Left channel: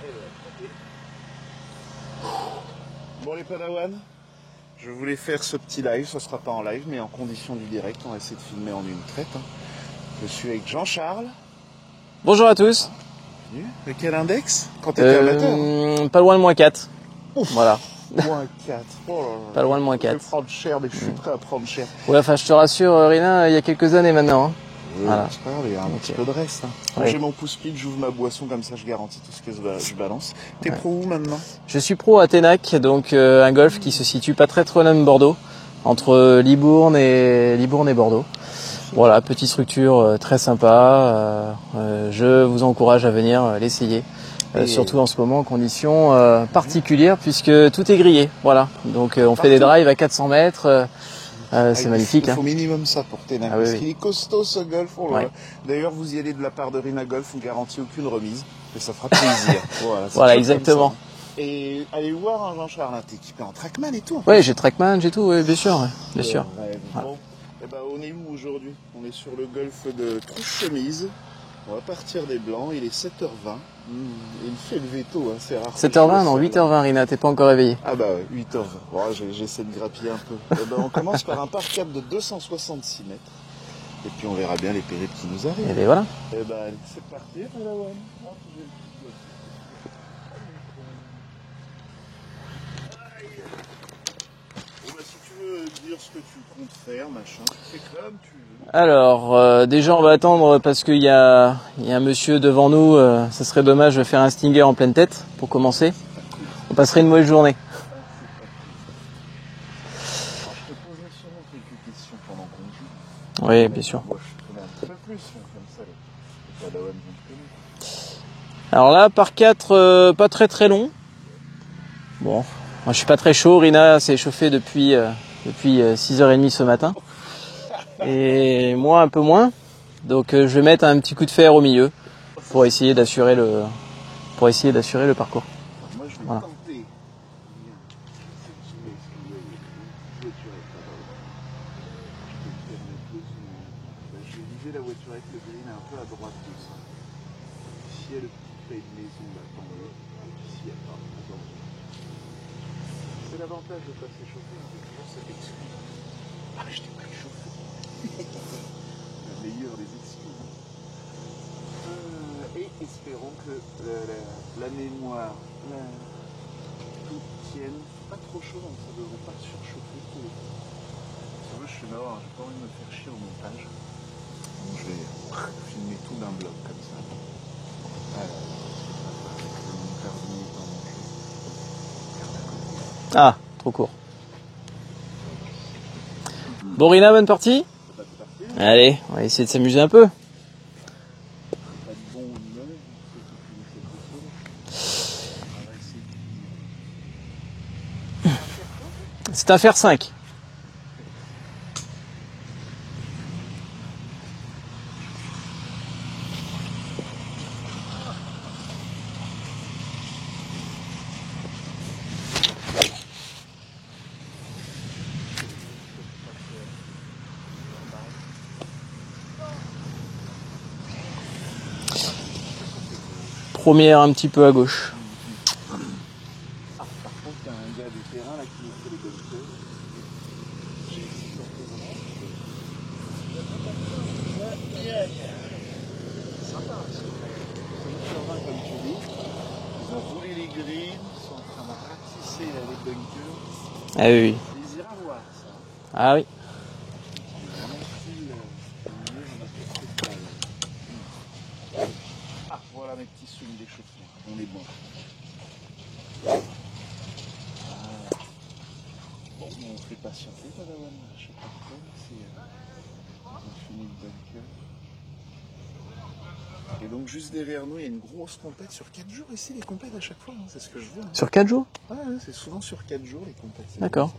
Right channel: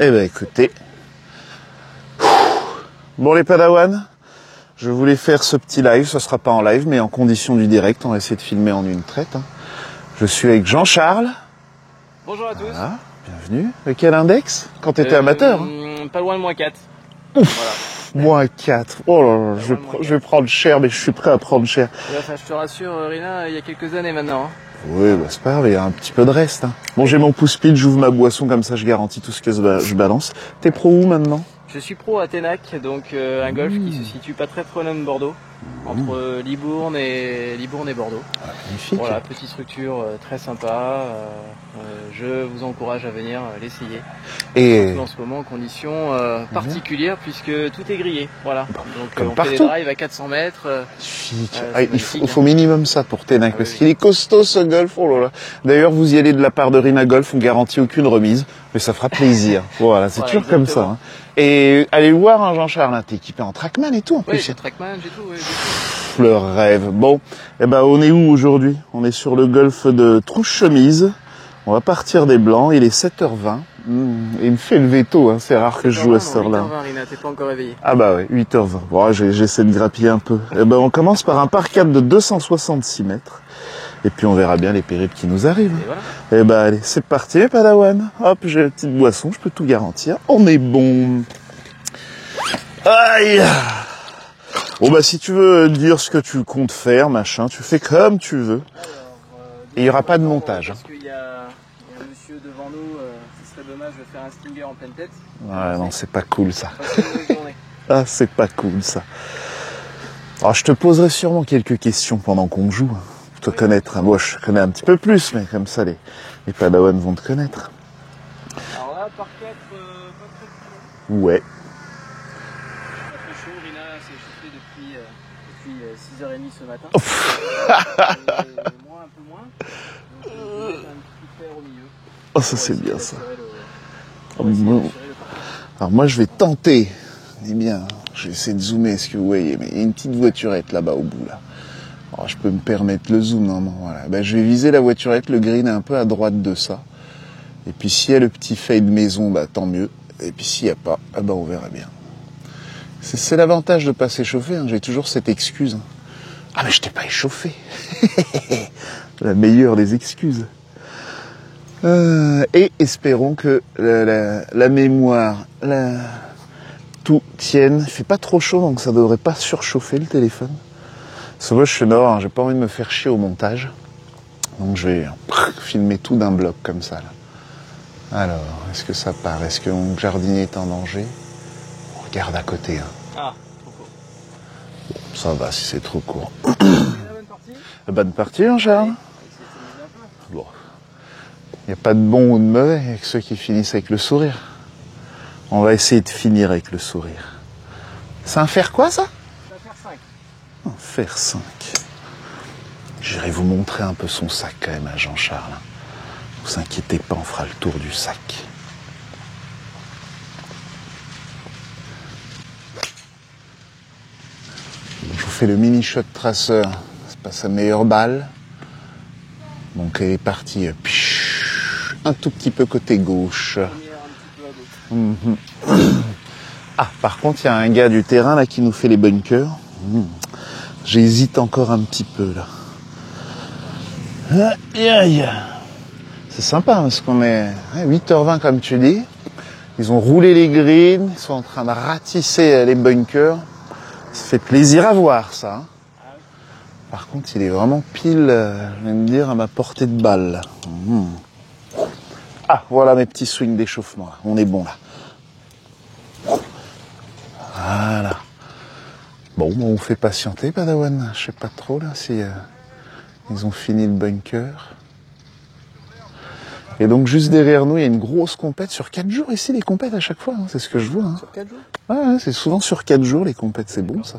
Eh ben écoutez. Bon les padawans, je voulais faire ce petit live, ce sera pas en live, mais en condition du direct, on va essayer de filmer en une traite. Je suis avec Jean-Charles. Bonjour à tous. Voilà, bienvenue. Quel index? Quand t'étais amateur Pas loin de -4. Ouf, voilà. -4. Oh là là, je vais prendre cher, mais je suis prêt à prendre cher. Ouais, enfin, je te rassure, Rina, il y a quelques années maintenant. Hein. Oui, voilà. Bah, c'est pas grave, il y a un petit peu de reste. Hein. Bon, j'ai mon pouce pile, j'ouvre ma boisson, comme ça je garantis tout ce que je balance. T'es pro où maintenant? Je suis pro à Ténac, donc un golf qui se situe pas très loin de Bordeaux, entre Libourne et Bordeaux. Magnifique. Voilà, petite structure très sympa. Je vous encourage à venir l'essayer. Et surtout en ce moment en conditions particulières puisque tout est grillé. Voilà. Donc on fait le drive à 400 mètres. C'est magnifique. Il faut minimum ça pour Ténac parce qu'il est costaud ce golf. Oh là là. D'ailleurs, vous y allez de la part de Rina Golf, on garantit aucune remise, mais ça fera plaisir. Voilà, c'est tout comme ça. Hein. Et allez le voir, hein, Jean-Charles, t'es équipé en Trackman et tout. Oui, j'ai Trackman, j'ai tout, bien sûr. Le rêve. Bon, eh ben on est où aujourd'hui? On est sur le golf de Trouche-Chemise. On va partir des Blancs. Il est 7h20. Il me fait le veto, hein. C'est rare que je joue à ce 8h20, Rina, t'es pas encore réveillé. Ah bah ouais, 8h20. Bon, j'essaie de grappiller un peu. Eh ben, on commence par un par 4 de 266 mètres. Et puis on verra bien les périples qui nous arrivent. Et voilà. Eh ben allez, c'est parti les Padawan. Hop, j'ai une petite boisson, je peux tout garantir. On est bon. Aïe. Bon bah si tu veux dire ce que tu comptes faire, machin, tu fais comme tu veux. Alors déjà on va attendre parce qu'il y a un monsieur devant nous, ça serait dommage de faire un stinger en pleine tête pour commencer. C'est pas cool ça. On passerait une mauvaise journée. Ah c'est pas cool ça. Alors je te poserai sûrement quelques questions pendant qu'on joue. Te connaître. Moi je connais un petit peu plus, mais comme ça les Padawans vont te connaître. Alors là par 4, pas très long. Ouais. Bon. Moi, je suis pas très chaud, Rina s'est chauffée depuis 6h30 ce matin. Et moi un peu moins. Donc je vais mettre un petit coup de fer au milieu pour essayer d'assurer le parcours. Alors moi je vais tenter. Eh bien, je vais essayer de zoomer, est-ce que vous voyez, mais il y a une petite voiturette là-bas au bout là. Alors, je peux me permettre le zoom, non, voilà. Ben, je vais viser la voiturette, le green est un peu à droite de ça. Et puis s'il y a le petit fade maison, bah tant mieux. Et puis s'il n'y a pas, ah bah on verra bien. C'est l'avantage de ne pas s'échauffer, hein. J'ai toujours cette excuse. Ah mais je t'ai pas échauffé. La meilleure des excuses. Et espérons que la mémoire, tout tienne. Il fait pas trop chaud, donc ça devrait pas surchauffer le téléphone. Parce que moi je suis nord, hein, j'ai pas envie de me faire chier au montage. Donc je vais filmer tout d'un bloc comme ça. Là. Alors, est-ce que ça part? Est-ce que mon jardinier est en danger? Regarde à côté. Hein. Ah, trop court. Bon, ça va si c'est trop court. Bon, Rina, bonne partie? Bonne partie, hein, Charles. Allez, on va essayer de s'amuser un peu. Bon. Il n'y a pas de bon ou de mauvais avec ceux qui finissent avec le sourire. On va essayer de finir avec le sourire. C'est un fer quoi, ça? C'est un fer 5. Un fer 5. J'irai vous montrer un peu son sac quand même à Jean-Charles. Ne vous inquiétez pas, on fera le tour du sac. Je vous fais le mini shot traceur. C'est pas sa meilleure balle. Donc elle est partie un tout petit peu côté gauche. Première un petit peu à gauche. Ah, par contre, il y a un gars du terrain là qui nous fait les bunkers. J'hésite encore un petit peu là. Aïe, aïe. C'est sympa parce qu'on est 8h20 comme tu dis. Ils ont roulé les greens, ils sont en train de ratisser les bunkers. Ah oui. Ça fait plaisir à voir ça. Ah oui. Par contre, il est vraiment pile, je vais me dire, à ma portée de balle. Ah, voilà mes petits swings d'échauffement. On est bon là. Voilà. Bon, on fait patienter, Padawan. Je sais pas trop là si ils ont fini le bunker. Et donc juste derrière nous, il y a une grosse compète sur 4 jours ici, les compètes à chaque fois, hein, c'est ce que je vois. Hein. Sur 4 jours? Ouais, c'est souvent sur 4 jours les compètes, c'est bon ça.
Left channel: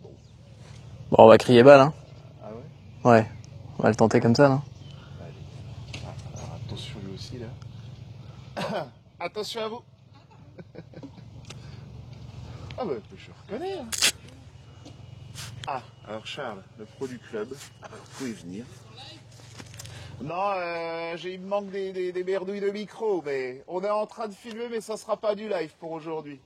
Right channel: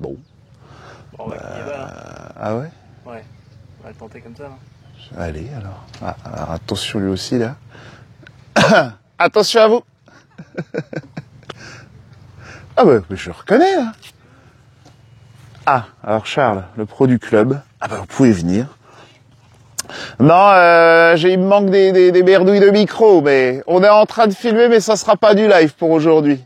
Bon. Bon, on va crier balle, hein. Ah ouais? Ouais. On va le tenter comme ça, là. Allez, alors. Ah, alors attention lui aussi, là. Attention à vous. Ah bah, je le reconnais, là. Ah, alors Charles, le pro du club. Ah bah, vous pouvez venir. Non, il me manque des merdouilles de micro, mais on est en train de filmer, mais ça sera pas du live pour aujourd'hui.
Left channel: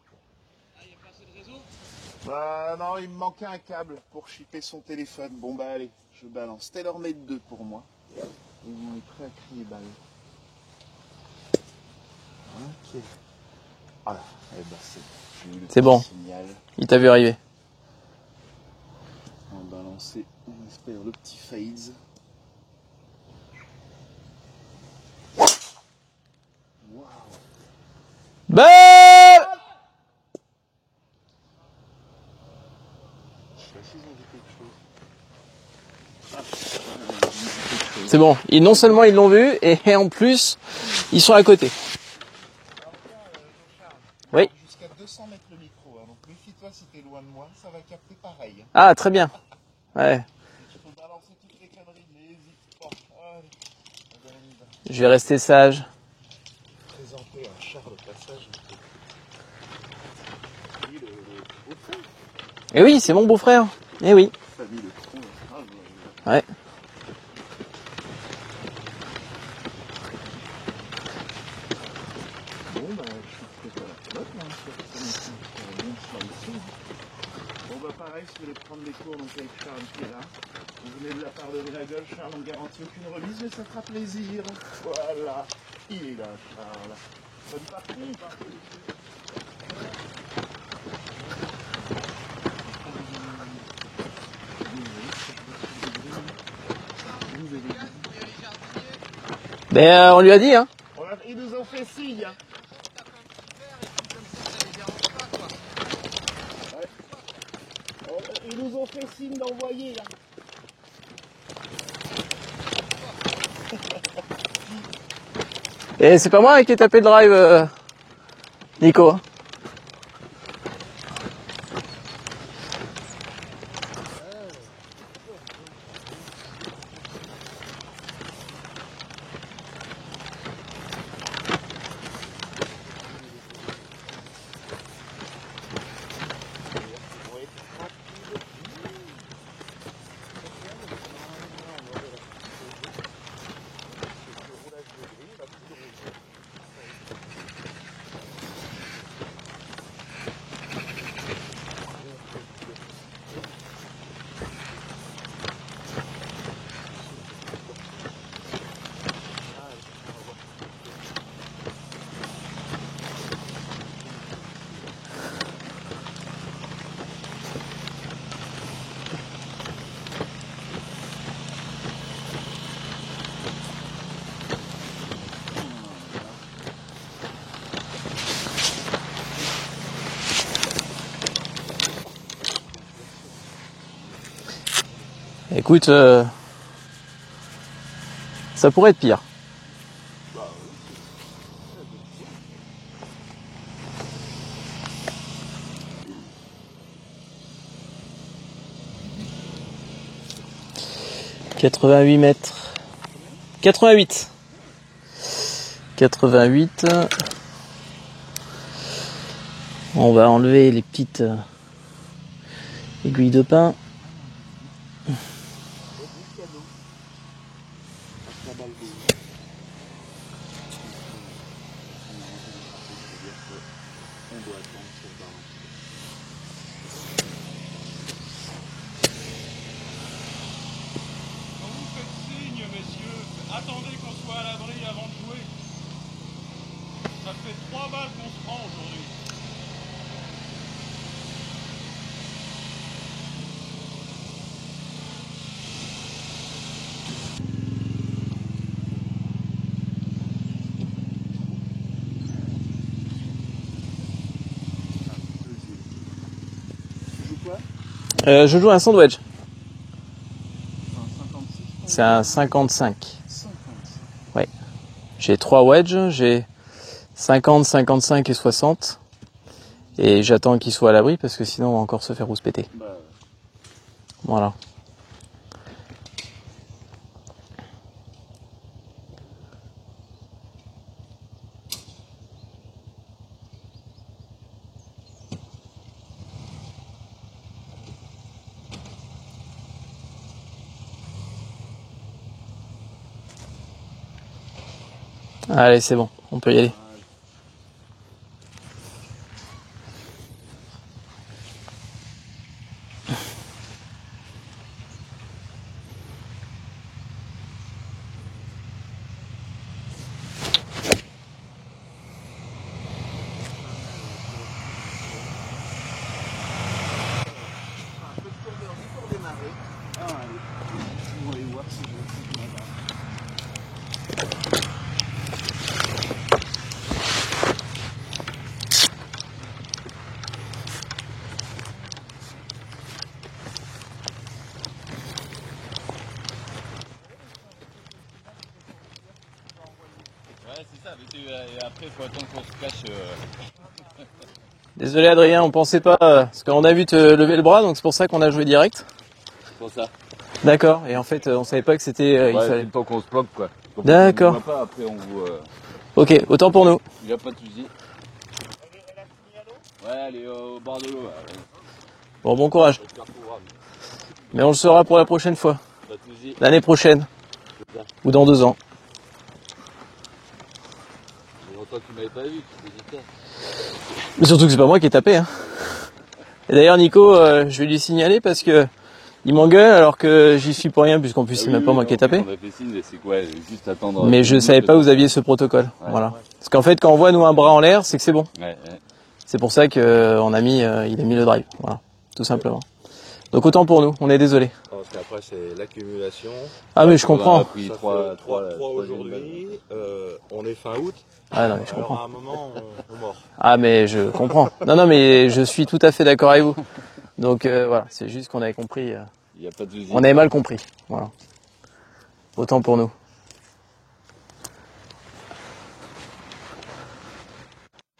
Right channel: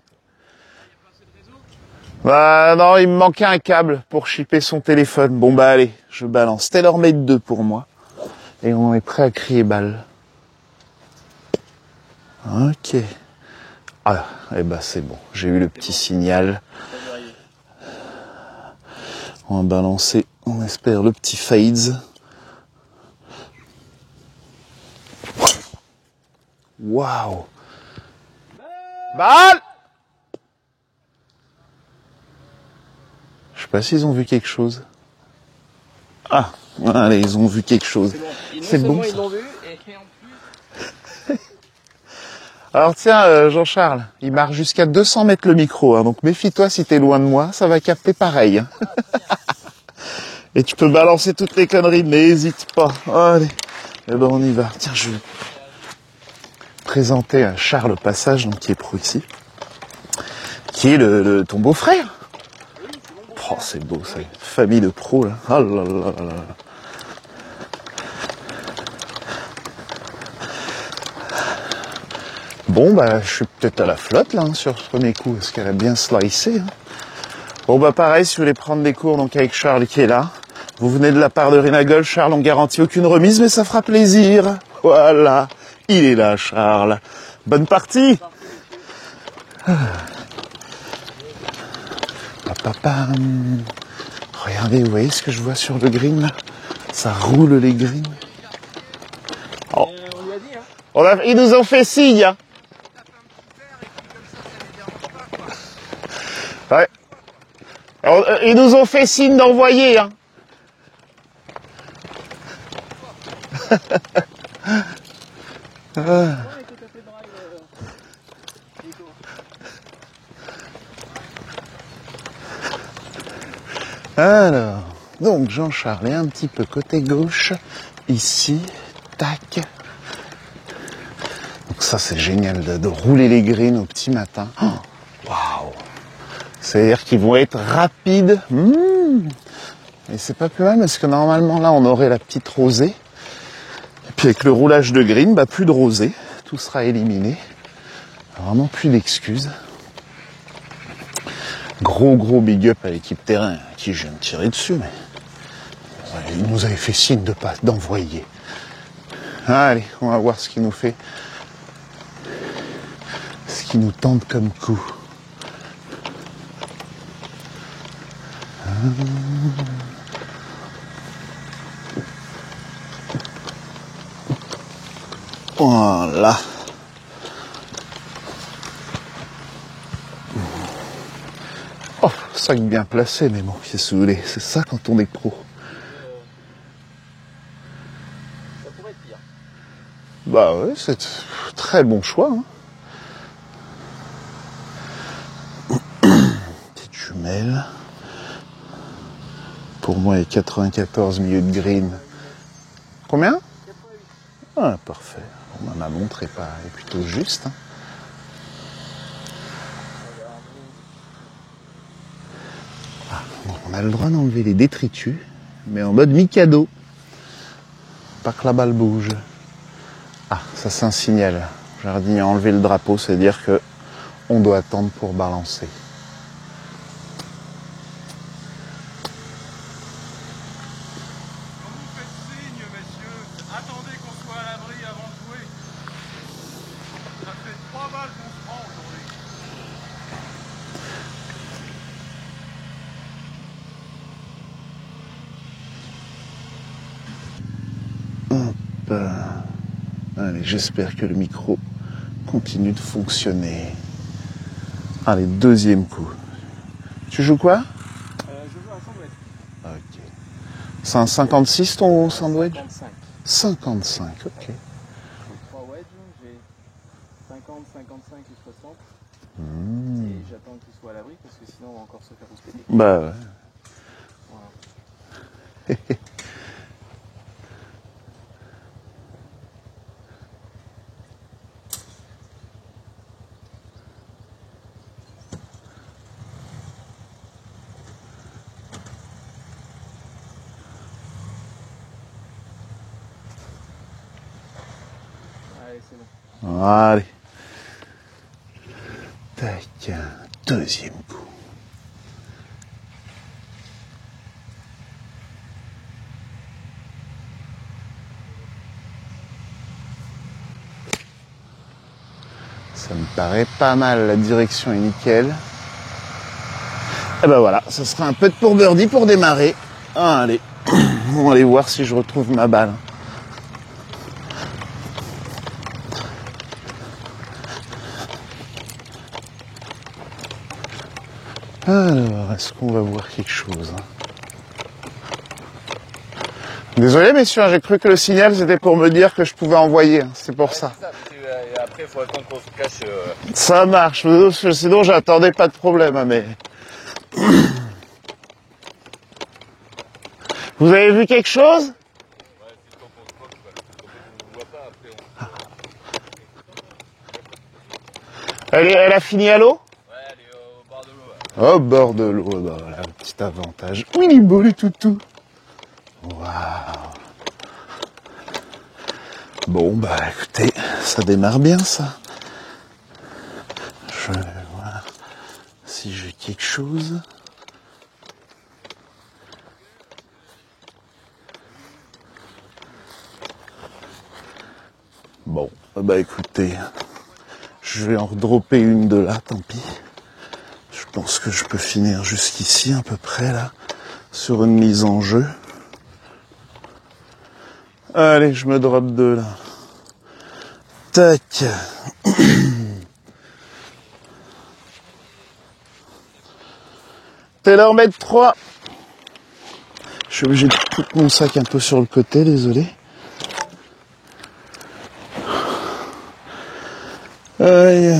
Bah non, il me manquait un câble pour shipper son téléphone. Bon bah allez, je balance. TaylorMade 2 pour moi. Et on est prêt à crier balle. Ok. Ah, et bah c'est bon. J'ai eu le petit signal. Il t'a vu arriver. On va balancer, on espère, le petit fades. Waouh. Balle. Je sais pas s'ils ont vu quelque chose. Ah, allez, ils ont vu quelque chose. C'est bon. Non seulement ils l'ont vu, et en plus, ils sont à côté. Alors tiens, Jean-Charles, il marque jusqu'à 200 mètres le micro, hein, donc méfie-toi si t'es loin de moi, ça va capter pareil. Hein. Ah, très bien. Ouais. Et tu peux balancer toutes les conneries, mais n'hésite pas. Allez, eh ben on y va. Tiens, je vais rester sage. Présenter à Charles Passage, donc, qui est pro ici, qui est ton beau-frère. Eh oui, c'est mon beau-frère. Oh, c'est beau. Eh oui. Famille de pros, là. Oh là là là. Ouais. Bon, bah, je suis peut-être à la flotte, là, hein, sur ce premier coup, parce qu'elle a bien slicé. Hein. Bon, bah, pareil, si vous voulez prendre des cours, donc, avec Charles qui est là. Vous venez de la part de Rinagol, Charles, on garantit aucune remise, mais ça fera plaisir. Voilà. Il est là, Charles. Bonne partie. Papapam. Regardez, vous voyez ce que je vois sur le green, là? Ça roule les greens. Mais on lui a dit, hein. Ils nous ont fait signe, hein. Ouais. Alors, ils nous ont fait signe d'envoyer, hein. Et c'est pas moi qui ai tapé le drive, Nico. Alors, donc Jean-Charles est un petit peu côté gauche, ici, tac. Donc ça c'est génial de rouler les greens au petit matin. Oh, waouh! C'est-à-dire qu'ils vont être rapides. Et c'est pas plus mal parce que normalement là on aurait la petite rosée. Et puis avec le roulage de green, bah plus de rosée. Tout sera éliminé. Vraiment plus d'excuses. Gros big up à l'équipe terrain qui je viens de tirer dessus, mais il nous avait fait signe de pas d'envoyer. Allez, on va voir ce qu'il nous fait. Ce qu'il nous tente comme coup. Voilà. Oh, sac bien placé, mais mon pied saoulé. C'est ça quand on est pro. Écoute, ça pourrait être pire. Bah ouais, c'est très bon choix. Hein. Petite jumelle. Pour moi, il y a 94 milieux de green. 88 mètres. Combien? 88. Ah, parfait. On en a 88. Juste. Hein. On va enlever les petites aiguilles de pain. On a le droit d'enlever les détritus, mais en mode Mikado. Pas que la balle bouge. Ah, ça c'est un signal. Jardinier a enlevé le drapeau, c'est dire que on doit attendre pour balancer. Attendez qu'on soit à l'abri avant de jouer. Ça fait 3 balles qu'on se prend aujourd'hui. Allez, j'espère que le micro continue de fonctionner. Allez, deuxième coup. Tu joues quoi? Je joue un sandwich. Ok. C'est un 56 ton C'est un sandwich? 55. 55. Okay. Ouais. J'ai 3 wedges, j'ai 50, 55 et 60. Et j'attends qu'il soit à l'abri parce que sinon on va encore se faire rouspéter. Bah ouais. Voilà. Allez, c'est bon, on peut y aller. Allez. Tac, deuxième coup. Ça me paraît pas mal, la direction est nickel. Et ben voilà, ça sera un peu de pour birdie pour démarrer. Allez, on va aller voir si je retrouve ma balle. Alors, est-ce qu'on va voir quelque chose? Désolé messieurs, j'ai cru que le signal c'était pour me dire que je pouvais envoyer, c'est pour ça. Et après, il faut attendre qu'on se cache. Ça marche, sinon Désolé, j'attendais Adrien, pas de pensez problème. pas, mais- parce qu'on a vu te lever le bras, donc c'est pour ça qu'on a joué direct. C'est pour ça. D'accord. Vous avez Et vu en fait, quelque On chose savait pas que c'était. Il Ouais, fallait... le temps qu'on se bloque, quoi. Donc, D'accord. on vous voit pas, après, on vous. Ok, autant pour nous. Il n'y a pas de soucis. Elle a fini à l'eau? Ouais, elle est au bord de l'eau. Au bord de l'eau. Bon courage. Un petit avantage. Et on le saura pour la prochaine fois. L'année prochaine. Ou dans 2 ans. Bon bah écoutez, ça démarre bien ça. Mais surtout que c'est pas moi qui ai tapé. Hein. Si j'ai quelque Et chose. D'ailleurs, Nico, je vais lui signaler parce que il m'engueule alors que j'y suis pour rien, puisqu'en plus c'est même pas moi qui ai tapé. On a fait signe, c'est quoi? Juste attendre. Mais je savais pas que vous aviez ce protocole. Bah Voilà. écoutez, Parce qu'en fait, quand on voit nous un bras en l'air, je c'est vais que c'est en bon. dropper une de là. C'est pour ça qu'on a mis, il Je a pense mis le que drive. je peux Voilà. finir Tout juste simplement. ici à peu près. Là, Donc autant pour nous, on est sur désolé. une mise en jeu. L'accumulation. Ah mais je comprends. Allez, je me drop deux là. On est fin août. Tac. Ah mais je comprends. Non mais je suis tout à fait d'accord avec vous. Donc T'es là en voilà, mètre c'est 3. juste qu'on avait compris. On avait Je suis mal obligé compris. de foutre mon sac un peu sur le côté, désolé. Autant pour nous. Aïe.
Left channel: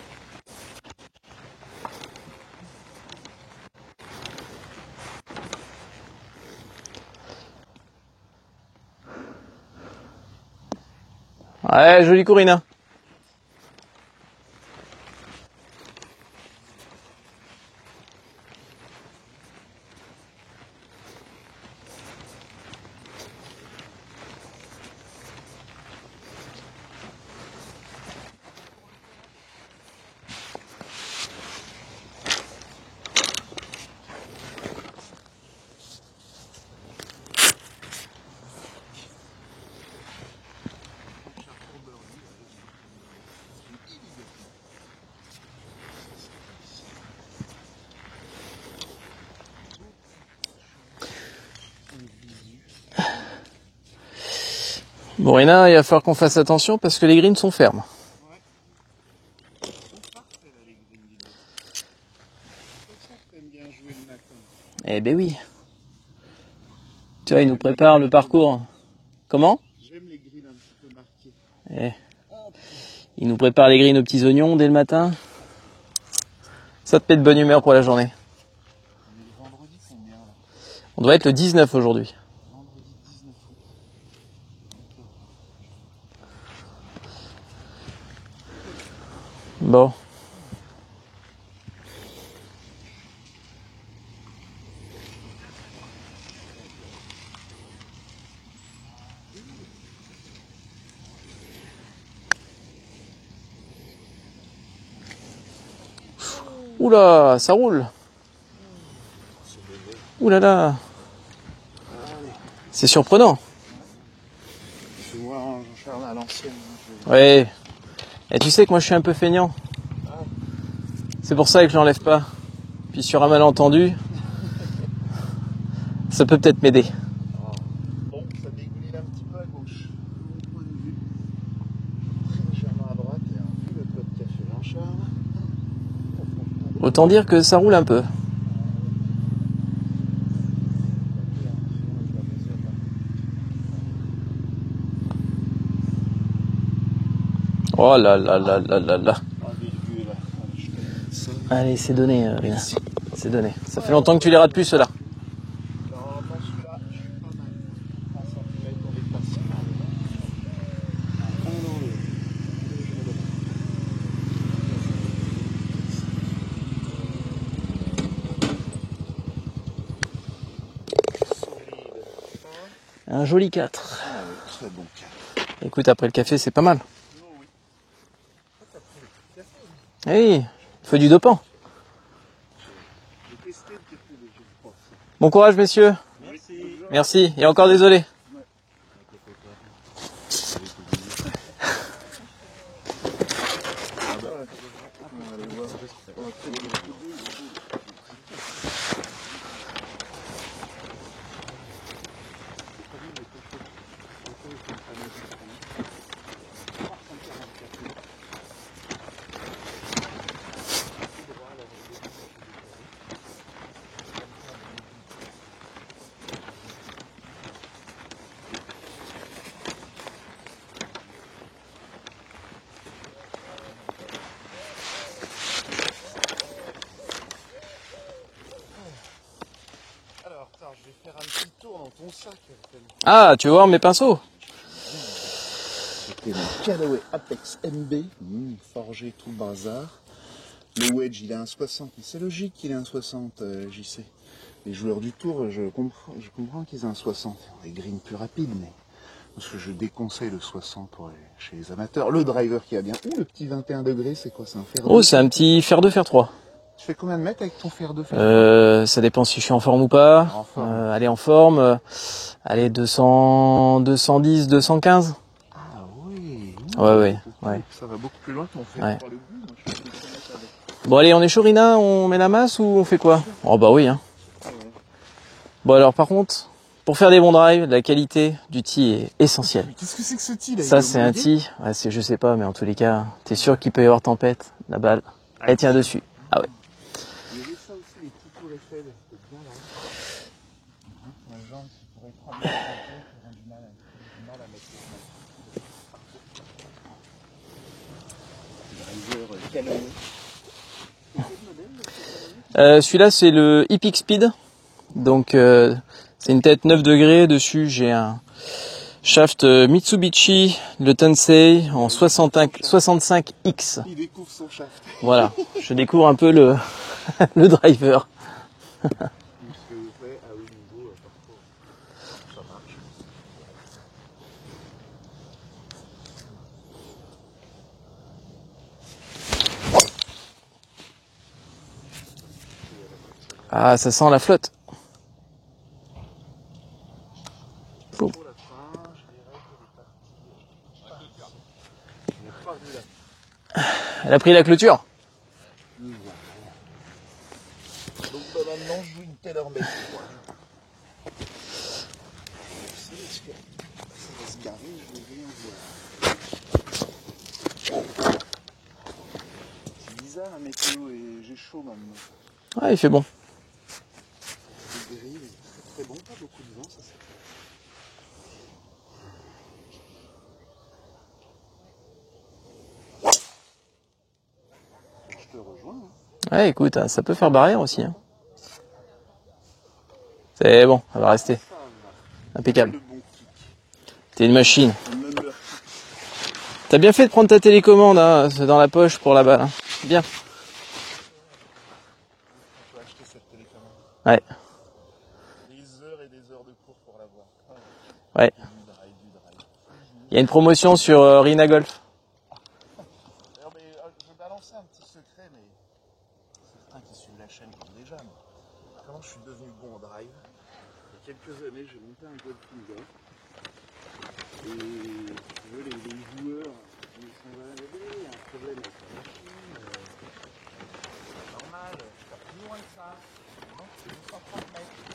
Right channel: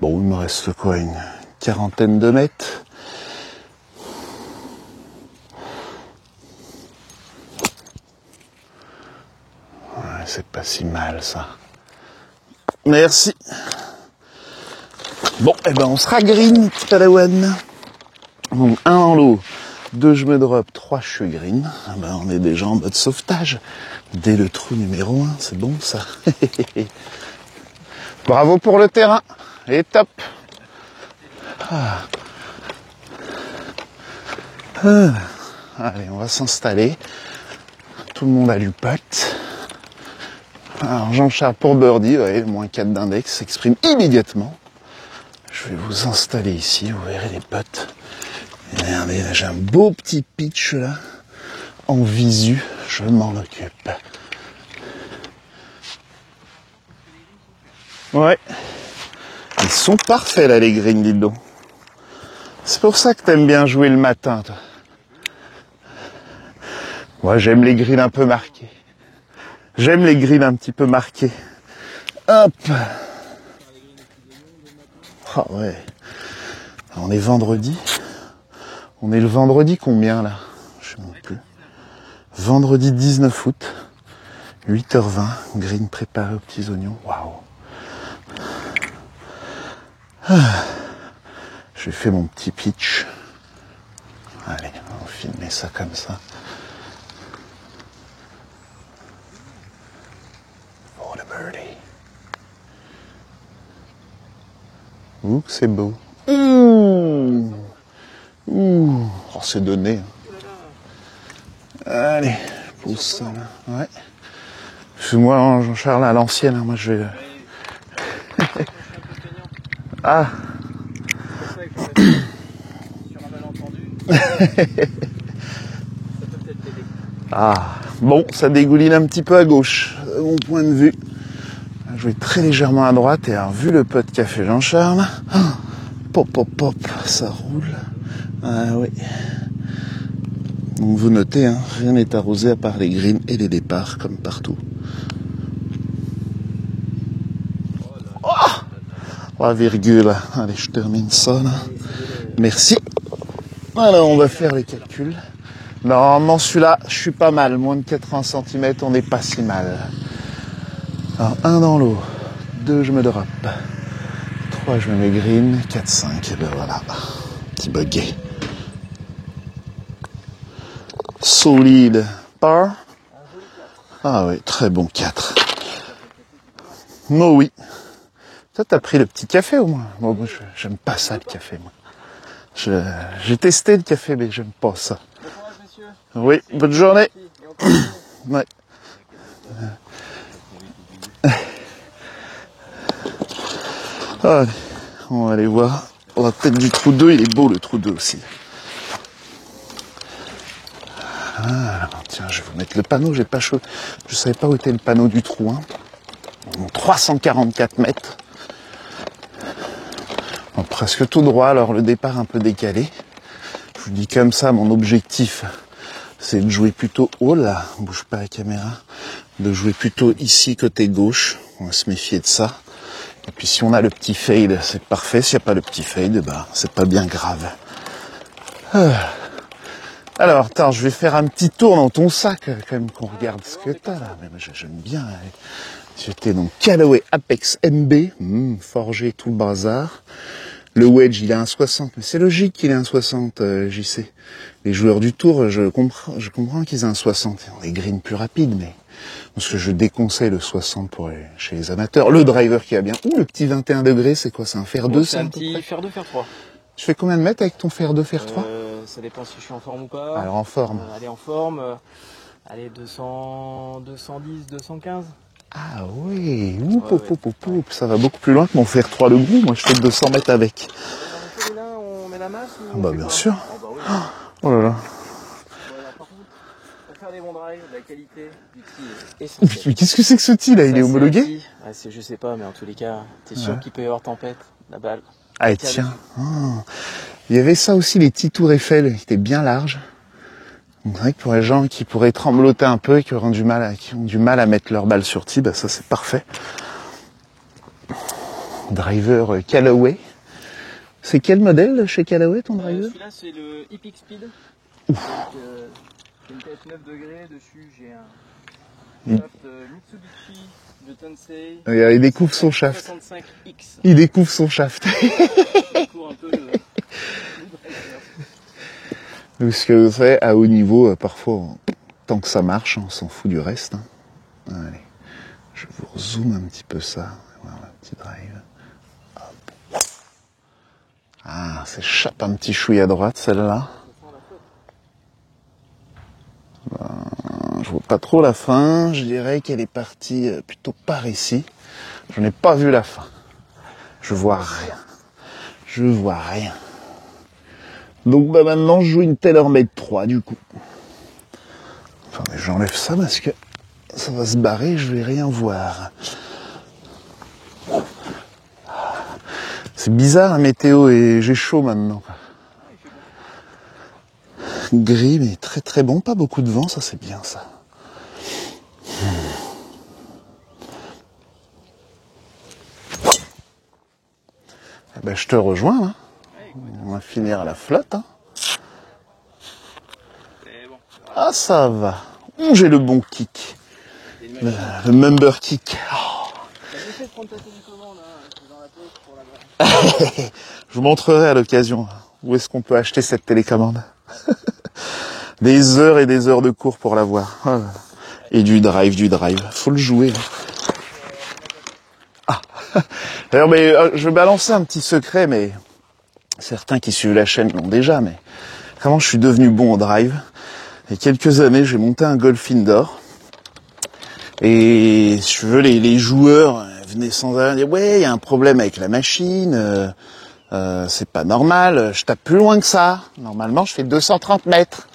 Bon, il me reste quoi, une quarantaine de mètres. Ouais, c'est pas si mal ça. Ouais, joli Corinna. Merci. Bon, eh ben on sera green, petit padawan. Donc, 1 en l'eau, 2 je me drop, 3 je suis green. Ah ben, on est déjà en mode sauvetage. Dès le trou numéro 1, c'est bon ça. Bravo pour le terrain. Et top. Ah. Allez, on va s'installer. Tout le monde a lu pote. Alors Jean-Charles pour birdie, ouais, moins 4 d'index s'exprime immédiatement. Je vais vous installer ici, vous verrez les potes. Et regardez, là j'ai un beau petit pitch là, en visu, je m'en occupe. Bon Rina, il va falloir qu'on fasse attention parce que les greens sont fermes. Ouais. Ils sont parfaits là les greens, dis donc. C'est pour ça que t'aimes bien jouer le matin, toi. Eh ben oui. Ouais, j'aime les greens un peu marqués. Comment? J'aime les greens un petit peu marqués. Ouais. Hop. Il nous prépare les greens aux petits oignons dès le matin. Ah ouais. Ça te On met est de bonne humeur vendredi. pour la journée. On est le vendredi combien là? On doit être le 19 aujourd'hui. Vendredi 19 août, 8h20, green préparé aux petits oignons. Waouh. Bon. J'ai fait mon petit pitch. Allez, on va filmer ça comme ça. Pour le birdie. Ouh, c'est beau. Oula, ça roule. Ouh, oh, c'est donné. Ouh là là. Allez. C'est surprenant. Ouais. Moi, Jean-Charles, à l'ancienne, hein, moi je vais... Ouais. Et tu sais que moi je suis un peu feignant. Ah, C'est pour ça que je l'enlève pas. Puis sur un malentendu, ça peut peut-être m'aider. ah. Bon, ça dégouline un petit peu à gauche, de mon point de vue. Je vais très légèrement à droite et alors, vu le putt qu'a fait Jean-Charles, pop, pop, pop. Autant dire que ça roule un peu. Ah oui. Donc vous notez, hein, rien n'est arrosé à part les greens et les départs, comme partout. Oh là là là là là là. 3 virgule. Allez, je termine ça. Là. Allez, c'est donné. Merci. C'est donné. Ça fait Alors, longtemps on que va tu les rates faire plus, les ceux-là. calculs. Normalement, celui-là, je suis pas mal. Moins de 80 cm, on n'est pas si mal. Alors, 1 dans l'eau. 2, je me drop. 3, je me mets green. 4, 5, et ben voilà. Petit buggy. Solide. Par. Un joli 4. Ah oui, très bon 4. Écoute, après le café, c'est pas mal. Oh oui. Toi, t'as pris le petit café au moins. Bon, Oui, j'aime pas c'est ça, du le dopant. café, moi. J'ai testé le café, mais j'aime pas ça. Bon courage, messieurs. Oui, bonne journée. Merci. Et encore désolé. Ouais. Allez, on va aller voir la tête du trou 2. Il est beau, le trou 2 aussi. Ah, tiens, je vais vous mettre le panneau. J'ai pas chaud. Je savais pas où était le panneau du trou 1. 344 mètres. Bon, presque tout droit, alors le départ un peu décalé. Je vous dis comme ça, mon objectif, c'est de jouer plutôt haut, là, bouge pas la caméra, de jouer plutôt ici, côté gauche. On va se méfier de ça. Et puis si on a le petit fade, c'est parfait. S'il n'y a pas le petit fade, ben, c'est pas bien grave. Alors, attends, je vais faire un petit tour dans ton sac, quand même. Ah, tu veux voir mes pinceaux? J'aime bien. C'était mon Callaway Apex MB, forgé tout le bazar. Le wedge, il est 1,60, mais c'est logique qu'il ait 1,60, JC. Les joueurs du tour, je comprends qu'ils aient 1,60. Ils ont des greens plus rapides, mais parce que je déconseille le 60 chez les amateurs. Le driver qui va bien. Ouh, le petit 21 degrés, c'est quoi? C'est un fer 2? Oh, c'est un petit fer 2, fer 3. Tu fais combien de mètres avec ton fer 2, fer 3? Ça dépend si je suis en forme ou pas. Alors, en forme. Allez, en forme. Allez, 200, 210, 215. Ah oui, Ouais. Ça va beaucoup plus loin que mon fer 3 de Grou. Moi, je fais 200 mètres avec. Bon, allez, on est chaud, Rina? On met la masse ou on fait bien quoi? sûr. Oh, bah oui, hein. Oh là là. Bon, alors, par contre, pour faire des bons drives, la qualité du tee est essentielle. Mais qu'est-ce que c'est que ce tee là? Il Ça, est c'est un homologué? tee. Ouais, je sais pas, mais en tous les cas, t'es sûr qu'il peut y avoir tempête, la balle. Elle tire tiens. dessus. Ah ouais. Il y avait ça aussi, les petits tours Eiffel, qui étaient bien larges. Donc c'est vrai que pour les gens qui pourraient trembloter un peu et qui ont du mal à mettre leur balle sur tee, bah ça c'est parfait. Driver Callaway. C'est quel modèle chez Callaway ton driver? Celui-là, c'est le Epic Speed. Donc, c'est une tête 9 degrés. Dessus, j'ai un shaft Mitsubishi, le Tensei, en il découvre son shaft. 65X. Il découvre son shaft. Voilà, je découvre un peu le driver. Parce que vous savez, à haut niveau, parfois, tant que ça marche, on s'en fout du reste. Allez, je vous zoome un petit peu ça. Voilà, un petit drive. Ah, ça échappe un petit chouille à droite, celle-là. Ah, ça sent la flotte. Je vois pas trop la fin. Je dirais qu'elle est partie plutôt par ici. Je n'ai pas vu la fin. Elle a pris la clôture. Je vois rien. Donc bah maintenant je joue une TaylorMade 3 du coup. Attendez, j'enlève ça parce que ça va se barrer, je vais rien voir. C'est bizarre la météo et j'ai chaud maintenant. Ouais, il fait bon. Gris mais très très bon, pas beaucoup de vent, ça c'est bien ça. Ben, je te rejoins. Hein. Ouais, écoute, On ça va peut finir faire barrière la aussi. flotte, Hein. hein. C'est bon, ça va rester. Ah ça va. Impeccable. J'ai le bon kick. T'es une machine. Le member kick. T'as bien fait de prendre ta télécommande hein, dans la poche pour la balle. Hein. Bien. Je vous montrerai à l'occasion où est-ce qu'on peut acheter cette télécommande. Ouais. Des heures et des heures de cours pour l'avoir. Oh. Ouais. Et du drive. Faut le jouer. Il y a une promotion sur Rina Golf. D'ailleurs, mais, je vais balancer un petit secret, mais certains qui suivent la chaîne l'ont déjà, mais vraiment, je suis devenu bon au drive. Il y a quelques années, j'ai monté un golf indoor. Et si tu veux, les joueurs venaient sans arrêt dire « Ouais, il y a un problème avec la machine, c'est pas normal, je tape plus loin que ça. Normalement, je fais 230 mètres. »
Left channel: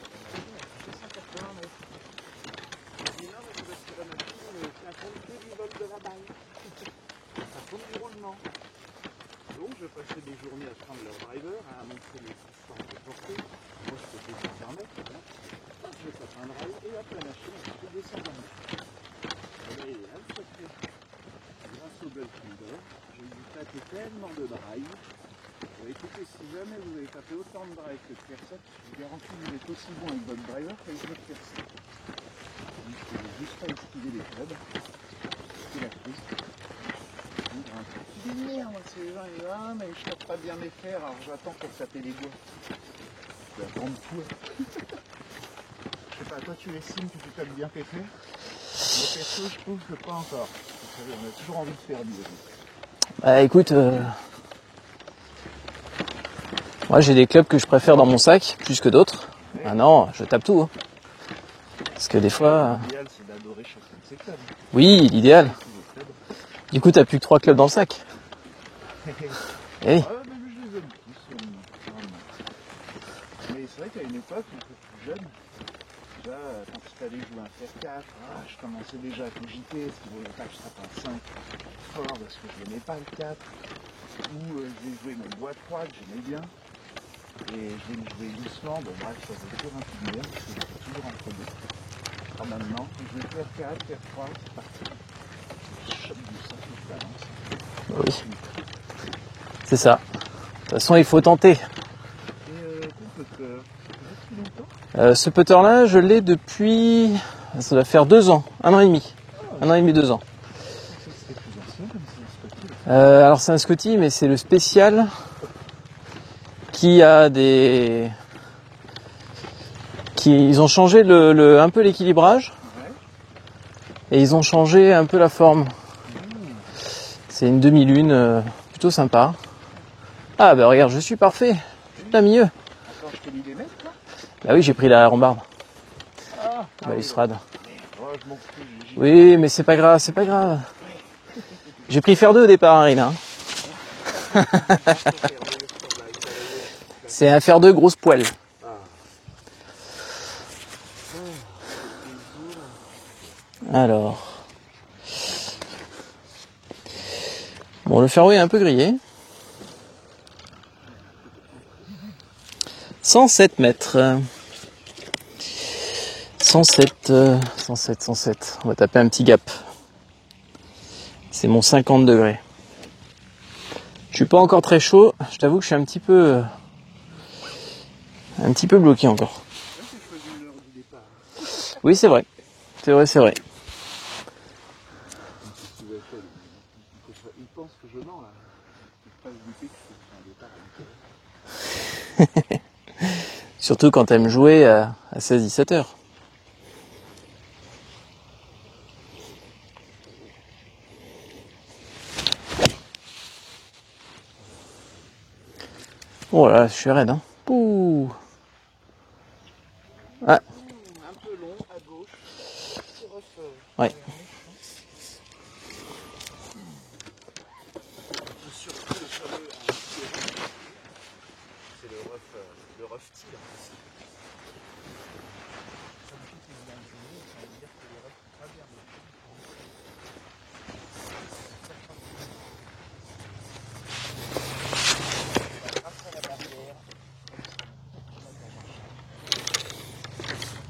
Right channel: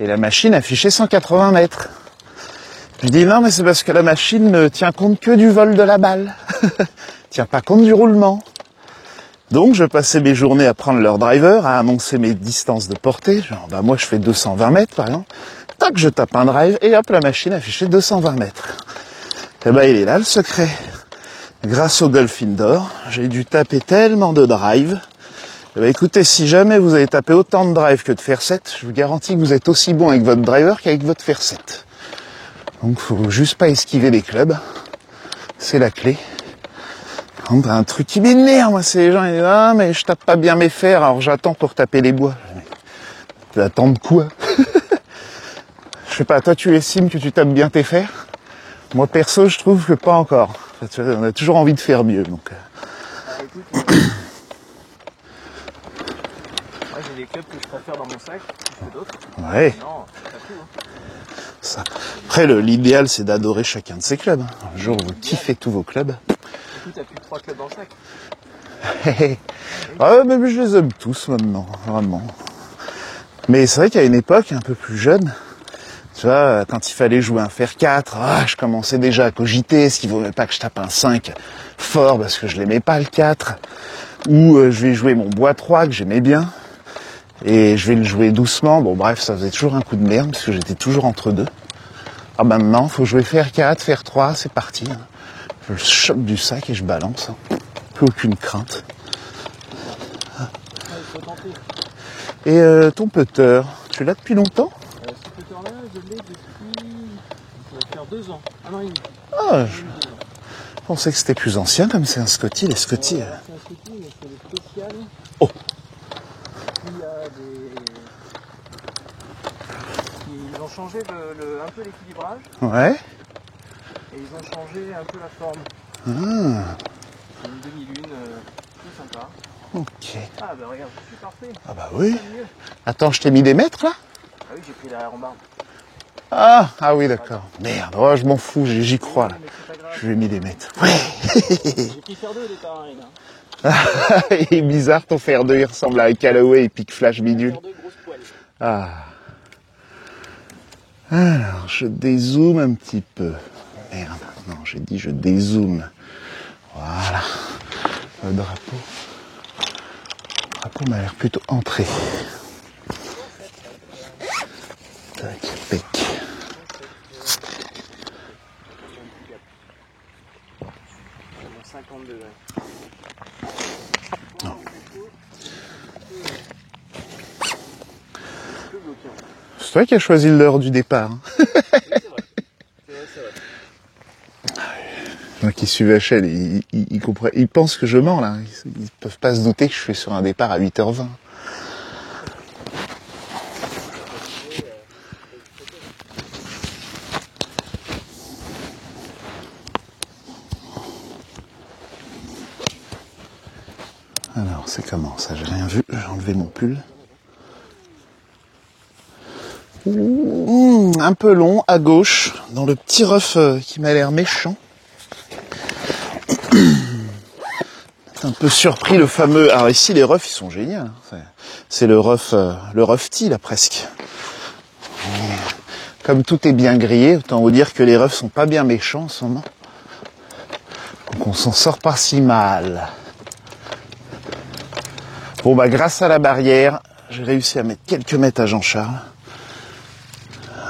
Et la machine affichait 180 mètres. Je dis non, mais c'est parce que la machine ne tient compte que du vol de la balle. Tient pas compte du roulement. Donc, je passais mes journées à prendre leur driver, à annoncer mes distances de portée. Genre, bah, moi, je fais 220 mètres, par exemple. Tac, je tape un drive, et hop, la machine affichait 220 mètres. Et ben, il est là, le secret. Grâce au golf indoor, j'ai dû taper tellement de drive. Eh ben, écoutez, si jamais vous avez tapé autant de drive que de fer 7, je vous garantis que vous êtes aussi bon avec votre driver qu'avec votre fer 7. Donc, faut juste pas esquiver les clubs. C'est la clé. Un truc qui m'énerve, moi, c'est les gens qui disent « Ah, mais je tape pas bien mes fers, alors j'attends pour taper les bois. » J'attends de quoi? Je sais pas, toi tu estimes que tu tapes bien tes fers? Moi perso, je trouve que pas encore. On a toujours envie de faire mieux. Donc. Écoute, moi j'ai des clubs que je préfère dans mon sac plus que d'autres. Ouais. Ah non, je tape tout. Hein. Ça. Parce que des Après, fois, l'idéal c'est d'adorer chacun de ces clubs. Oui, l'idéal. Fait tous vos clubs. Du coup, t'as plus que 3 clubs dans le sac. Oui. Ah, mais je les aime tous maintenant, vraiment. Mais c'est vrai qu'à une époque, un peu plus jeune, tu vois, quand il fallait jouer un fer 4, je commençais déjà à cogiter, est-ce qu'il vaut même pas que je tape un 5 fort parce que je l'aimais pas le 4, ou je vais jouer mon bois 3 que j'aimais bien, et je vais le jouer doucement. Bon bref, ça faisait toujours un coup de merde parce que j'étais toujours entre deux. Alors maintenant, faut jouer fer 4, fer 3, c'est parti. Je chope du sac et je balance. Aucune crainte. C'est ça. De toute façon, il faut tenter. Et ton putter, tu l'as depuis longtemps? Ce putter-là, je l'ai depuis... Ça doit faire 2 ans. 1 an et demi. Ah, 1 an et demi, 2 ans. je pensais que c'était plus ancien, comme c'est un Scotty, les Scotty. Alors c'est un Scotty, mais c'est le spécial qui a des... Ils ont changé un peu l'équilibrage Ouais. et ils ont changé un peu la forme. C'est une demi-lune plutôt sympa. Ok. Ah bah regarde, je suis parfait. Ah bah oui. T'as mieux. Attends, je t'ai mis des mètres là? Bah oui, j'ai pris la rambarde. Ah oui, sera d'accord. Merde, oh, je m'en fous, j'y crois. Oui, mais c'est pas grave, Je c'est lui ai pas mis des grave. mètres. J'ai pris fer 2 au départ, hein, Rina. Il est bizarre ton fer 2, il ressemble à un Callaway et Pic Flash. C'est un fer 2 grosse poêle. Ah. Alors, je dézoome un petit peu. Alors, Non, j'ai dit je dézoome. bon, le fer 2 est un peu grillé. Le rapport m'a l'air plutôt entré. 107 mètres. Tac, pec. 107. On va taper un petit gap. C'est mon 50 degrés. Je suis pas encore très chaud. Je t'avoue que je suis un petit peu bloqué encore. C'est toi qui as choisi l'heure du départ. Hein. Oui, c'est vrai. C'est vrai. Moi qui suis Vachel, ils pensent que je mens là. Ils peuvent pas se douter que je suis sur un départ à 8h20. Surtout quand t'aimes jouer à 16-17 heures. Alors, c'est comment ça? J'ai rien vu. J'ai enlevé Oh le là, pouls. je suis raide, hein. Ouh. Un peu long, à gauche, dans le petit rough qui m'a l'air méchant. Un peu surpris, le fameux... Alors ici, les roughs, ils sont géniaux. Hein. C'est le rough tea, là, presque. Comme tout est bien grillé, autant vous dire que les roughs sont pas bien méchants en ce moment. Donc on s'en sort pas si mal. Bon, bah, grâce à la barrière, j'ai réussi à mettre quelques mètres à Jean-Charles.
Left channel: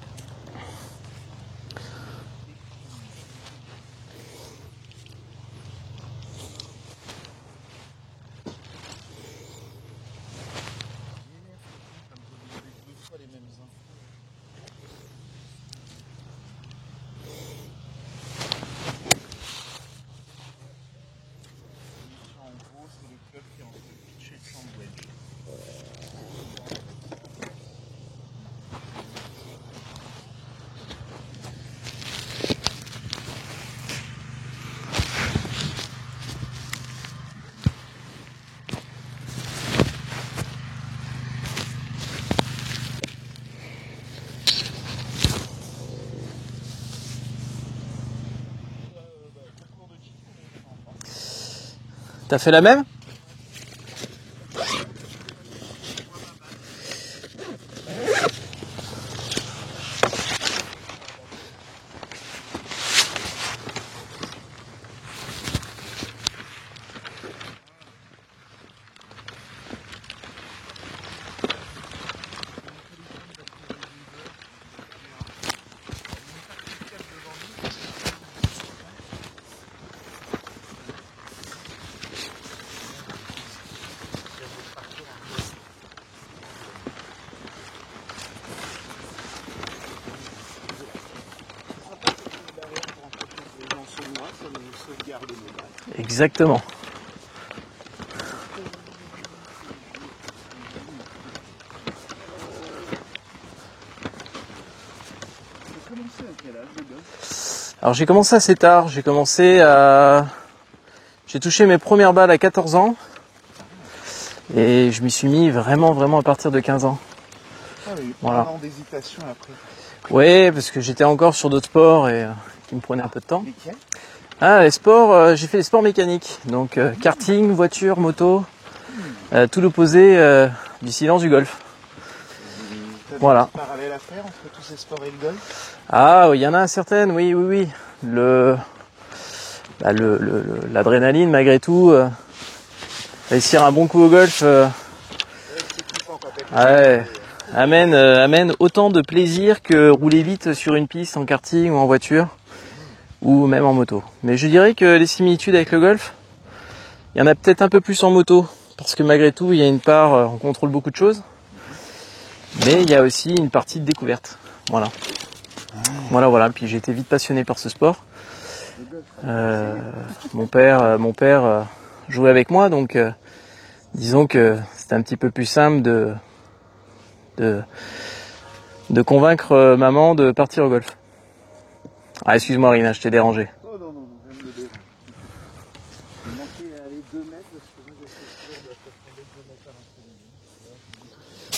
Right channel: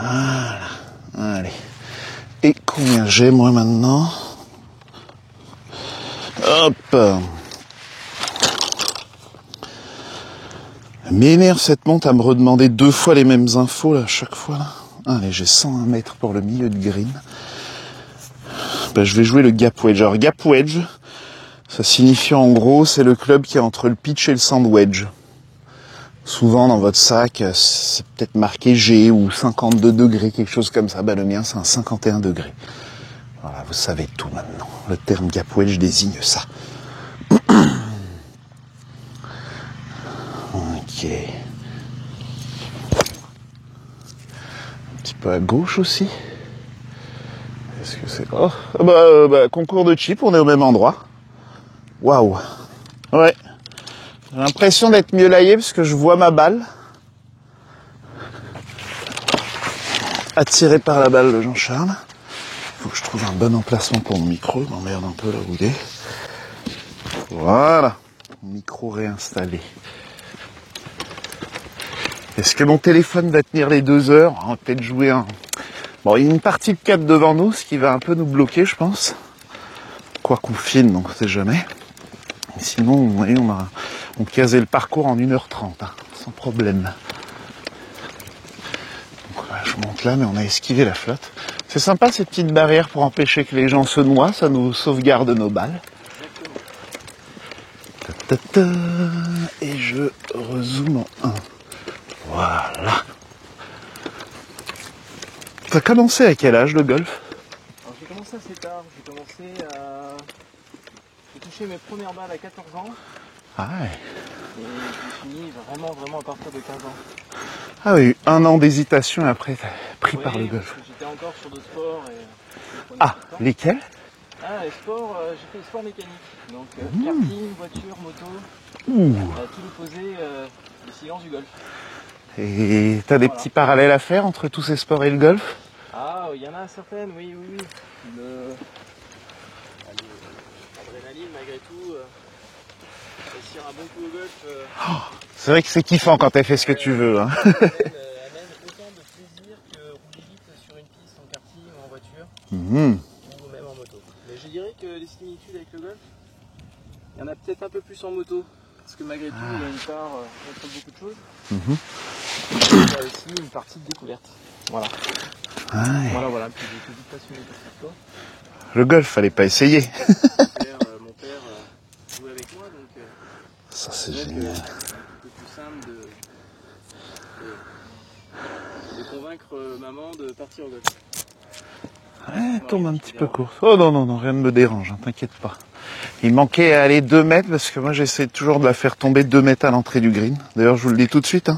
Voilà. Allez. Et combien j'ai, moi, maintenant? Hop. Elle m'énerve cette montre à me redemander 2 fois les mêmes infos, là, à chaque fois, là. Allez, j'ai 101 mètres pour le milieu de green. Ben, je vais jouer le gap wedge. Alors, gap wedge, ça signifie en gros, c'est le club qui est entre le pitch et le sand wedge. Souvent, dans votre sac, c'est peut-être marqué G ou 52 degrés, quelque chose comme ça. Ben, le mien, c'est un 51 degrés. Voilà, vous savez tout maintenant. Le terme gap wedge désigne ça. Ok. Un petit peu à gauche aussi. Est-ce que c'est... Oh, concours de chip, on est au même endroit. Waouh. T'as fait la même? Ouais. J'ai l'impression d'être mieux laillé parce que je vois ma balle. Attiré par la balle de Jean-Charles. Je trouve un bon emplacement pour mon micro. Je m'emmerde un peu là où il est. Voilà. Micro réinstallé. Est-ce que mon téléphone va tenir les 2 heures? On va peut-être jouer un... Bon, il y a une partie de 4 devant nous, ce qui va un peu nous bloquer, je pense. Quoi qu'on filme, donc on sait jamais. Sinon, vous voyez, on casait le parcours en 1h30, hein, sans problème. Donc là, je monte là, mais on a esquivé la flotte. C'est sympa ces petites barrières pour empêcher que les gens se noient, ça nous sauvegarde nos balles. Exactement. Et je rezoome en 1. Voilà. T'as commencé à quel âge le golf? Alors j'ai commencé assez tard, j'ai touché mes premières balles à 14 ans. Ah ouais. Et je m'y suis mis vraiment à partir de 15 ans. Ah oui, Voilà. un an d'hésitation et après t'as pris Oui, par parce que j'étais encore sur d'autres sports et ça me prenait un peu de temps. Lesquels? Ah, les sports, j'ai fait des sports mécaniques. Donc karting, voiture, moto, tout l'opposé du silence du golf. Et t'as des Voilà. petits parallèles à faire entre tous ces sports et le golf? Ah, il y en a certaines, oui. L'adrénaline, malgré tout, réussir un bon coup au golf C'est vrai que c'est kiffant quand t'as fait ce que ouais. tu veux. Hein. amène autant de plaisir que rouler vite sur une piste en karting ou en voiture, ou même en moto. Mais je dirais que les similitudes avec le golf, il y en a peut-être un peu plus en moto, parce que malgré tout, il y a une part, on contrôle beaucoup de choses, mais il y a aussi une partie de découverte. Voilà. Ah ouais. Voilà. Puis j'ai été vite passionné par ce sport. Le golf, fallait pas essayer. Mon père jouait avec moi, donc disons que c'est un petit peu plus simple de convaincre maman de partir au golf. Ah, excuse-moi Rina, je t'ai dérangé. Oh non, rien ne me dérange, hein, t'inquiète pas. Il manquait à aller 2 mètres parce que moi j'essaie toujours de la faire tomber 2 mètres à l'entrée du green. D'ailleurs je vous le dis tout de suite, hein,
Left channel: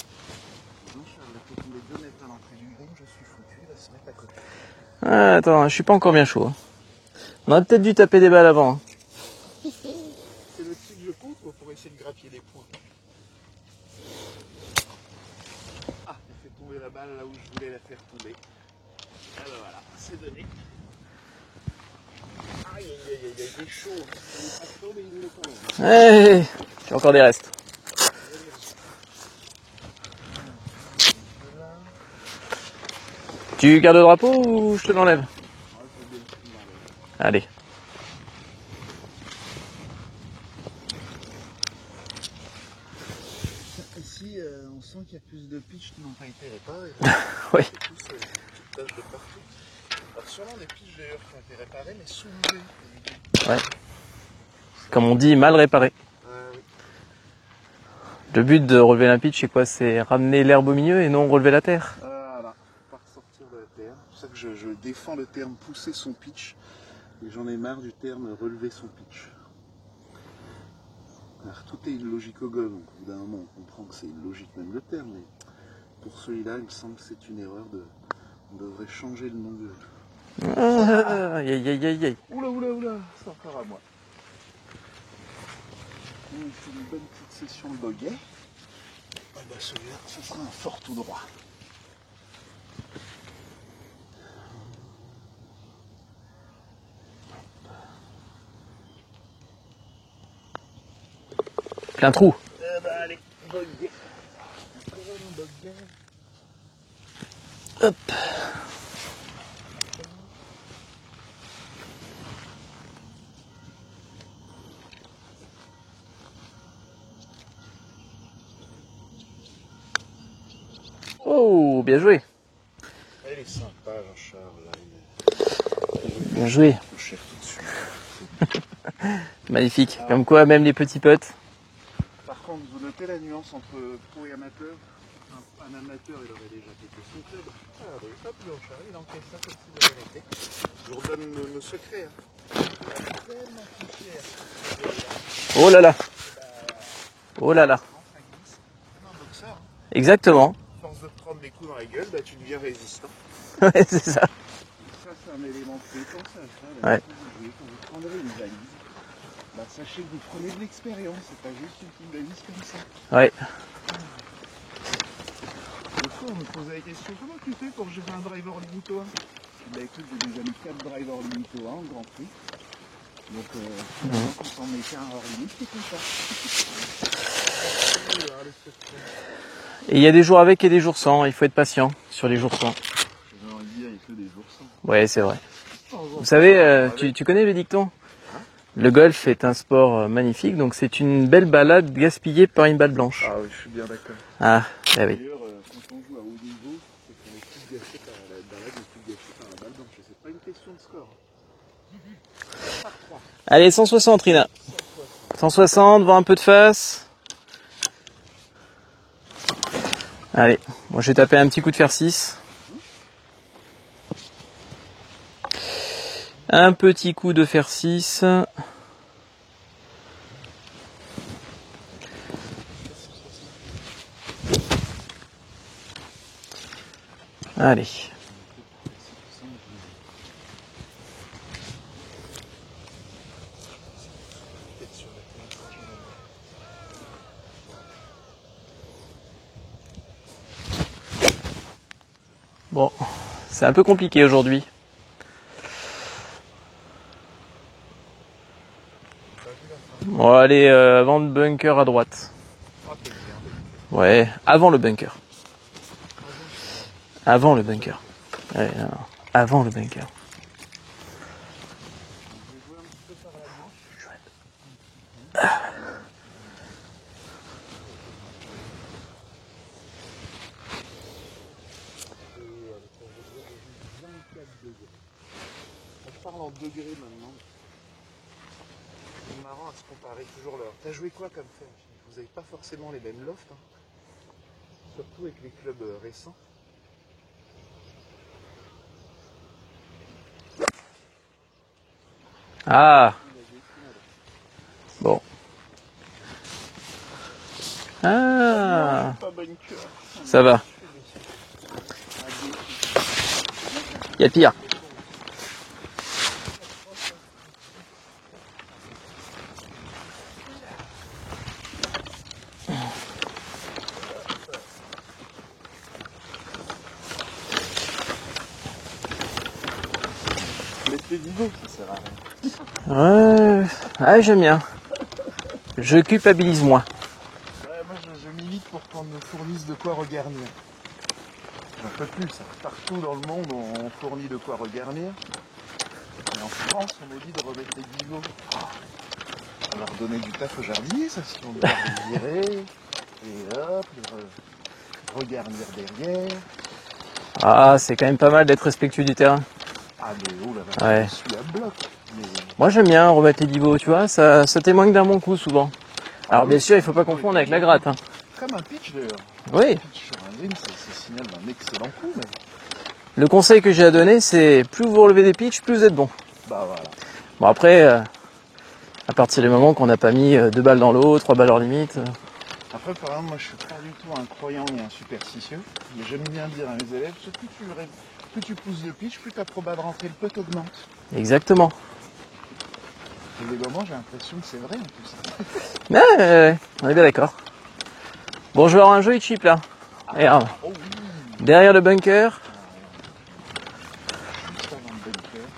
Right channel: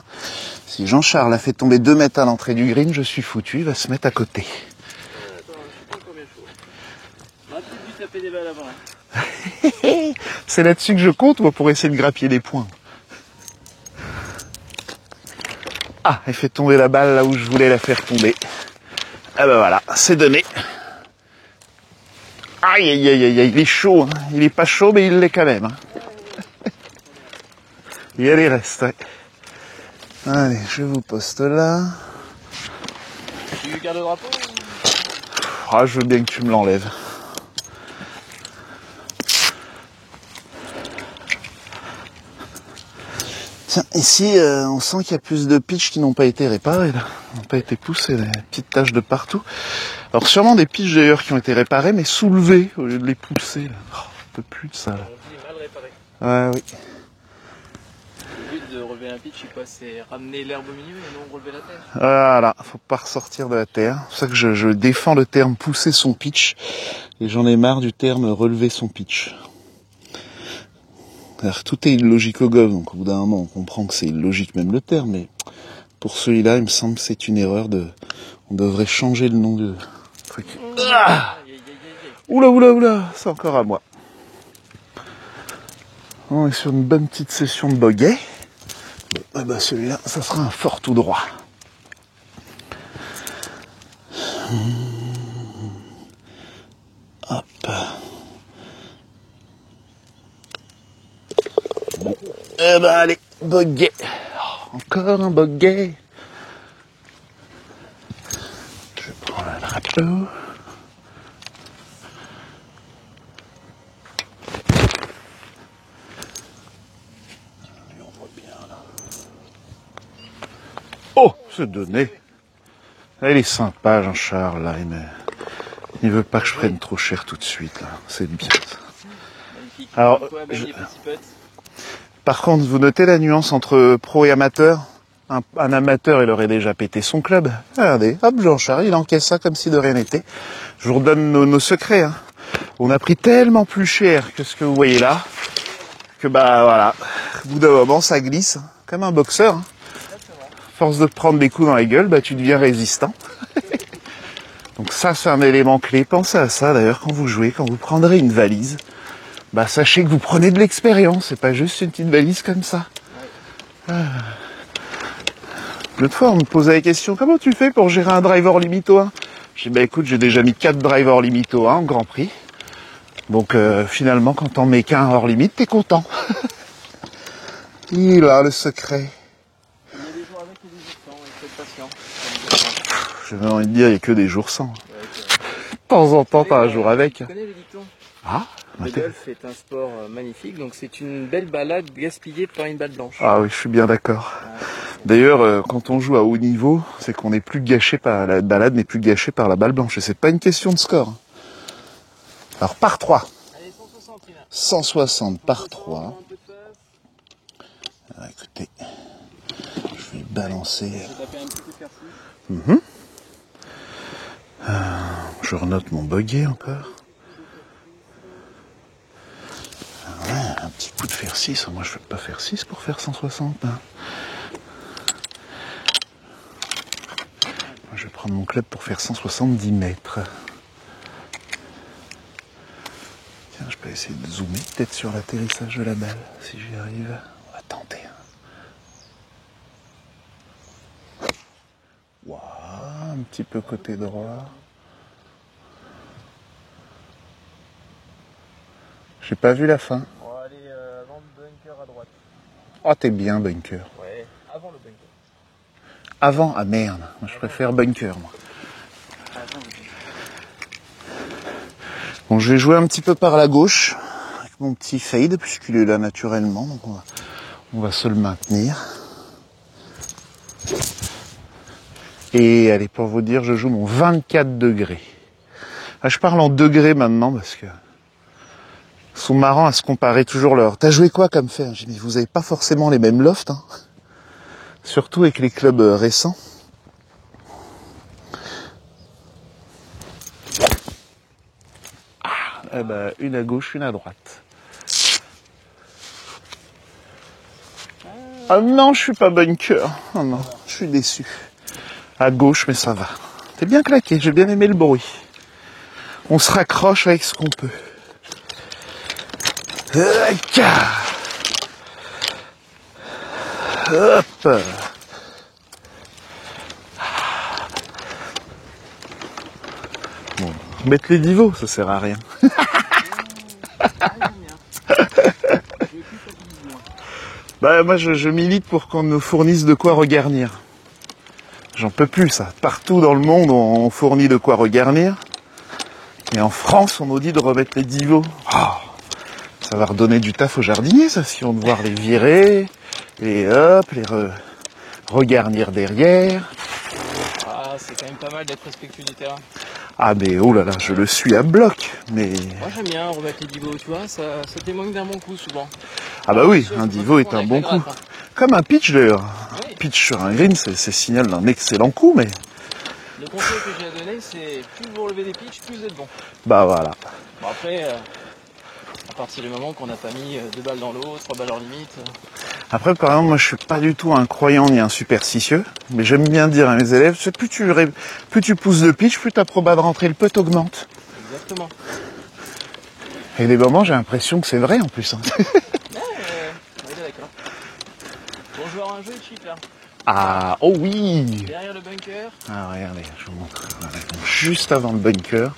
si Jean-Charles a fait tomber 2 mètres à l'entrée du green, je suis foutu, il va se mettre à côté. Ah, attends, je suis pas encore bien chaud. On aurait peut-être dû taper des balles avant. C'est là-dessus que je compte, moi, pour essayer de grappiller des points. Ah, elle fait tomber la balle là où je voulais la faire tomber. Ah ben voilà, c'est donné. Aïe, il est chaud. Hein. Il est pas chaud, mais il l'est quand même. Hein. J'ai encore des restes. Il y a les restes, ouais. Allez, je vous poste là. Tu gardes le drapeau ou je te l'enlève? Ah, je veux bien que tu me l'enlèves. Allez. Tiens, ici, on sent qu'il y a plus de pitchs qui n'ont pas été réparés. Là. Qui n'ont pas été poussés, des petites taches de partout. Alors sûrement des pitchs d'ailleurs qui ont été réparés, mais soulevés au lieu de les pousser. Ouais. Oh, un peu plus de ça. Comme on dit, mal réparé. Ouais, oui. Le but de relever un pitch, c'est quoi? C'est ramener l'herbe au milieu et non relever la terre. Voilà, faut pas ressortir de la terre. C'est pour ça que je défends le terme pousser son pitch. Et j'en ai marre du terme relever son pitch. Alors, tout est illogique au golf, donc au bout d'un moment on comprend que c'est illogique même le terme, mais pour celui-là il me semble que c'est une erreur de... On devrait changer le nom de truc. Aïe. Oula, c'est encore à moi. On est sur une bonne petite session de bogey. Bon, eh ben celui-là, ça sera un fort tout droit. Hop. C'est un trou. Eh ben allez, bogey. Oh, encore un bogey. Hop. Je prends le drapeau. Oh, c'est bien donné. joué. Ah, il est sympa, Jean-Charles, là, il veut pas Bien que je joué. prenne trop cher tout de suite. Hein. C'est bien. Ça. Magnifique. Alors, Comme quoi, même les petits potes. Par contre, vous notez la nuance entre pro et amateur. Un amateur, il aurait déjà pété son club. Regardez, hop, Jean-Charles, il encaisse ça comme si de rien n'était. Je vous redonne nos secrets. Hein. On a pris tellement plus cher que ce que vous voyez là, Oh là là. que bah voilà, Oh au bout là d'un là. moment, ça glisse, hein. Comme un boxeur. Hein. Exactement. Force de te prendre des coups dans la gueule, bah tu deviens résistant. Ouais, c'est ça. Donc ça, c'est un élément clé. Pensez à ça d'ailleurs Ouais. quand vous jouez, quand vous prendrez une valise. Bah sachez que vous prenez de l'expérience, c'est pas juste une petite valise comme ça. Ouais. L'autre fois, on me posait la question, comment tu fais pour gérer un driver limito 1? J'ai dit, bah écoute, j'ai déjà mis 4 drivers limito 1 en Grand Prix. Donc finalement, quand t'en mets qu'un hors limite, t'es content. Il a le secret. Et il y a des jours avec et des jours sans. Il faut être patient sur les jours sans. J'avais envie de dire, il n'y a que des jours sans. Ouais, c'est vrai. De temps en temps, Vous savez, pas un jour avec. tu connais le dicton? Ah, Le golf est un sport magnifique, donc c'est une belle balade gaspillée par une balle blanche. ah oui, je suis bien d'accord. Ah, eh ben, D'ailleurs, quand on joue à haut niveau, c'est qu'on n'est plus gâché par la balade, n'est plus gâchée par la balle blanche. Et c'est pas une question de score. Alors par 3, Allez, 160 Rina. 160. par 160, trois. vend un peu de face. Ah, écoutez, je vais Allez, balancer. moi je vais taper un petit coup de fer 6. note mon buggy. Un petit coup de fer 6. Un petit coup de fer 6. Moi, je ne veux pas faire 6 pour faire 160. Hein. Allez. Je vais prendre mon club pour faire 170 mètres. Tiens, je peux essayer de zoomer peut-être sur l'atterrissage de la balle, si j'y arrive. On va tenter. Wow, Bon, c'est un peu compliqué aujourd'hui. J'ai pas vu la fin. On va aller avant le bunker à droite. Oh, t'es bien, bunker. Ouais, avant le bunker. Avant, ah merde. Avant Je le préfère bunker. moi. Ouais, avant le bunker. Bon, je vais jouer un petit peu par la gauche, avec mon petit fade, puisqu'il est là naturellement, donc on va se le maintenir. Et allez, pour vous dire, je joue mon 24 degrés. Ah, je parle en degrés maintenant, parce que ils sont marrants à se comparer toujours leur... T'as joué quoi comme fer? J'ai dit, mais vous avez pas forcément les mêmes lofts, hein. Surtout avec les clubs récents. Une à gauche, une à droite. Bon. Ah non, je suis pas bunker. Oh non, Ça va. Je suis déçu. À gauche, mais ça va. C'est bien claqué, Y a j'ai bien pire. aimé le bruit. On se raccroche avec ce qu'on peut. Hop. Mettre les divots, ça sert à rien. Ouais, j'aime bien. Je culpabilise moins. Bah moi je milite pour qu'on nous fournisse de quoi regarnir. J'en peux plus ça. Partout dans le monde on fournit de quoi regarnir. Et en France on nous dit de remettre les divots. Oh, ça va redonner du taf aux jardiniers ça, si on devoir les virer, et hop, regarnir derrière. Ah, c'est quand même pas mal d'être respectueux du terrain. Ah mais oh là là, je Ouais. le suis à bloc. Mais Moi j'aime bien remettre les divots, tu vois, ça témoigne d'un bon coup souvent. ah bah Alors, oui, bien sûr, il un faut pas divot est confondre un avec la bon gratte. coup. Hein. Comme un pitch d'ailleurs. Oui. Un pitch sur un green, c'est signal d'un excellent coup, mais Le conseil que j'ai à donner, c'est plus vous relevez des pitchs, plus vous êtes bon. bah voilà. Bon après, à partir du moment qu'on n'a pas mis 2 balles dans l'eau, 3 balles hors limite. Après, par exemple, moi, je suis pas du tout un croyant ni un superstitieux, mais j'aime bien dire à mes élèves, c'est plus tu pousses de pitch, plus ta proba de rentrer le putt augmente. Exactement. Et des moments, j'ai l'impression que c'est vrai en plus. Hein. Ouais, on est bien d'accord. Bon, je vais avoir un joli chip là. Ah, oh oui. Derrière le bunker. Ah, regardez, je vous montre. Juste avant le bunker,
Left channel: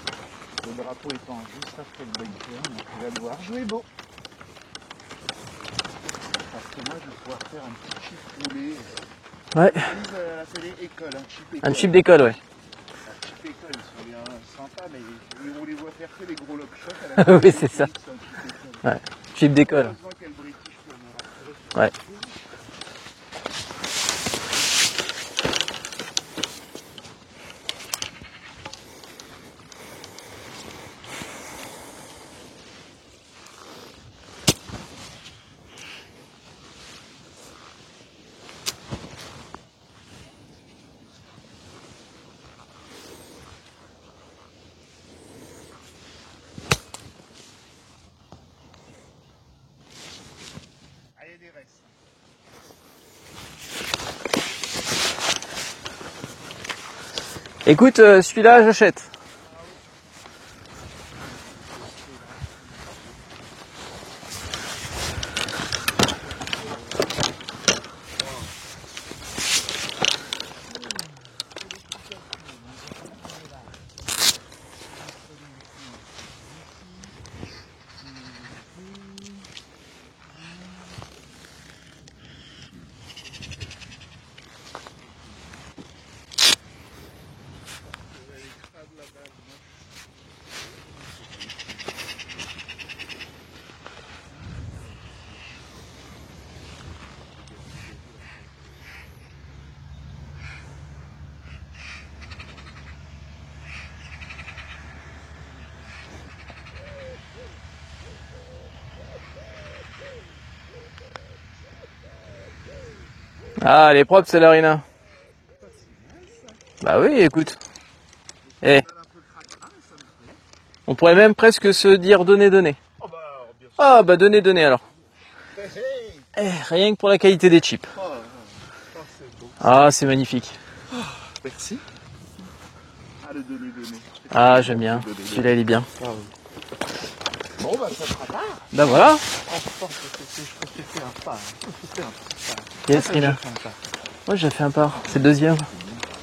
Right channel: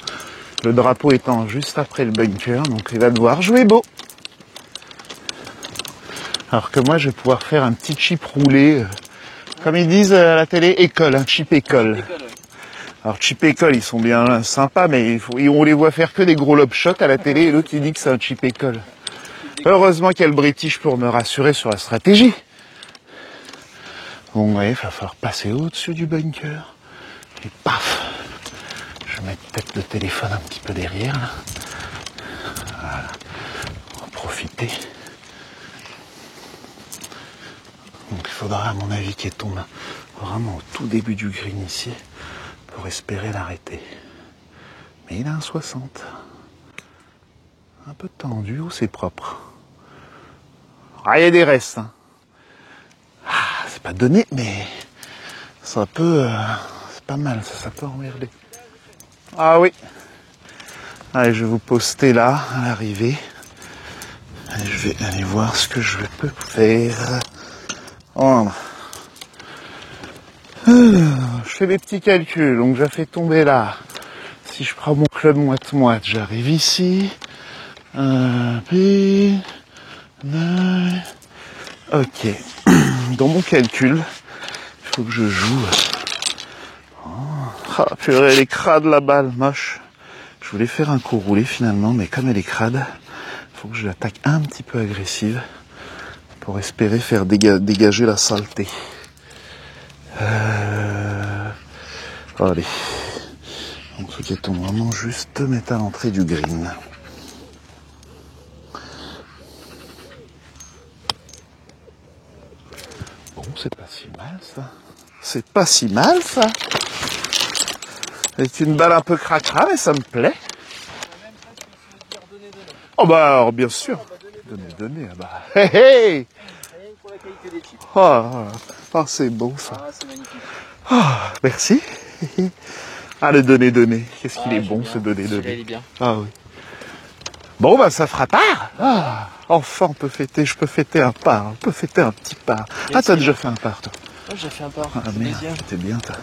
le drapeau étant juste après le bunker, donc il va devoir jouer beau. Alors que moi, je vais pouvoir faire un petit chip roulé, Ouais. comme ils disent à la télé, école, un chip Un école. chip d'école, ouais. Alors chip école, ils sont bien sympas, mais on les voit faire que des gros lob shots à la télé, Oui, et l'autre c'est il ça. dit que c'est un chip école. Ouais. Chip d'école. Heureusement qu'il y a le British pour me rassurer sur la Ouais. stratégie. Bon, oui, ça va falloir passer au-dessus du bunker. Et paf. Je vais mettre peut-être le téléphone un petit peu derrière, là. Voilà. On va profiter. Donc il faudra, à mon avis, qu'il tombe vraiment au tout début du green ici pour espérer l'arrêter. Mais il a un 60. Un peu tendu, ou c'est propre. Ah, il y a des restes. Hein. Ah, c'est pas donné, mais c'est un peu... c'est pas mal. Ça. Écoute, celui-là, j'achète. Ah oui. Allez, je vais vous poster là, à l'arrivée. Et je vais aller voir ce que je peux faire. Voilà. Je fais des petits calculs, donc j'ai fait tomber là. Si je prends mon club moite-moite, j'arrive ici. Puis... Ok. Dans mon calcul, il faut que je joue. Ah, purée, elle est crade la balle, moche. Je voulais faire un coup roulé finalement, mais comme elle est crade, il faut que je l'attaque un petit peu agressive pour espérer faire dégager la saleté. Allez. Un truc qui tombe vraiment juste mettre à l'entrée du green. Ah, elle est propre, celle-là, Rina. C'est pas si mal ça. Bah oui, écoute. C'est une balle un peu cracra, mais ça me plaît. On pourrait même presque se dire donner. Oh bah alors, bien sûr. Ah bah donner alors. Donner, bah. Hey, hey. Rien que pour la qualité des chips. Oh, c'est bon ça. Ah, c'est magnifique. Oh, merci. Ah, le donner. Qu'est-ce qu'il est j'aime bon bien. ce donner. Celui-là, il est bien. Ah oui. Bon, bah ça fera part. Bah voilà. Enfin, je peux fêter un part. On peut fêter un petit part. Bien T'as sûr. déjà fait un part, toi. Ouais, j'ai fait un part. C'est le bien. deuxième. C'est bien, toi.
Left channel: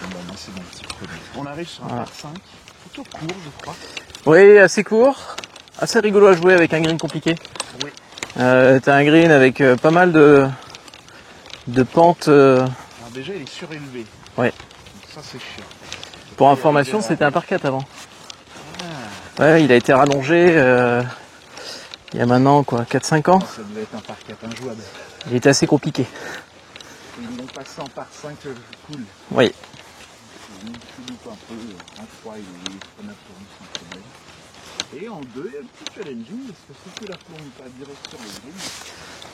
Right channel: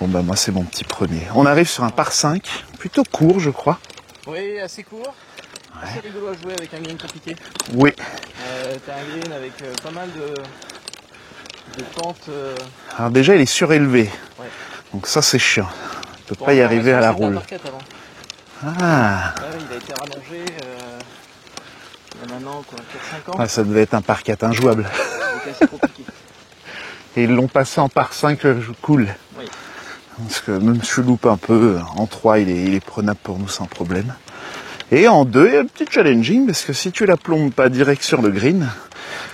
Bon, bah moi, c'est mon petit premier. On arrive sur un par 5. Plutôt court, je crois. Oui, assez court. Assez rigolo à jouer avec un green compliqué. Oui. T'as un green avec pas mal de pentes. Alors déjà, il est surélevé. Ouais. Donc ça, c'est chiant. On peut Pour pas y arriver information, à la c'était un roule. par 4 avant. Ah. Ouais, il a été rallongé il y a maintenant quoi, 4-5 ans. Ah, ça devait être un par 4 injouable. Il était assez compliqué. Et ils l'ont passé en par 5 cool. Oui. Parce que même si je loupe un peu, en 3, il est prenable pour nous sans problème. Et en 2, il y a un petit challenging, parce que si tu la plombes pas direct sur le green,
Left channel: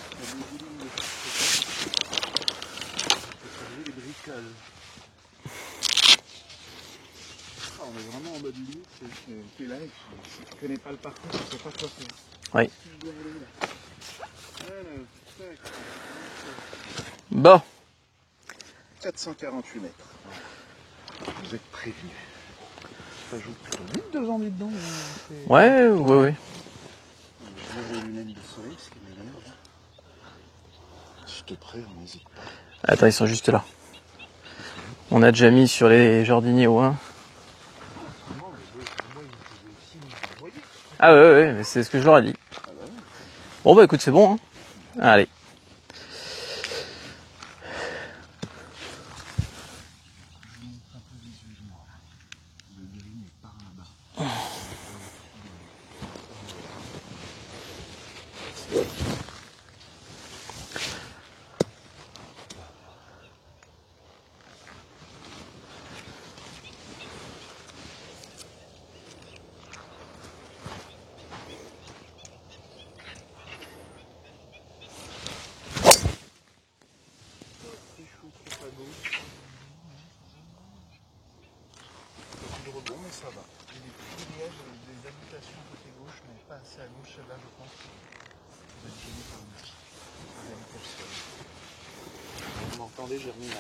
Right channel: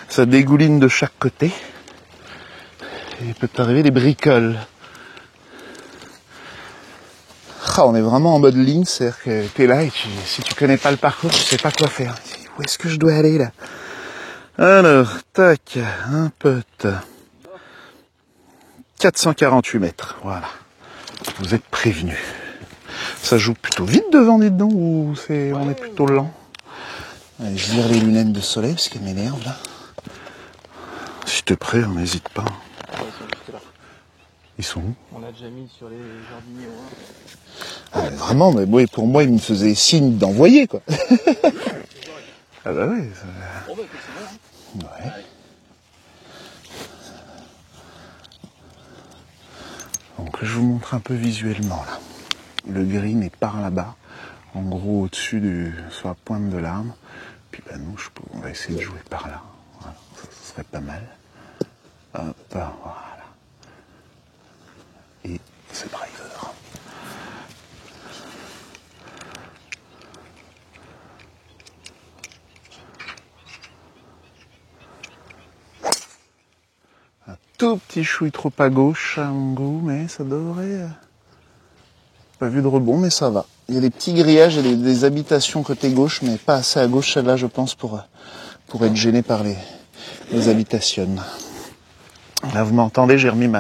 ça dégouline de chaque côté. Et il peut t'arriver des bricoles. Ah, on est vraiment en mode ligne, c'est-à-dire que t'es là et si tu connais pas le parcours, tu sais pas quoi faire. Où est-ce que je dois aller là? Alors, tac, un pote. Bon. 448 mètres, voilà. Vous êtes prévenus. Ça joue plutôt vite devant, dites donc, ou c'est plutôt lent? Oui. Allez, je vire les lunettes de soleil parce qu'elles m'énervent là. Si t'es prêt, on n'hésite pas. Attends, ils sont juste là. Ils sont où? On a déjà mis sur les jardiniers au 1. Ah, mais vraiment, mais moi, pour moi, ils me faisaient signe d'envoyer quoi. Ah ouais, c'est ce que je leur ai dit. Ah bah ouais. Bon bah écoute, c'est bon. Hein. Ouais. Allez. Donc je vous montre un peu visuellement là. Le green est par là-bas, en gros au-dessus sur la pointe de l'arbre. Puis bah, nous, on va essayer de jouer par là. Voilà, ça serait pas mal. Hop, voilà. Et ce driver. Un tout petit chouille trop à gauche à mon goût, mais ça devrait... Pas vu de rebond, mais ça va. Il y a des petits grillages et des habitations côté gauche, mais pas assez à gauche, celle-là, je pense, pour être gêné par les habitations. Là, vous m'entendez, j'ai remis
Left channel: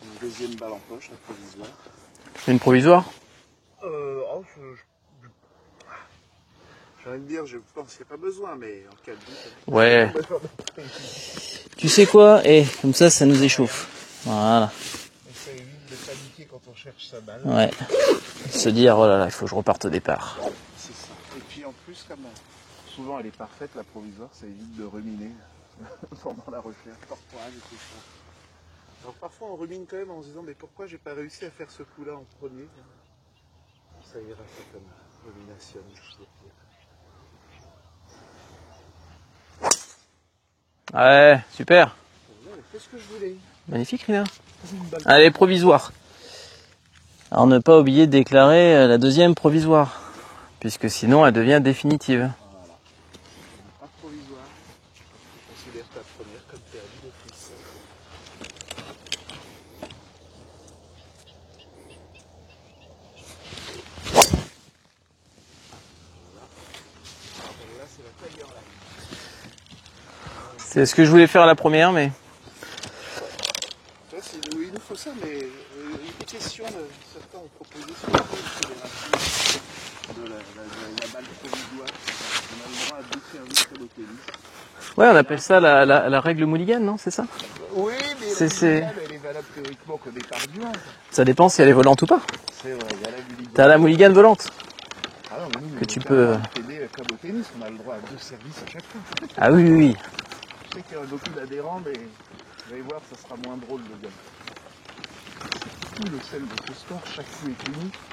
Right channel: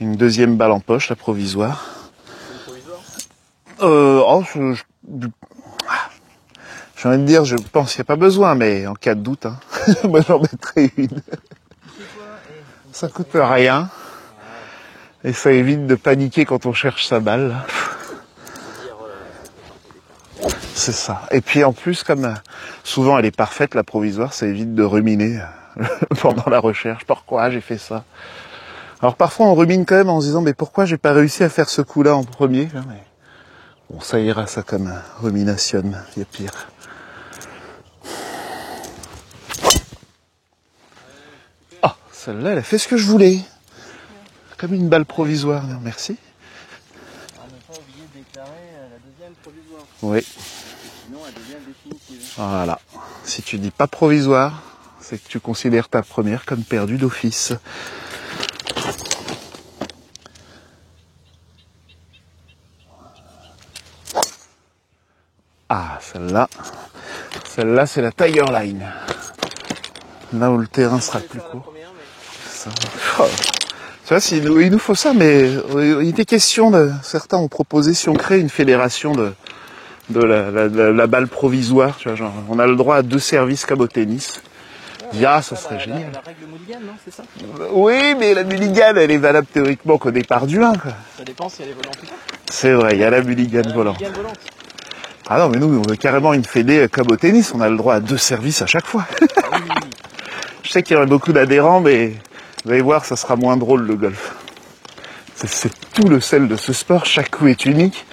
une deuxième balle en poche, la provisoire. Une provisoire? J'ai envie de dire, je pense qu'il n'y a pas besoin, mais en cas de doute, hein. Ouais. Moi, j'en mettrai une. Tu sais quoi? Comme ça nous échauffe. Rien. Voilà. Et ça évite de paniquer quand on cherche sa balle. Ouais. Se dire, oh là là, il faut que je reparte au départ. C'est ça. Et puis en plus, comme souvent elle est parfaite, la provisoire, ça évite de ruminer pendant la recherche. Pourquoi j'ai fait ça? Alors parfois on rumine quand même en se disant, mais pourquoi j'ai pas réussi à faire ce coup-là en premier? Mais bon, ça ira, ça comme rumination, il y a pire. Ouais, super. Oh, celle-là, elle a fait ce que je voulais. Magnifique, Rina. Comme une balle Allez, provisoire. provisoire. Merci. Alors ne pas oublier de déclarer la deuxième provisoire. Oui. Puisque sinon elle devient définitive. Voilà. Si tu dis pas provisoire, c'est que tu considères ta première comme perdue d'office. Ah, celle-là, c'est la Tiger Line. Là où le C'est ce terrain que je voulais sera- faire à la première, mais Oh. Tu vois, il nous faut ça, mais il était question certains ont proposé si on crée une fédération de la balle provisoire, tu vois, genre, on a le droit à 2 services comme au tennis. ouais, on Ah, appelle ça ça, c'est la règle Mulligan, non? C'est ça? Oui, mais la C'est- mulligan, elle est valable théoriquement qu'au départ du 1, quoi. Ça dépend si elle est volante ou pas. C'est vrai, il y a la mulligan. T'as la volante. Mulligan volante. Ah non, mais nous, on veut tu carrément peux- une fédé comme au tennis, on a le droit à 2 services à chaque fois. Ah oui. Je sais qu'il y aurait beaucoup d'adhérents, mais vous allez voir, ça sera moins drôle le golf. C'est tout le sel de ce sport, chaque coup est unique,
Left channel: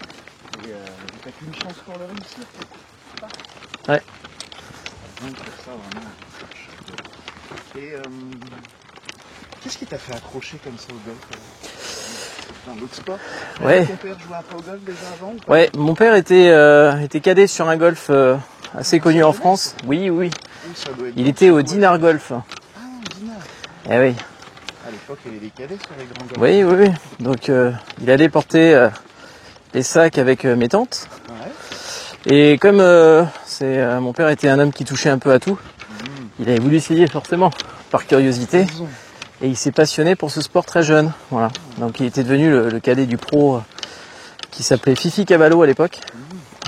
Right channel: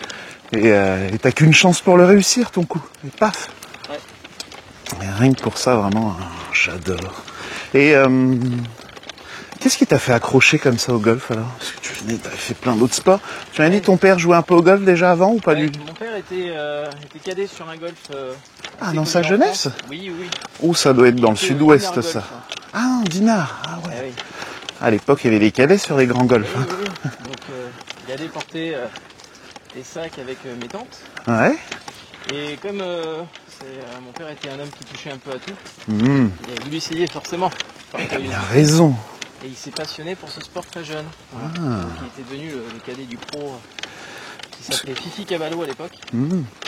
et t'as qu'une chance pour le réussir, ton coup. Et paf. Ouais. Mais rien que pour ça, vraiment, j'adore. Et qu'est-ce qui t'a fait accrocher comme ça au golf alors? Parce que tu dis, t'as fait plein d'autres sports. Tu avais Ouais. ton père jouer un peu au golf déjà avant ou pas? Ouais, mon père était cadet sur un golf assez dans connu sa en jeunesse? France. Oui. Ou ça doit être Il dans le était au sud-ouest, Dinard ça. Golf. Ah, Dinard. Ah, ouais. Eh oui. À l'époque, il y avait des cadets sur les grands golfs. Oui. hein. Donc il allait porter les sacs avec mes tantes. Ouais. Et comme mon père était un homme qui touchait un peu à tout, il avait voulu essayer forcément, par Il a curiosité. raison. Et il s'est passionné pour ce sport très jeune. Voilà. Donc il était devenu le cadet du pro qui s'appelait Fifi Cavallo à l'époque.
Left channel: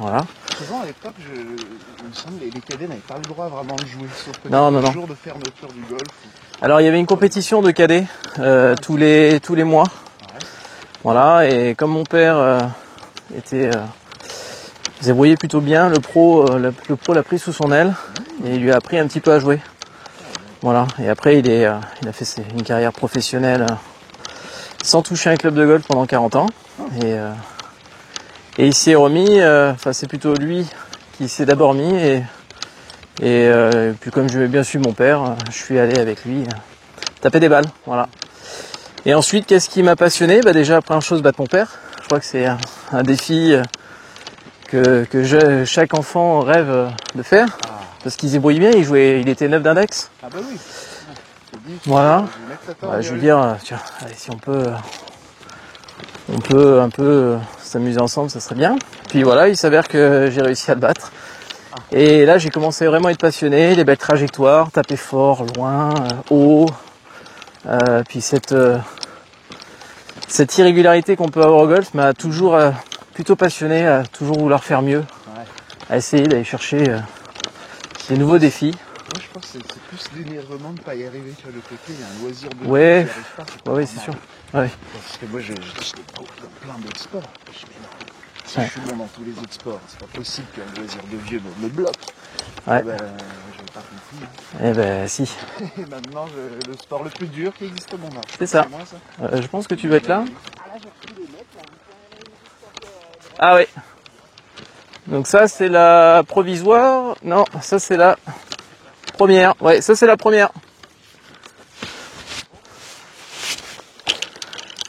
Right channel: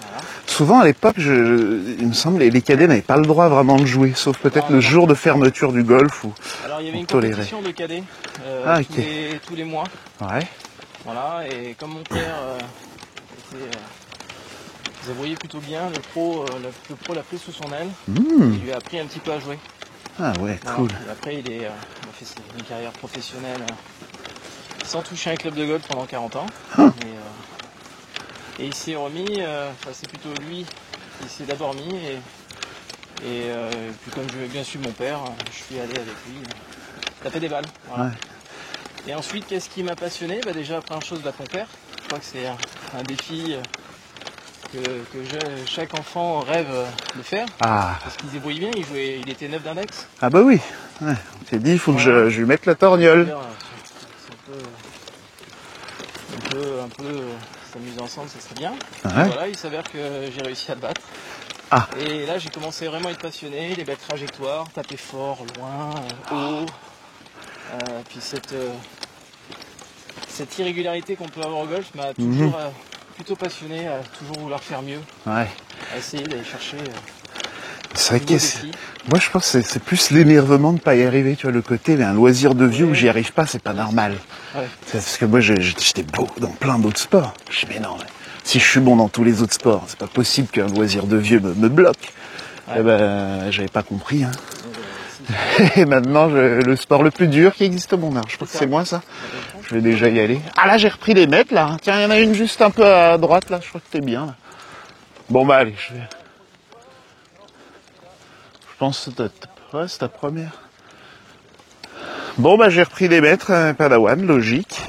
Voilà. Souvent à l'époque, il me semble, les cadets n'avaient pas le droit vraiment de jouer, sauf peut-être Non, le non. jour de fermeture du golf. Alors il y avait une Toléré. compétition de cadets ok. tous les mois. Ouais. Voilà. Et comme mon père se débrouillait plutôt bien, le pro l'a pris sous son aile et il lui a appris un petit peu à jouer. Ah ouais. Voilà. Cool. Et après il a fait une carrière professionnelle sans toucher un club de golf pendant 40 ans. Et il s'est remis, c'est plutôt lui qui s'est d'abord mis et puis comme j'aimais bien suivre mon père, je suis allé avec lui taper des balles. Voilà. Ouais. Et ensuite, qu'est-ce qui m'a passionné? Déjà, première chose, battre mon père. Je crois que c'est un défi que chaque enfant rêve de faire. Ah. Parce qu'il se débrouille bien, il était 9 d'index. Ah bah oui. Ouais. T'es dit, il faut Voilà. que je lui mette la Je veux torgnole. dire, tiens, allez, si on peut un peu s'amuser ensemble, ça serait bien. Puis voilà, il s'avère que j'ai réussi à le battre. Ah. Et là, j'ai commencé vraiment à être passionné, les belles trajectoires, taper fort, loin, haut. Puis cette irrégularité qu'on peut avoir au golf m'a toujours plutôt passionné, à toujours vouloir faire mieux, Ouais. à essayer d'aller chercher C'est de vrai nouveaux que défis. Moi, je pense que c'est plus l'énervement de ne pas y arriver. Tu vois, le côté d'un loisir de Ouais. vie, j'y arrive pas, c'est pas Ouais, normal. c'est ouais. C'est parce que moi, j'étais beau dans plein d'autres sports. Je dis, mais non, mais si je suis bon dans tous les autres sports, c'est pas possible qu'un loisir de vieux me bloque. Ouais. Eh ben, j'avais pas compris. Hein. Eh ben si. Et maintenant, le sport le plus dur qui existe au monde. Alors, je pense que ça. c'est moi, ça. Je pense que Je tu vais vas déjà être y là. aller. Ah là, j'ai repris les mètres, là. Tiens, il y en a une juste un peu à droite. Ah là. ouais. Je crois que t'es bien, là. Donc ça, Bon, bah, c'est la provisoire. Non, ça c'est la Je pense que c'est première. Ouais, ça c'est la première. Bon, bah, j'ai repris les mètres, Padawan, logique.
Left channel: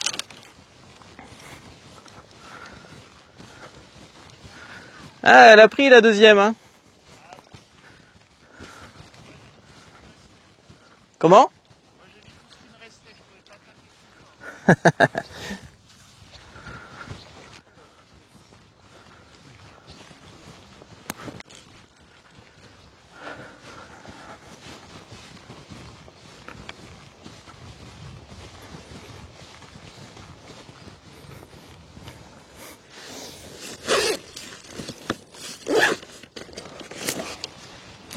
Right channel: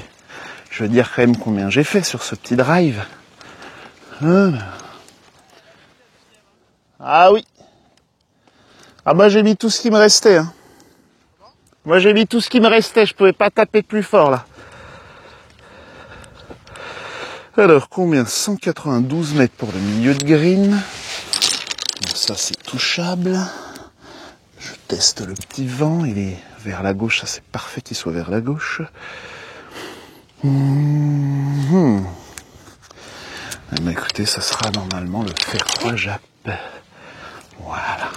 Je veux dire quand même combien j'ai fait sur ce petit drive. Ah, elle a pris la deuxième. Hein. Ah oui. Ah, moi, j'ai mis tout ce qui me restait. Hein. Comment? Moi, j'ai mis tout ce qui me restait. Je pouvais pas taper plus fort, là. Alors, combien? 192 mètres pour le milieu de green. Bon, ça, c'est touchable. Je teste le petit vent. Il est vers la gauche. Ça, c'est parfait qu'il soit vers la gauche. Mais écoutez, ça sera normalement le fer 3 Jap. Voilà.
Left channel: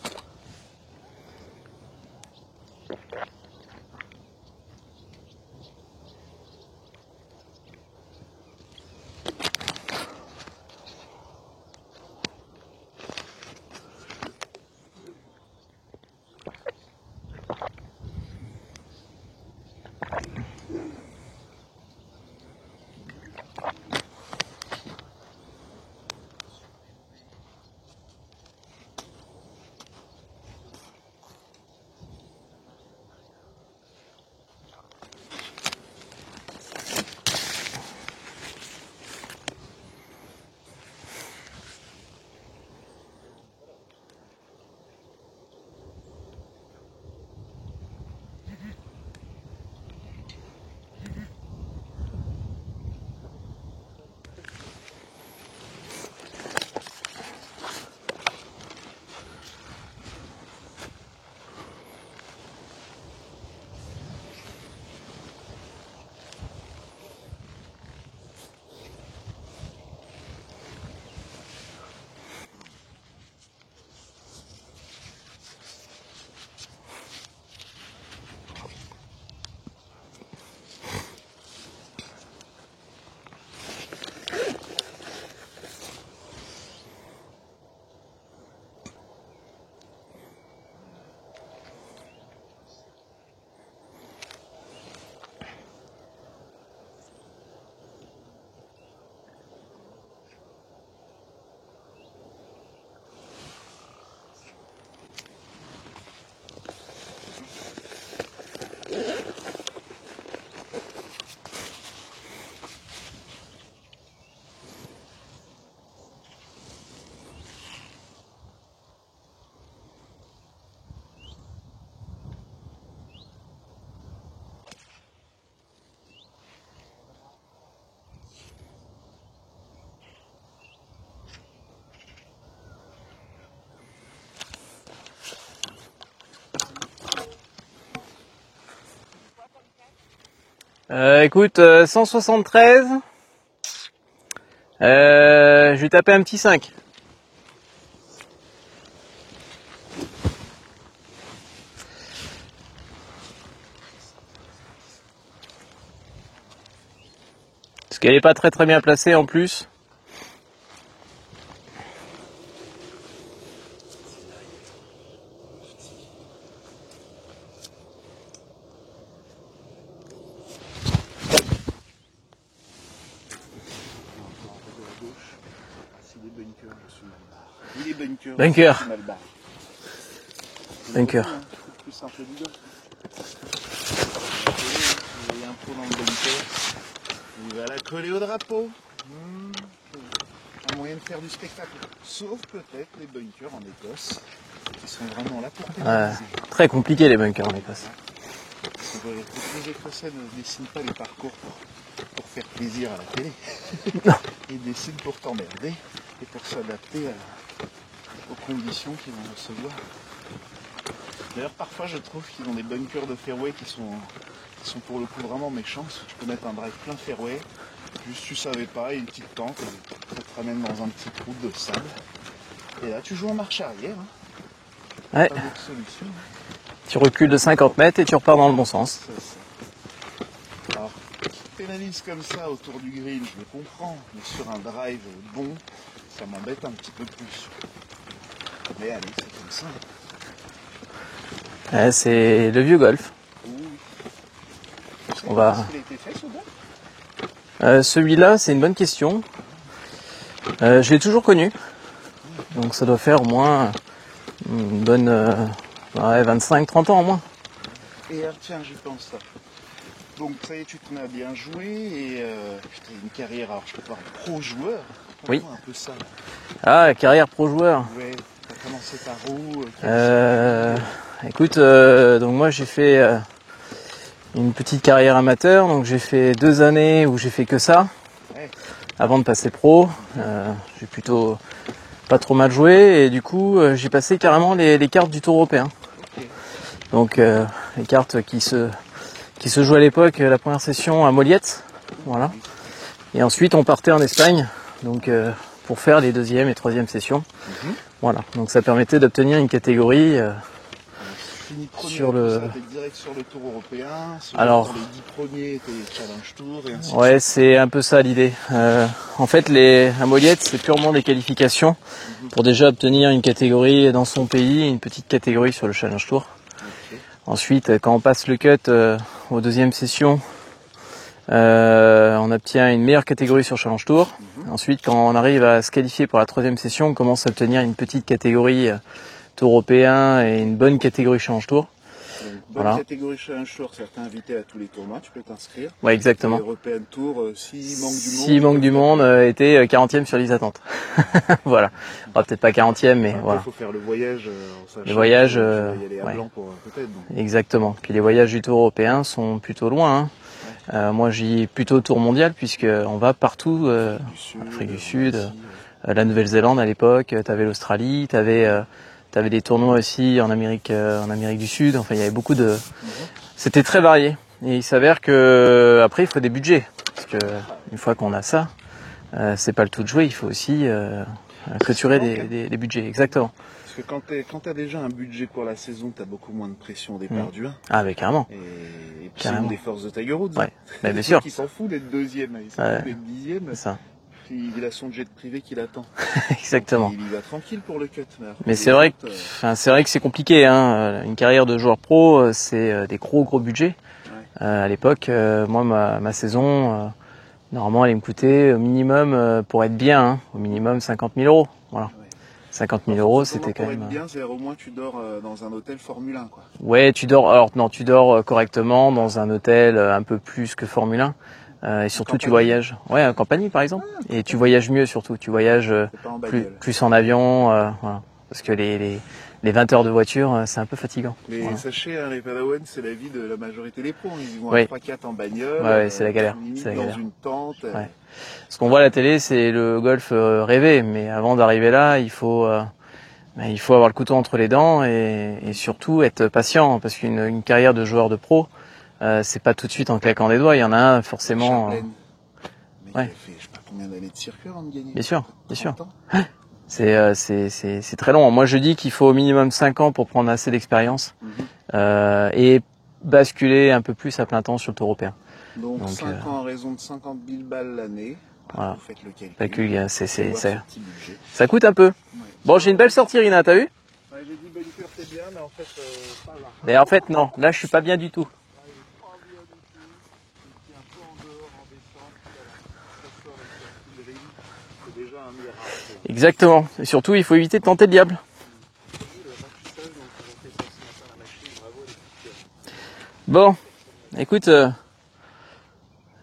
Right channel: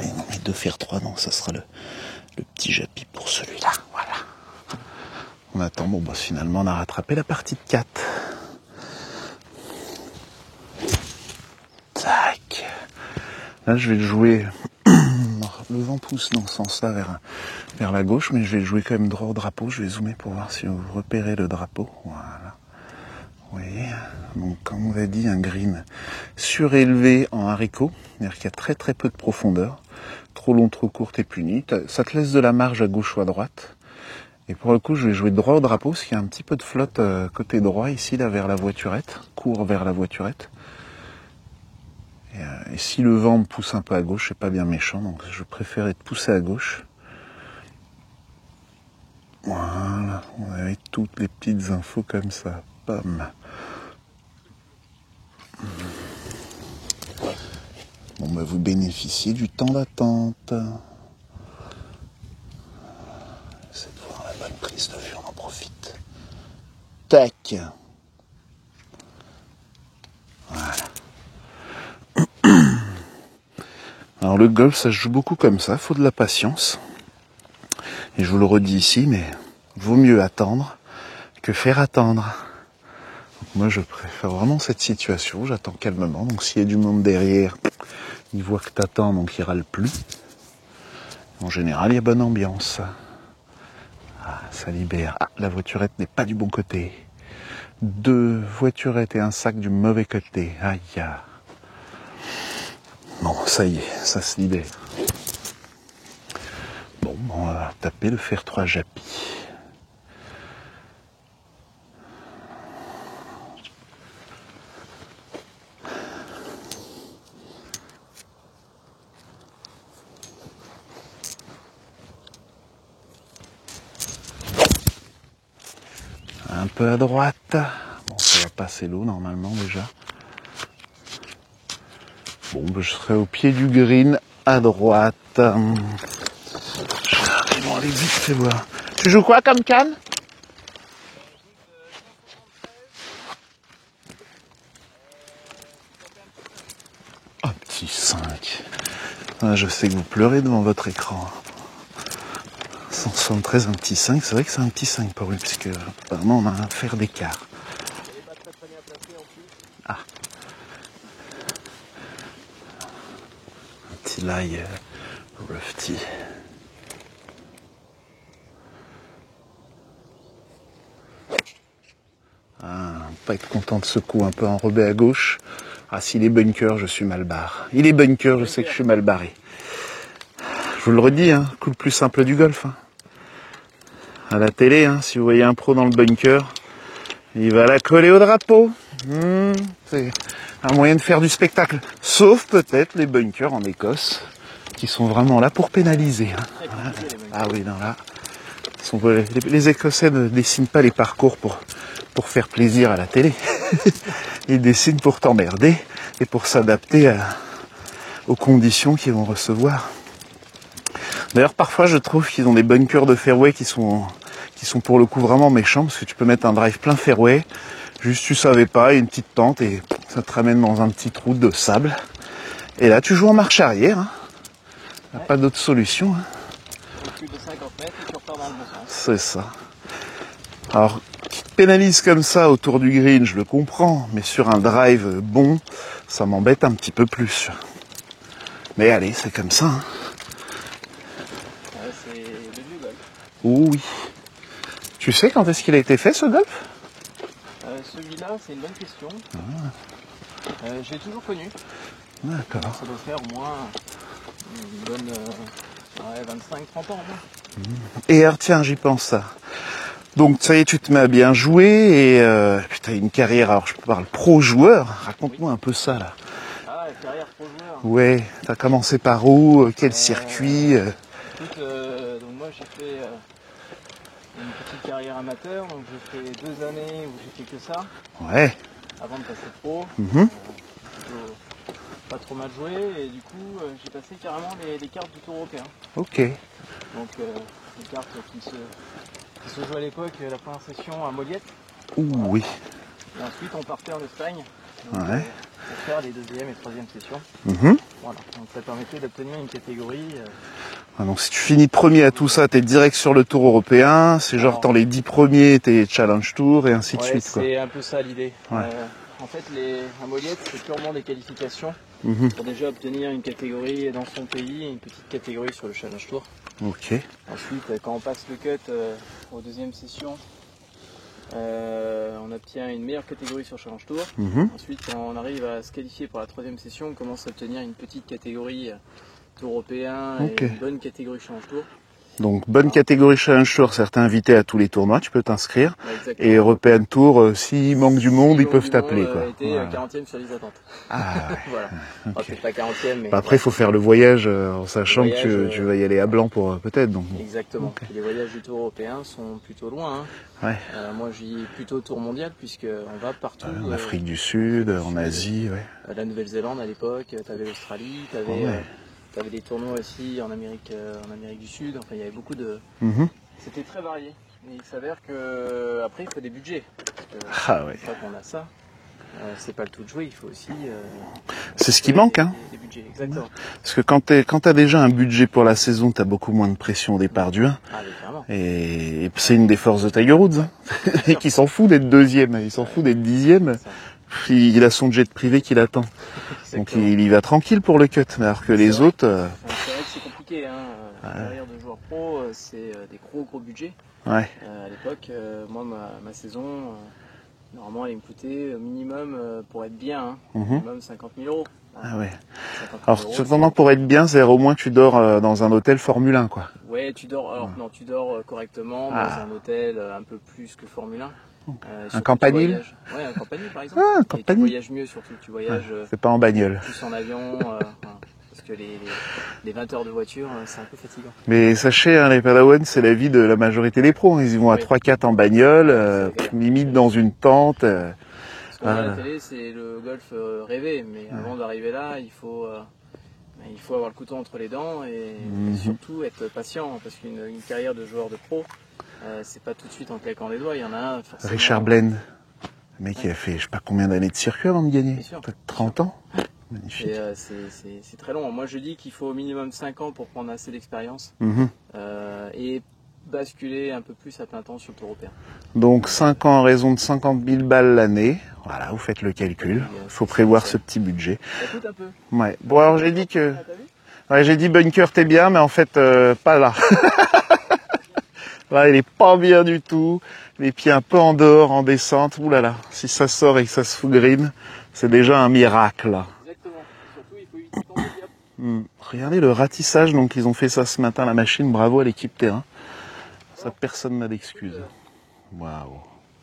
Et non, mais de fer 3, non, ça sera le petit Japi pour celui-là. Voilà. On attend, bon, bah, finalement, on a rattrapé la partie de 4. Tac. Là, je vais le jouer. Le vent pousse dans ce sens-là vers la gauche, mais je vais le jouer quand même droit au drapeau. Je vais zoomer pour voir si vous repérez le drapeau. Voilà. Vous voyez, donc comme on l'a dit, un green surélevé en haricot, c'est-à-dire qu'il y a très très peu de profondeur, trop long, trop court et puni. Ça te laisse de la marge à gauche ou à droite. Et pour le coup, je vais jouer droit au drapeau, parce qu'il y a un petit peu de flotte côté droit ici, là vers la voiturette, court vers la voiturette. Et si le vent me pousse un peu à gauche, c'est pas bien méchant, donc je préfère être poussé à gauche. Voilà, on avait toutes les petites infos comme ça. Bam. Bon, bah, vous bénéficiez du temps d'attente. C'est de voir la bonne prise de vue, on en profite. Tac. Voilà. Alors le golf, ça se joue beaucoup comme ça, faut de la patience. Et je vous le redis ici, mais vaut mieux attendre que faire attendre. Donc moi, je préfère vraiment cette situation. J'attends calmement. Donc s'il y a du monde derrière, il voit que t'attends, donc il râle plus. En général, il y a bonne ambiance. Ah, ça libère. Ah, la voiturette n'est pas du bon côté. 2 voiturettes et un sac du mauvais côté. Aïe. Bon, ça y est, ça se libère. Bon, on va taper le fer 3 Japi. Un peu à droite. Bon, ça va passer l'eau normalement déjà. Bon, ben, je serai au pied du green à droite. J'arrive, on aller vite, fais voir. Tu joues quoi comme canne? Écoute, 173. Je vais taper un petit 5. Un petit 5. Ah, je sais que vous pleurez devant votre écran. 173, un petit 5, c'est vrai que c'est un petit 5 pour lui, puisque apparemment on a un fer d'écart. Parce qu'elle n'est pas très bien placée en plus. Un petit lie rough. Pas être content de ce coup, un peu enrobé à gauche. Ah, s'il est bunker, je suis mal barré. Il est bunker, je sais que je suis mal barré. Je vous le redis, hein, coup le plus simple du golf. Hein. À la télé, hein, si vous voyez un pro dans le bunker, il va la coller au drapeau. C'est un moyen de faire du spectacle. Sauf peut-être les bunkers en Écosse, qui sont vraiment là pour pénaliser. Hein. Très compliqué les bunkers. Ah oui, non, là, les Écossais ne dessinent pas les parcours pour faire plaisir à la télé. Ils dessinent pour t'emmerder et pour s'adapter aux conditions qu'ils vont recevoir. D'ailleurs, parfois, je trouve qu'ils ont des bunkers de fairway qui sont pour le coup vraiment méchants, parce que tu peux mettre un drive plein fairway, juste tu savais pas, une petite pente, et ça te ramène dans un petit trou de sable. Et là, tu joues en marche arrière. Hein. Ouais. Pas d'autre solution. Hein. Tu recules de 50 mètres et tu repars dans le bon sens. C'est ça. Alors, qui te pénalise comme ça autour du green, je le comprends, mais sur un drive bon, ça m'embête un petit peu plus. Mais allez, c'est comme ça. Hein. Ouais, c'est le vieux golf. Oh oui. Tu sais quand est-ce qu'il a été fait, ce golf? Celui-là, c'est une bonne question. Je l'ai toujours connu. Donc ça doit faire au moins une bonne 25-30 ans au moins. Et alors, tiens, j'y pense ça. Donc ça y est, tu te mets à bien jouer et tu as une carrière, alors je parle pro-joueur, raconte-moi un peu ça là. Ah, carrière pro-joueur. Ouais, t'as commencé par où? Quel circuit? Écoute, donc moi j'ai fait une petite carrière amateur, donc j'ai fait 2 années où j'ai fait que ça. Ouais. Avant de passer pro. J'ai plutôt pas trop mal joué et du coup j'ai passé carrément les cartes du Tour européen. Ok. Donc les cartes qui se jouaient à l'époque, la première session à Moliette. Voilà. Oui. Et ensuite on partait en Espagne, donc pour faire les 2e et 3e sessions. Voilà. Donc ça permettait d'obtenir une catégorie. Donc si tu finis premier à tout ça, t'es direct sur le Tour européen. C'est genre dans les 10 premiers, t'es Challenge Tour et ainsi de suite. Ouais, c'est un peu ça l'idée. En fait, à Moliette, c'est purement des qualifications pour déjà obtenir une catégorie dans son pays, une petite catégorie sur le Challenge Tour. Ok. Ensuite, quand on passe le cut aux 2e sessions, on obtient une meilleure catégorie sur Challenge Tour. Ensuite, quand on arrive à se qualifier pour la 3e session, on commence à obtenir une petite catégorie Tour européen et une bonne catégorie Challenge Tour. Donc bonne catégorie Challenge Tour, certains invités à tous les tournois, tu peux t'inscrire. Ouais, exactement. Et European Tour, s'il manque du monde, s'il ils manque peuvent du t'appeler, monde, quoi. était 40e sur les attentes. Voilà. Enfin, peut-être pas 40e, mais Après, il voilà. faut faire le voyage en sachant que tu vas y aller à blanc pour peut-être. Donc. Exactement. Puis les voyages du Tour européen sont plutôt loin. Hein. Ouais. Moi, j'y ai plutôt Tour mondial puisque on va partout. En Afrique du Sud, en Asie. La Nouvelle-Zélande à l'époque, t'avais l'Australie, t'avais des tournois aussi en Amérique du Sud. Enfin, il y avait beaucoup de. C'était très varié. Et il s'avère que après, il faut des budgets parce que une fois qu'on a ça, c'est pas le tout de jouer. Il faut aussi c'est ce qui manque, des budgets. Exactement. Parce que quand t'as déjà un budget pour la saison, t'as beaucoup moins de pression au départ du 1. Ah, mais carrément. Et puis c'est une des forces de Tiger Woods. Ouais. Bien sûr. Qui s'en fout d'être 2e, il s'en fout d'être 10e. Ça. Il a son jet privé qui l'attend. Exactement. Donc il y va tranquille pour le cut. Mais alors que mais les autres. C'est vrai que c'est compliqué. Hein. Une carrière de joueur pro, c'est des gros budgets. Ouais. À l'époque, moi, ma saison, normalement, elle me coûtait au minimum, pour être bien, au minimum 50 000 euros. Voilà. Ah ouais. 50 000 euros. Cependant, pour être bien, c'est-à-dire au moins tu dors dans un hôtel Formule 1, quoi. Ouais, tu dors. Alors non, tu dors correctement dans un hôtel un peu plus que Formule 1. Et surtout tu voyages. Ouais, en compagnie par exemple. Et tu voyages mieux surtout. Tu voyages. C'est pas en bagnole. Plus en avion. Voilà. Parce que les 20 heures de voiture, c'est un peu fatigant. Mais sachez, hein, les Padawan, c'est la vie de la majorité des pros. Ils y vont à 3-4 en bagnole, c'est la galère. limite dans une tente. Ce qu'on voit à la télé, c'est le golf rêvé, mais avant d'arriver là, il faut avoir le couteau entre les dents et surtout être patient, parce qu'une carrière de joueur de pro, c'est pas tout de suite en claquant des doigts. Il y en a un forcément. Richard Bland, le mec qui a fait je sais pas combien d'années de circuit avant de gagner. Bien sûr, 30 ans. C'est très long. Moi, je dis qu'il faut au minimum 5 ans pour prendre assez d'expérience et basculer un peu plus à plein temps sur le Tour européen. Donc 5 ans à raison de 50 000 balles l'année. Voilà, vous faites le calcul. Il faut prévoir ce petit budget. Ça coûte un peu. Ouais. Bon, j'ai une belle sortie, Rina, t'as vu? Ouais, j'ai dit bunker, t'es bien, mais en fait, pas là. Et en fait, non. Là, je suis pas bien du tout. Là, il est pas bien du tout. Les pieds un peu en dehors, en descente. Ouh là là. Si ça sort et que ça se fout green, c'est déjà un miracle. Là. Exactement. Et surtout, il faut éviter de tenter le diable. Regardez le ratissage. Donc, ils ont fait ça ce matin, la machine. Bravo à l'équipe terrain. Bon. Personne n'a d'excuse. Écoute, waouh.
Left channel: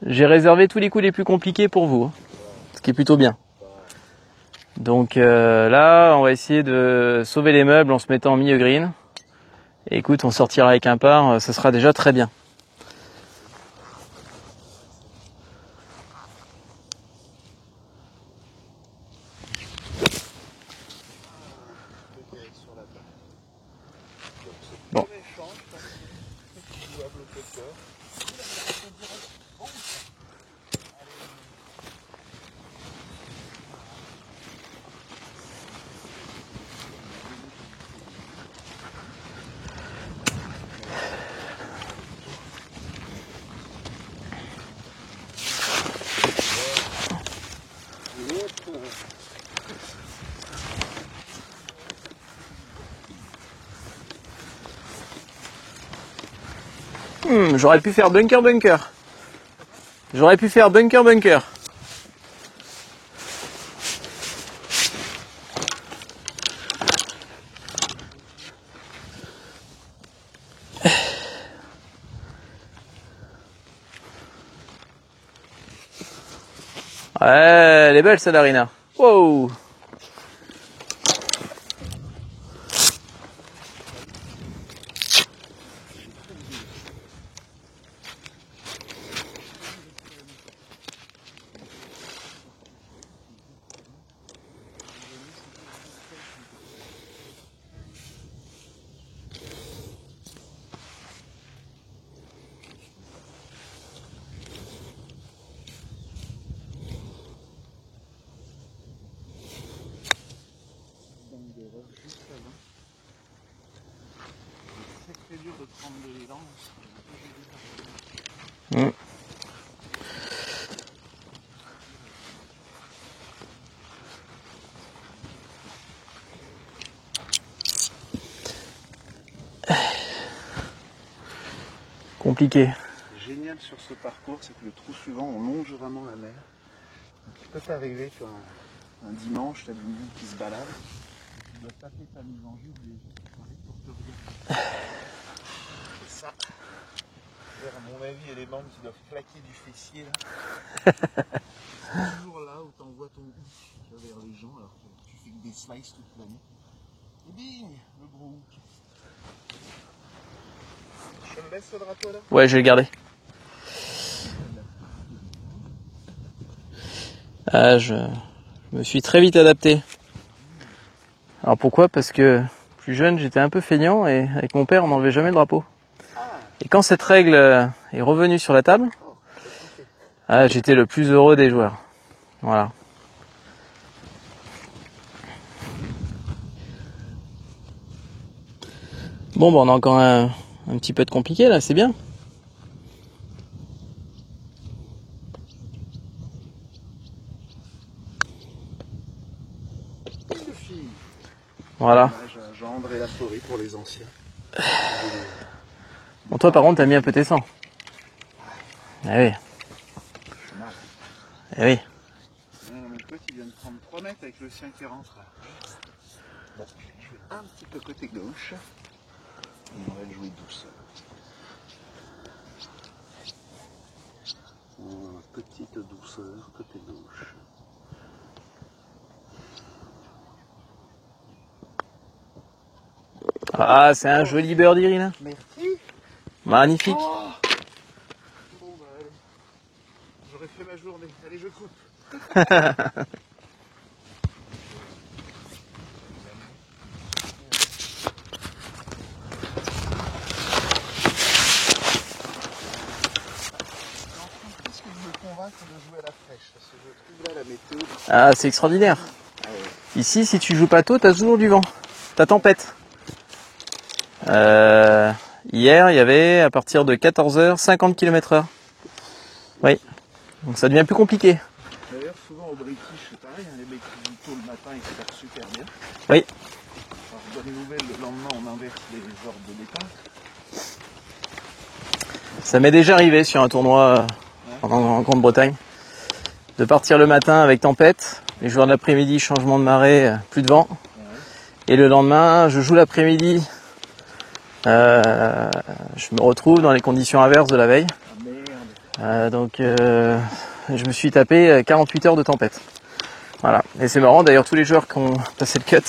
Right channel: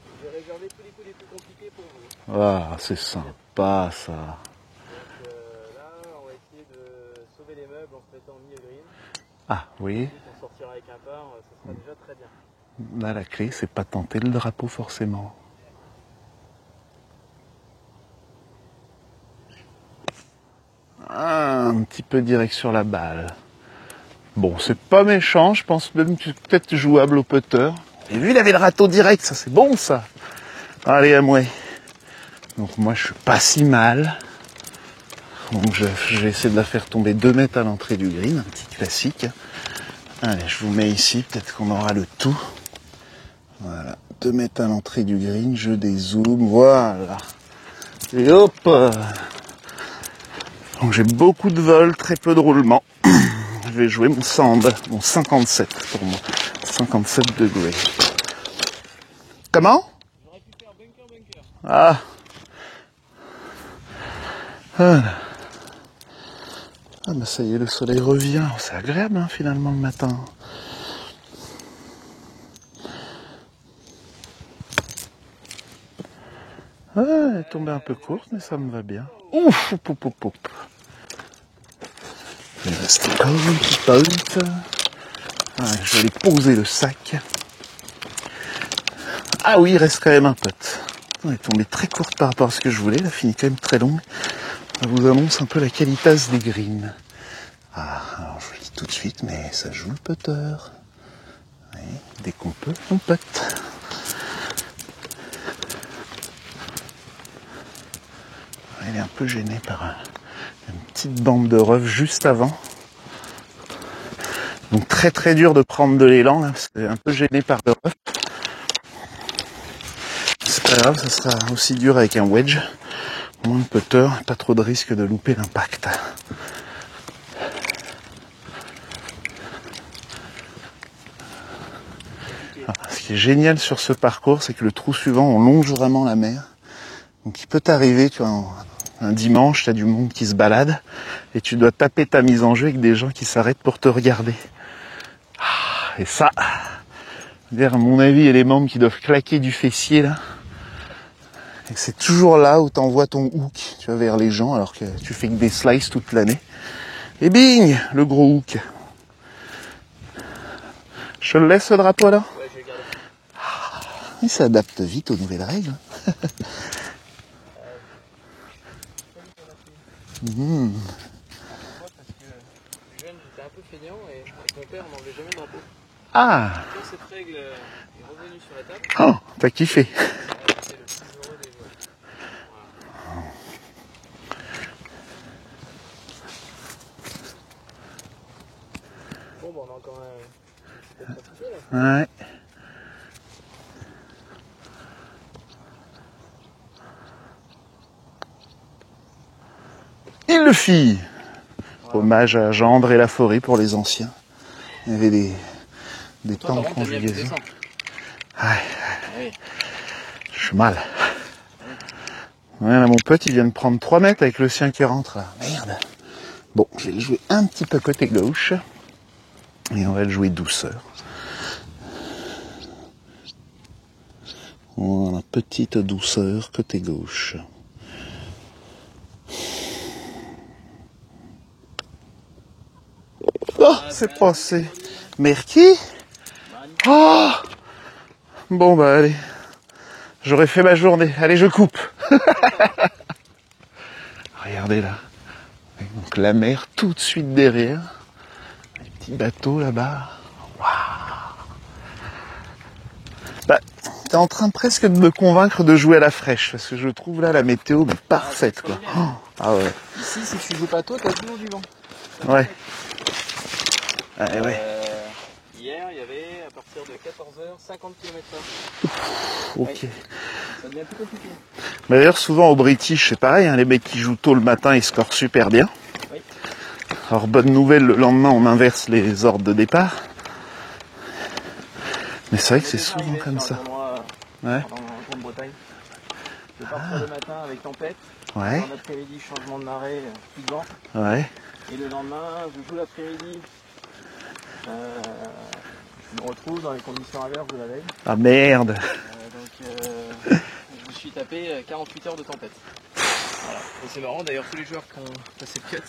J'ai réservé tous les coups les plus compliqués pour vous. Ce qui est plutôt bien. Pas ça. Donc là, on va essayer de sauver les meubles en se mettant en milieu green. Ah, oui. Écoute, on sortira avec un par, ça sera déjà très bien. Là, la clé, c'est pas tenter le drapeau forcément. Un petit peu direct sur la balle. Bon, c'est pas méchant, je pense même que c'est peut-être jouable au putter. Et lui, il avait le râteau direct, ça c'est bon ça. Allez, à moi. Donc moi, je suis pas si mal. Donc je vais essayer de la faire tomber 2 mètres à l'entrée du green, un petit classique. Allez, je vous mets ici, peut-être qu'on aura le tout. Voilà, 2 mètres à l'entrée du green, je dézoome, voilà. Et hop. Donc j'ai beaucoup de vol, très peu de roulement. Je vais jouer mon sand, mon 57 pour moi. 57. J'aurais pu faire bunker. Comment? J'aurais pu faire bunker. Ah. Voilà. Ah, mais ça y est, le soleil revient. C'est agréable hein, finalement le matin. Ouais, elle est belle, celle-là, Rina. Wow. Ouf, ouf, ouf, ouf. Je vais aller poser le sac. Ah oui, il reste quand même un putt. On est tombé très courte par rapport à ce que je voulais. La fini quand même très longue. Ça vous annonce un peu la qualitas des greens. Ah, alors je vous le dis tout de suite, mais ça joue le putter. Oui, dès qu'on peut, on putt. Il est un peu gêné par une petite bande de rough juste avant. Donc très très dur de prendre de l'élan, là, parce que un peu gêné par le rough. C'est pas grave, ça sera aussi dur avec un wedge. Moins de putter, pas trop de risque de louper l'impact. Compliqué. Ce qui est génial sur ce parcours, c'est que le trou suivant, on longe vraiment la mer. Donc il peut t'arriver, tu vois, un dimanche, tu as du monde qui se balade et tu dois taper ta mise en jeu avec des gens qui s'arrêtent pour te regarder. Et ça, à mon avis, il y a les membres qui doivent claquer du fessier là. Et c'est toujours là où tu envoies ton hook, tu vois, vers les gens, alors que tu fais que des slices toute l'année. Et bing, le gros hook. Je le laisse ce drapeau là? Ouais, je vais le garder. Il s'adapte vite aux nouvelles règles. Je me suis très vite adapté. Alors pourquoi? Parce que plus jeune, j'étais un peu feignant et avec mon père, on n'enlevait jamais le drapeau. Ah! Et quand cette règle est revenue sur la table, Oh, t'as kiffé. J'étais le plus heureux des joueurs. Voilà. Bon, on a encore un petit peu de compliqué là, c'est bien. Ouais. Il le fit. Voilà. Hommage à Gendre et la forêt pour les anciens. Il y avait des Bon, toi, par contre, t'as mis un peu tes conjugaisons. sangs. Ouais, Eh oui. je suis mal. Eh oui. Ouais, là, mon pote, il vient de prendre 3 mètres avec le sien qui rentre là. Merde. Bon, je vais le jouer un petit peu côté gauche. Et on va le jouer douceur. Voilà, petite douceur côté gauche. Ah, c'est c'est un passé. joli birdie, là. Merci. Magnifique. Oh bon bah allez. J'aurais fait ma journée. Allez, je coupe. Regardez là. Donc la mer tout de suite derrière. Petit bateau là-bas. Bah, t'es en train presque de me convaincre de jouer à la fraîche, parce que je trouve là la météo mais Ah, parfaite, c'est extraordinaire. quoi. Ah ouais. Ici, si tu joues pas tôt, t'as toujours du vent. T'as Ouais. tempête. Hier, il y avait à partir de 14h 50 km/h. Oui. Ok. Donc ça devient plus compliqué. Mais d'ailleurs, souvent au British, c'est pareil, hein, les mecs qui jouent tôt le matin, ils scorent super bien. Oui. Alors, bonne nouvelle, le lendemain, on inverse les ordres de départ. Mais c'est Ça vrai m'est que déjà c'est arrivé souvent sur un comme tournoi Ouais. en Grande-Bretagne de partir le matin avec tempête. Ouais. Le jour de l'après-midi, changement de marée, plus de vent. ça. Ouais. Et le lendemain, je joue l'après-midi. Je me retrouve dans les conditions inverses de la veille. Ah merde. Je me suis tapé 48 heures de tempête. Voilà. Et c'est marrant, d'ailleurs, tous les joueurs qui ont passé le cut,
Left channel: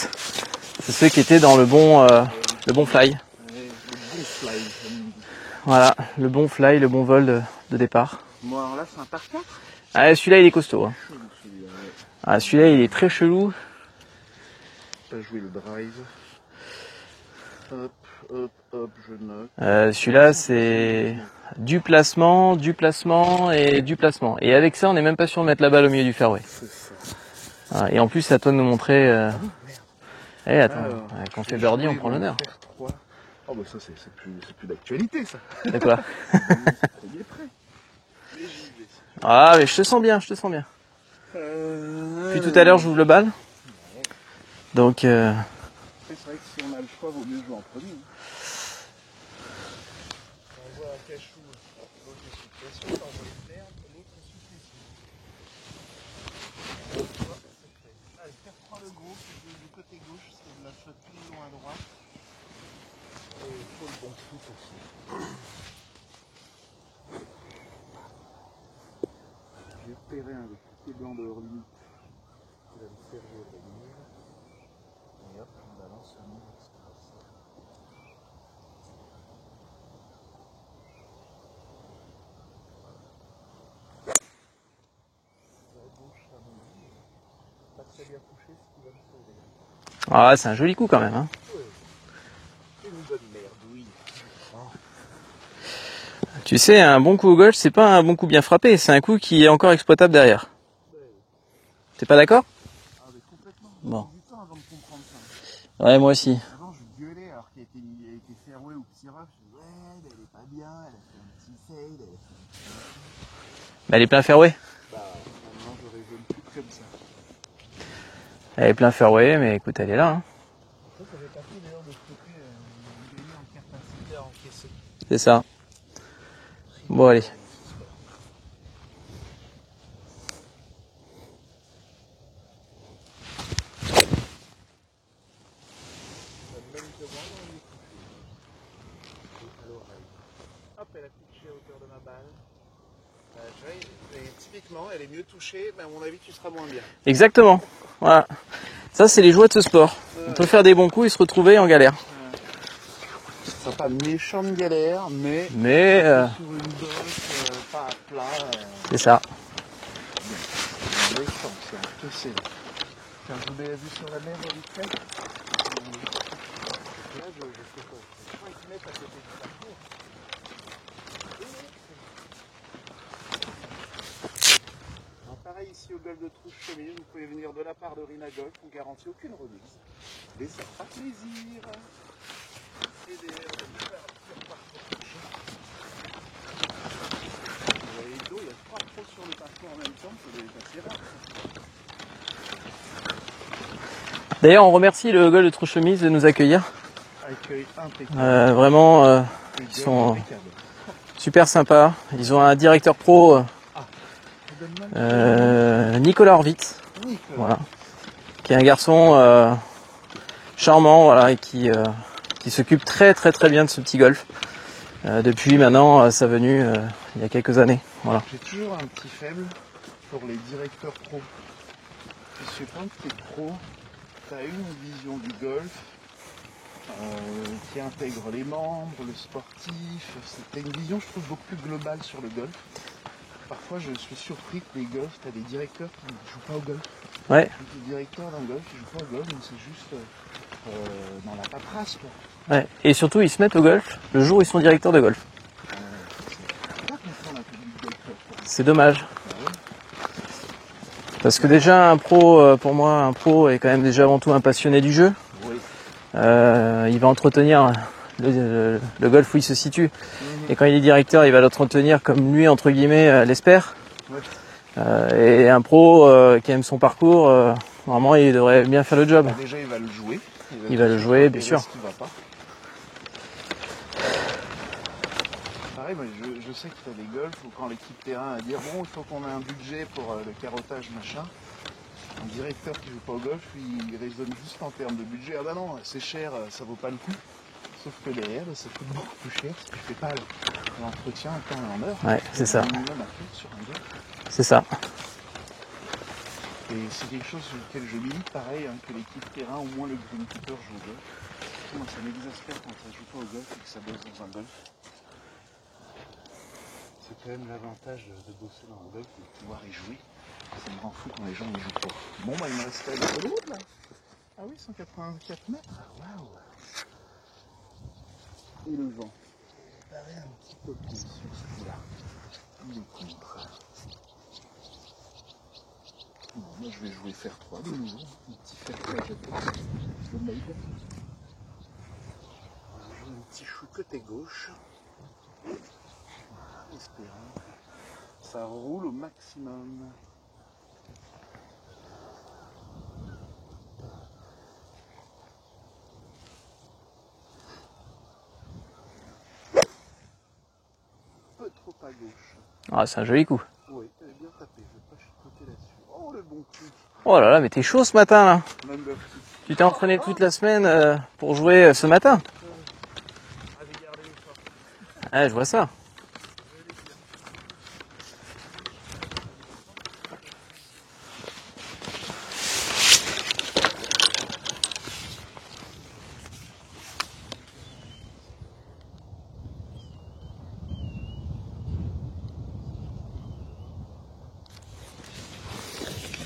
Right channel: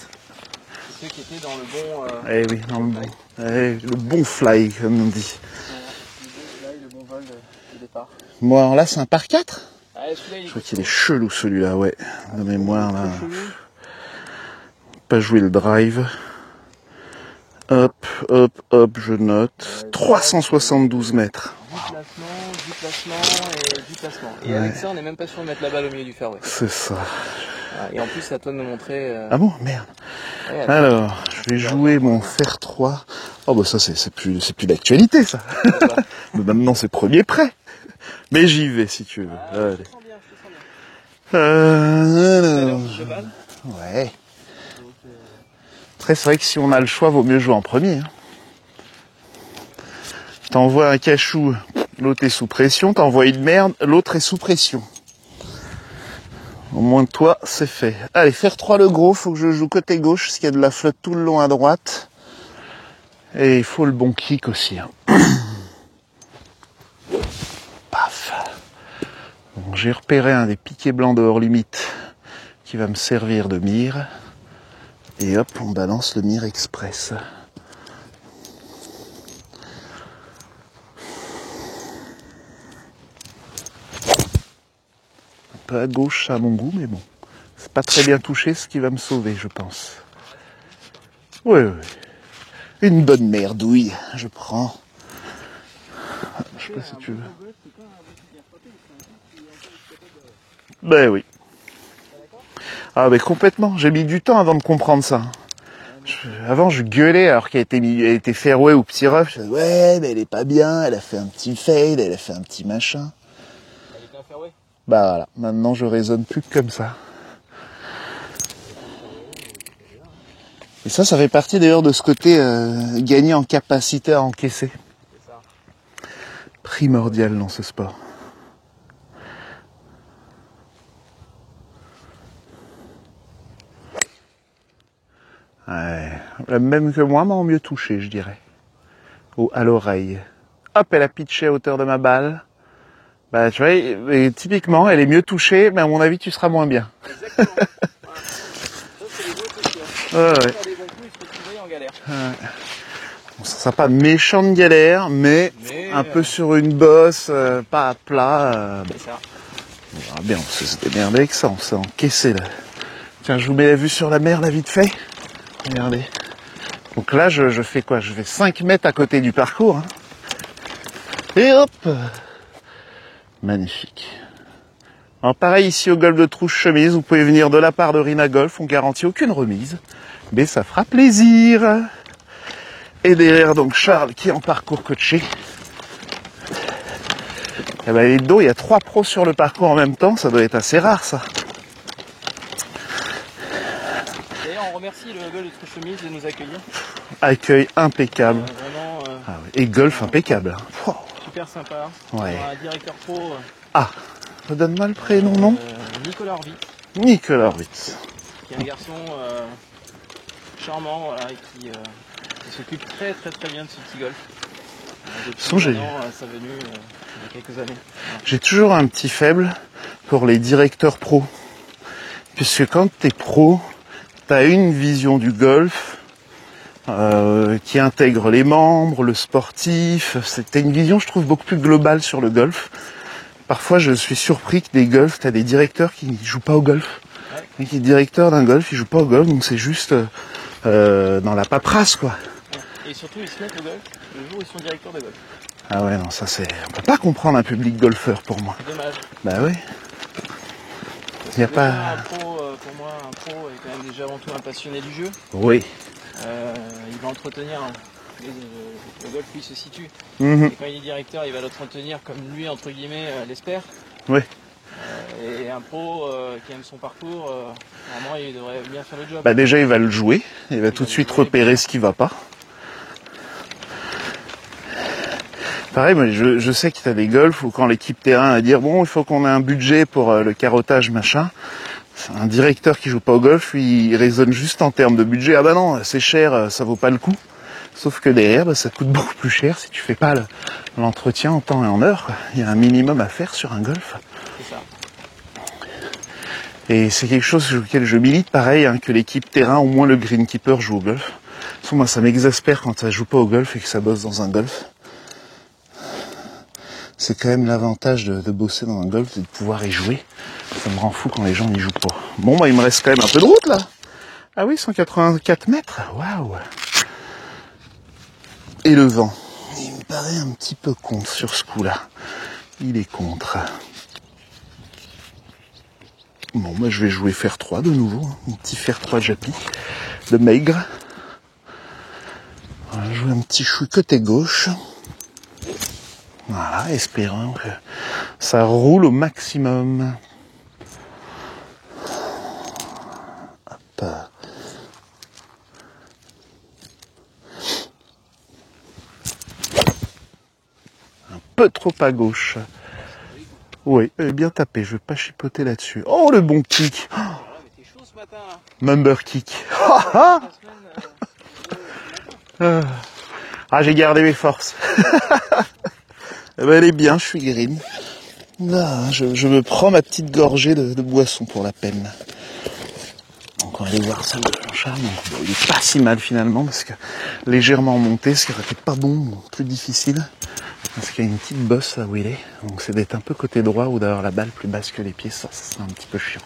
c'est ceux qui étaient dans le bon, Eh oui, le bon fly. Ouais, le bon fly, comme on dit. Voilà, le bon fly, le bon vol de départ. Bon, alors là, c'est un par 4. Ah, celui-là, il est C'est costaud. hein. chelou celui-là, ouais. Ah, celui-là, il est Moi, très chelou. Pas jouer le drive. Hop, hop, hop, je note. Celui-là, 372 c'est mètres. Du placement et du placement. Et Ouais. avec ça, on n'est même pas sûr de mettre la balle au milieu du fairway. C'est ça. Voilà. Et en plus, c'est à toi de nous montrer. Ah bon, merde. Eh, attends, Alors, on je fait vais Jordi, jouer on mon prend fer 3. Oh bah ça c'est plus d'actualité ça. le bien. Maintenant c'est premier prêt. Mais j'y vais si tu veux. Ah, mais Ouais. je te sens bien, je te sens bien. Euh, Tout à l'heure, j'ouvre le bal. Ouais. Donc, Après c'est vrai que si on a le choix, vaut mieux jouer en premier. Hein. T'envoies un cachou, l'autre est sous pression. T'envoies une merde, l'autre est sous pression. Au moins toi, c'est fait. Allez, faire 3 le gros, faut que je joue côté gauche, parce qu'il y a de la flotte tout le long à droite. Et il faut le bon kick aussi. Hein. Paf. Bon, j'ai repéré un des piquets blancs de hors limite qui va me servir de mire. Et hop, on balance le mire express. Un peu à gauche à mon goût, mais bon. C'est pas très bien touché, ce qui va me sauver, je pense. ah, c'est un joli coup quand même. Hein. Oui, oui. Une bonne merdouille, je prends. Tu sais, un bon coup au golf, c'est pas un bon coup bien frappé, c'est un coup qui est encore exploitable derrière. Ben oui. T'es pas d'accord? Ah ben complètement, j'ai mis du temps avant de comprendre ça. Ouais, moi aussi. Avant je gueulais alors qu'elle était fairway ou petit rough. Je disais, ouais mais elle est pas bien, elle a fait un petit fade, elle a fait un petit machin. Bah, elle est plein fairway. Bah voilà, maintenant je raisonne plus que comme ça. Elle est plein fairway, mais écoute, elle est là. Hein. Et ça fait partie d'ailleurs de ce côté gagner en capacité à encaisser. C'est ça. Primordial dans ce sport. Ouais, même que moi, mais en mieux touché, je dirais. Ou à l'oreille. Hop, elle a pitché à hauteur de ma balle. Bah, tu vois, et typiquement, elle est mieux touchée, mais à mon avis, tu seras moins bien. Exactement. Voilà. Ça, c'est les joies de ce sport. Ouais, On peut ouais. faire des bons coups et se retrouver en galère. Ça sera pas méchante galère, mais Mais un peu sur une bosse, pas à plat. c'est ça. On verra bien, on sait se démerder avec ça, on s'est encaissé là. Tiens, je vous mets la vue sur la mer, là, vite fait. Regardez. Donc là, je fais quoi? Je fais 5 mètres à côté du parcours. Hein. Et hop! Magnifique. Alors pareil, ici au golf de Trouche-Chemise, vous pouvez venir de la part de Rina Golf, on garantit aucune remise. Mais ça fera plaisir. Et derrière, donc, Charles, qui est en parcours coaché. Eh ben, les dos, il y a 3 pros sur le parcours en même temps, ça doit être assez rare, ça. D'ailleurs, on remercie le golf de Trouche-Chemise de nous accueillir. Accueil impeccable. Vraiment Et golf sont- impeccable. Oh, super sympa. Ils Ouais. ont un directeur pro, redonne-moi le prénom, non Nicolas Horvitz, Nicolas voilà. Horvitz. qui est un garçon charmant, voilà, et qui s'occupe très bien de ce petit golf. Depuis Ils sont maintenant sa venue il y a quelques années. Voilà. J'ai toujours un petit faible pour les directeurs pros. Puisque quand tu es pro, tu as une vision du golf qui intègre les membres, le sportif. C'était une vision, je trouve, beaucoup plus globale sur le golf. Parfois, je suis surpris que des golfs, t'as des directeurs qui jouent pas au golf. Ouais. Et qui est directeur d'un golf, il joue pas au golf, donc c'est juste dans la paperasse, quoi. Ouais. Et surtout, ils se mettent au golf le jour où ils sont directeurs de golf. Ah ouais, non, ça c'est... On peut pas comprendre un public golfeur, pour moi. C'est dommage. Bah oui. Parce Y que a déjà, pas- un pro, pour moi, un pro est quand même déjà avant tout un passionné du jeu. Oui. Il va entretenir le golf où il se situe. Mhm. Et quand il est directeur, il va l'entretenir comme lui, entre guillemets, l'espère. Oui. Et un pro qui aime son parcours, normalement, il devrait bien faire le job. Bah déjà, il va le jouer. Il va Il tout va de le suite jouer, bien repérer sûr. ce qui va pas. Pareil, moi, je sais qu'il y a des golfs où quand l'équipe terrain va dire bon, il faut qu'on ait un budget pour le carottage, machin. C'est un directeur qui joue pas au golf, lui, il raisonne juste en termes de budget. Ah bah non, c'est cher, ça vaut pas le coup. Sauf que derrière, bah, ça coûte beaucoup plus cher si tu fais pas l'entretien en temps et en heure. Ouais, Il y a c'est un ça. minimum à faire sur un golf. C'est ça. Et c'est quelque chose sur lequel je milite, pareil, hein, que l'équipe terrain, au moins le greenkeeper, joue au golf. Parce que moi, ça m'exaspère quand ça joue pas au golf et que ça bosse dans un golf. C'est quand même l'avantage de bosser dans un golf, c'est de pouvoir y jouer. Ça me rend fou quand les gens n'y jouent pas. Bon, bah, il me reste quand même un peu de route, là. Ah oui, 184 mètres. Waouh. Et le vent. Il me paraît un petit peu contre sur ce coup-là. Il est contre. Bon, moi je vais jouer fer 3 de nouveau, hein. Un petit fer 3 Japy de maigre. On va jouer un petit chou côté gauche. Voilà, espérons que ça roule au maximum. Hop. Un peu trop à gauche. Ah, c'est un joli coup. Oui, bien tapé, je vais pas chipoter là-dessus. Oh, le bon kick. Oh là là, mais t'es chaud ce matin là. Number kick. Tu t'es entraîné toute la semaine pour jouer ce matin. Ah, j'ai gardé mes forces. Ouais, je vois ça. Eh ben, elle est bien, je suis green. Là, je me prends ma petite gorgée de boisson pour la peine. Donc on va aller voir celle de Blanchard. Bon, il est pas si mal finalement, parce que légèrement monté, ce qui aurait été pas bon, plus difficile. Parce qu'il y a une petite bosse là où il est. Donc c'est d'être un peu côté droit ou d'avoir la balle plus basse que les pieds, ça sera un petit peu chiant.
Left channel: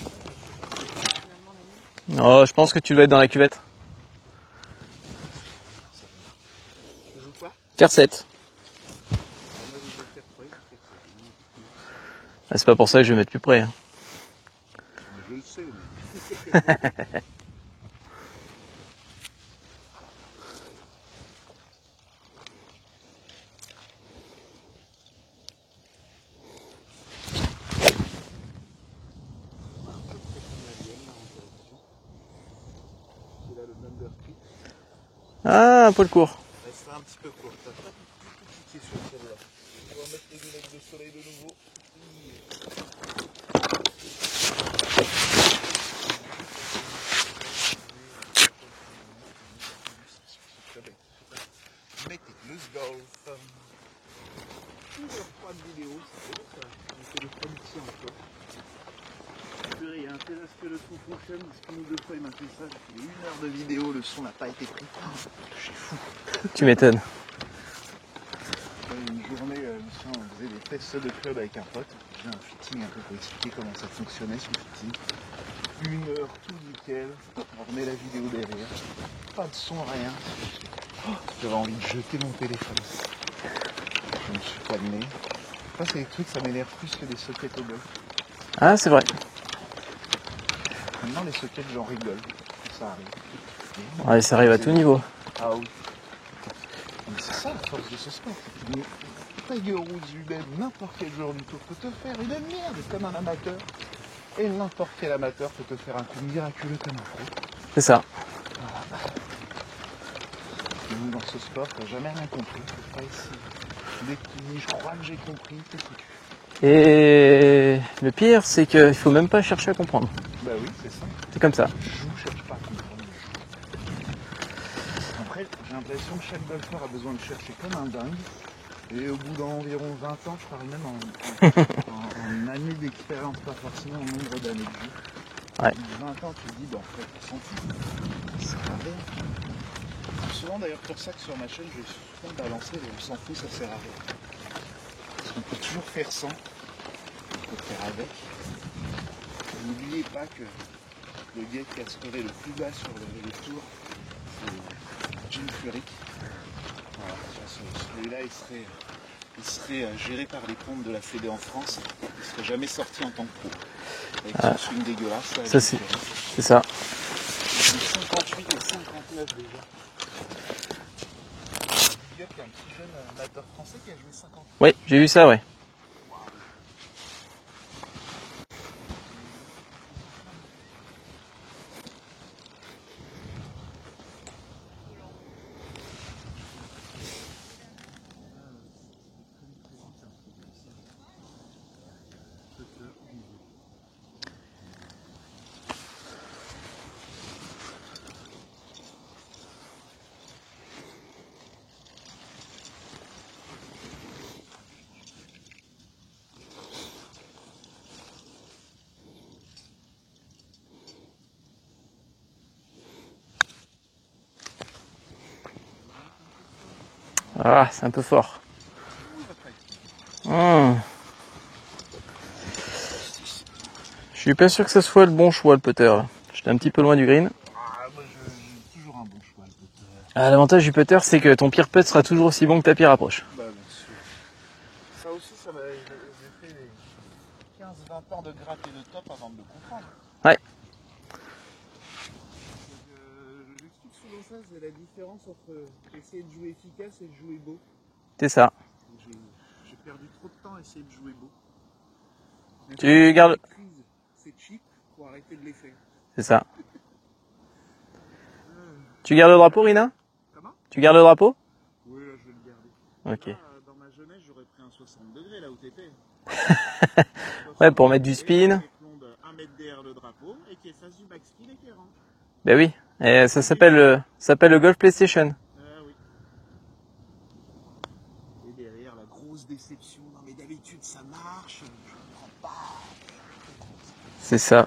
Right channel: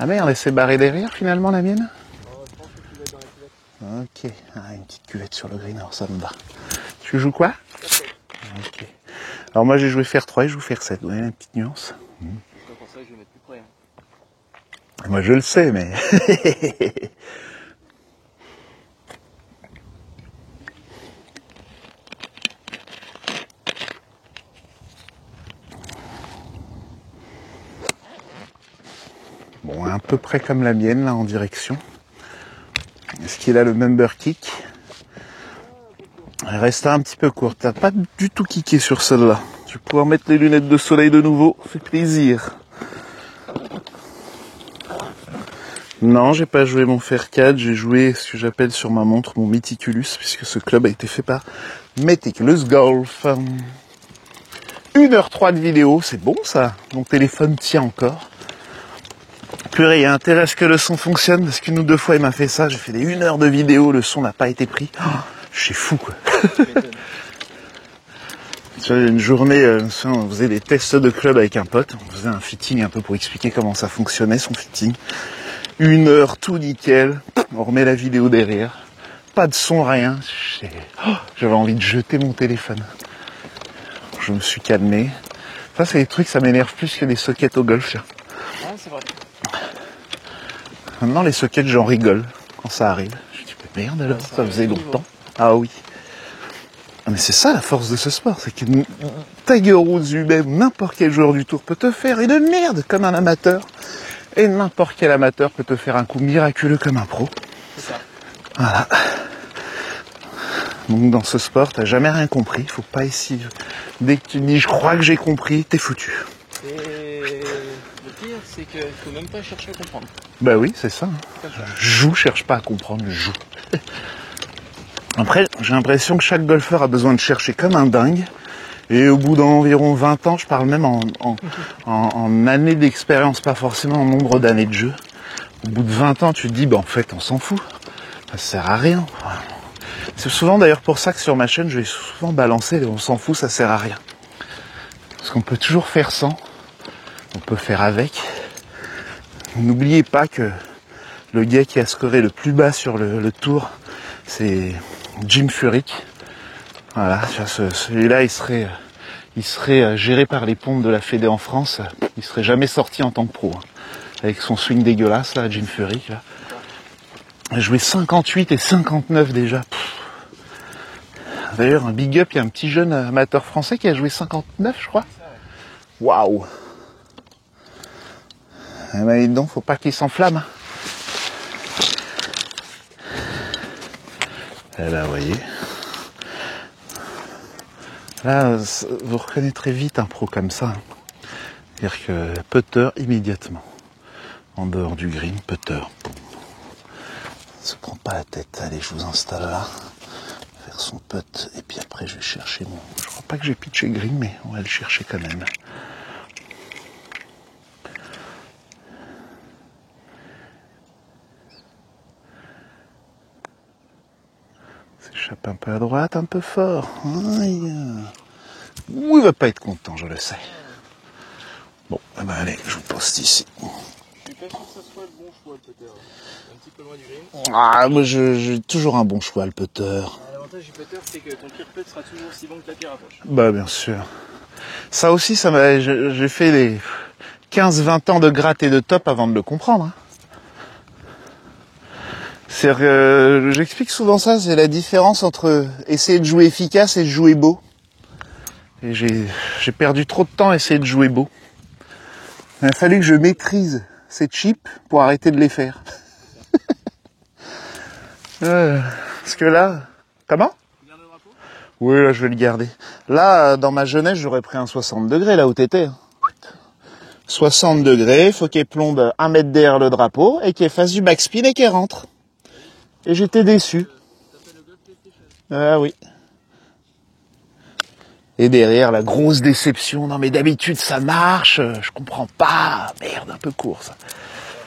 Ah merde, elle s'est barrée derrière finalement la mienne. Oh, je pense que tu dois être dans la cuvette. Ok, ah, une petite cuvette sur le green, alors ça me va. Tu joues quoi? Faire 7. Ok. Alors moi j'ai joué fer 3 et je joue fer 7, vous voyez la petite nuance. Ah, c'est pas pour ça que je vais mettre plus près. Hein. Moi je le sais, mais... Bon, à peu près comme la mienne, là, en direction. Est-ce qu'il a le member kick? Ah, un peu le court. Elle reste un petit peu courte. T'as pas du tout kické sur celle-là. Tu vas pouvoir mettre les lunettes de soleil de nouveau. Ça fait plaisir. Non, j'ai pas joué mon fer 4. J'ai joué ce que j'appelle sur ma montre mon Meticulous, puisque ce club a été fait par Meticulous Golf. 1h03 de vidéo, c'est bon ça. Mon téléphone tient encore. Purée, il y a intérêt à ce que le son fonctionne, parce qu'une ou deux fois il m'a fait ça. J'ai fait des 1 heure de vidéo, le son n'a pas été pris. Oh, je suis fou quoi. Tu m'étonnes. Tu vois, une journée, on faisait des tests de club avec un pote. On faisait un fitting un peu pour expliquer comment ça fonctionnait son fitting. 1 heure, tout nickel. On remet la vidéo derrière. Pas de son, rien. J'avais envie de jeter mon téléphone. Je me suis calmé. Ça, c'est des trucs, ça m'énerve plus que des sockets au golf. Tiens. Ah, c'est vrai. Maintenant, les sockets, j'en rigole quand ça arrive. Je dis, mais merde, Ouais, ça arrive à tout niveau. Ah oui. Ah, mais c'est ça la force de ce sport, c'est que Tiger Woods lui-même, n'importe quel joueur du tour peut te faire une merde comme un amateur. Et n'importe quel amateur peut te faire un coup miraculeux comme un pro. C'est ça. Voilà. Donc dans ce sport, t'as jamais rien compris. Faut pas essayer. Dès que tu dis je crois que j'ai compris, t'es foutu. Et le pire, c'est qu'il faut même pas chercher à comprendre. Bah oui, c'est ça. C'est comme ça. Joue, cherche pas à comprendre, joue. Après, j'ai l'impression que chaque golfeur a besoin de chercher comme un dingue. Et au bout d'environ 20 ans, je parle même en années d'expérience, pas forcément en nombre d'années de jeu. Au bout de 20 ans, tu te dis, bah en fait, on s'en fout. Ça sert à rien. C'est souvent d'ailleurs pour ça que sur ma chaîne, je vais souvent balancer, on s'en fout, ça sert à rien. Parce qu'on peut toujours faire sans. On peut faire avec. N'oubliez pas que le gars qui a scoré le plus bas sur le tour, c'est Jim Furyk. Voilà, celui-là, il serait géré par les pompes de la Fédé en France. Il serait jamais sorti en tant que pro. Avec son swing dégueulasse, là, Jim Furyk. Là. C'est ça. Il a joué 58 et 59 déjà. D'ailleurs, un big up, il y a un petit jeune amateur français qui a joué 59, Oui, je j'ai crois. vu ça, ouais. Waouh. Eh ben, dis donc, faut pas qu'il s'enflamme. Et là, vous voyez. Là, vous reconnaîtrez vite un pro comme ça. C'est-à-dire que putter immédiatement. En dehors du green, putter. Se prend pas la tête. Allez, je vous installe là. Faire son putt. Et puis après, je vais chercher mon... Je crois pas que j'ai pitché green, mais on va le chercher quand même. S'échappe un peu à droite, un peu fort. Ah, c'est un peu fort. Ouh, il va pas être content, je le sais. Mmh. Bon, eh ben allez, je vous poste ici. Je suis pas sûr que ça soit le bon choix, le putter. Là. J'étais un petit peu loin du green. Ah, moi j'ai toujours un bon choix, le putter. Ah, l'avantage du putter, c'est que ton pire putt sera toujours aussi bon que ta pire approche. Bah bien sûr. Ça aussi, j'ai fait les 15-20 ans de gratte et de top avant de le comprendre. Hein. Ouais. C'est-à-dire que j'explique souvent ça, c'est la différence entre essayer de jouer efficace et de jouer beau. C'est ça. Et j'ai perdu trop de temps à essayer de jouer beau. Il a fallu que je maîtrise ces chips pour arrêter de les faire. C'est ça. Tu gardes le Parce que drapeau, là- Rina? Comment? Tu gardes le drapeau? Oui, là je vais le garder. Là, dans ma jeunesse, j'aurais pris un 60 degrés là où t'étais. 60 pour mettre du degrés, spin. faut qu'il plombe 1 mètre derrière le drapeau et qu'il fasse du backspin et qu'il rentre. Ben oui. Et j'étais ça déçu. s'appelle le Golf PlayStation. Ah oui. Et derrière, la grosse déception. Non mais d'habitude ça marche, je comprends pas. Merde, un peu court ça. C'est ça.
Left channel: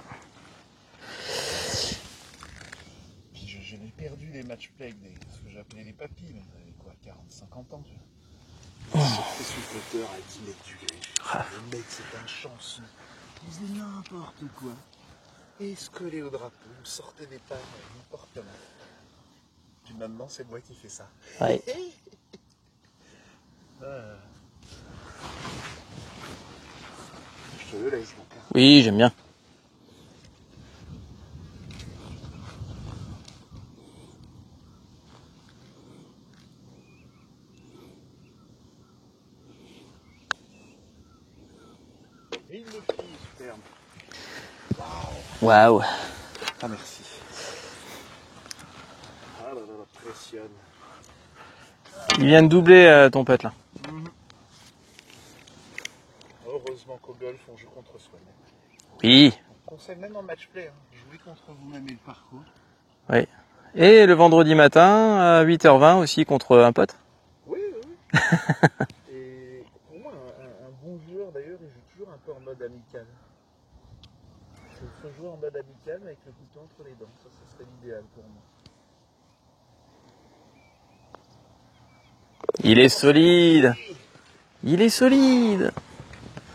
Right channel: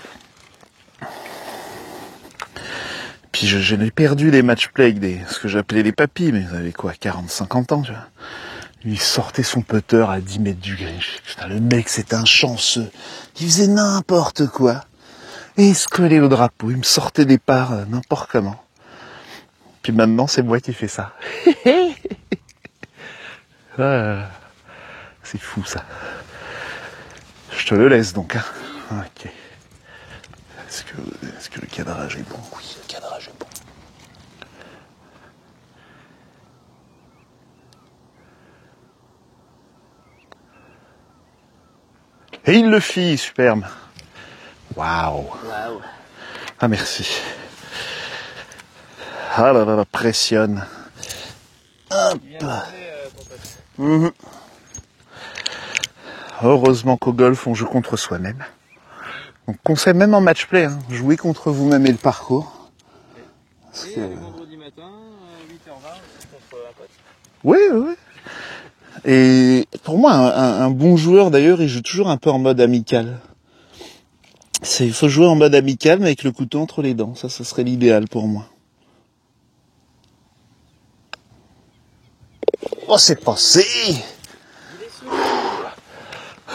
Puis je n'ai perdu les match play avec ce que j'appelais les papis, mais ils avaient quoi, 40-50 ans, tu vois. Il sortait son putter à 10 mètres du green. Le mec, c'est un chanceux. Il faisait n'importe quoi. Et il se collait au drapeau. Il me sortait des parts n'importe comment. Puis maintenant, c'est moi qui fais ça. Ah, c'est fou, ça. Je te le laisse, donc. Hein. Oui, j'aime bien. Ok. Est-ce que le cadrage est bon? Oui, le cadrage est bon. Et il le fit, superbe. Waouh. Waouh. Ah, merci. Ah là là, la pressionne. Il vient de doubler ton putt là. Heureusement qu'au golf, on joue contre soi-même. Oui. Donc, conseil même en match play, hein, jouer contre vous-même et le parcours. Oui. Et le vendredi matin à 8h20 aussi contre un pote. Oui, oui. Et pour moi, un bon joueur, d'ailleurs, il joue toujours un peu en mode amical. Il faut jouer en mode amical, mais avec le couteau entre les dents. Ça serait l'idéal pour moi. Il est C'est solide. passé. Il est solide.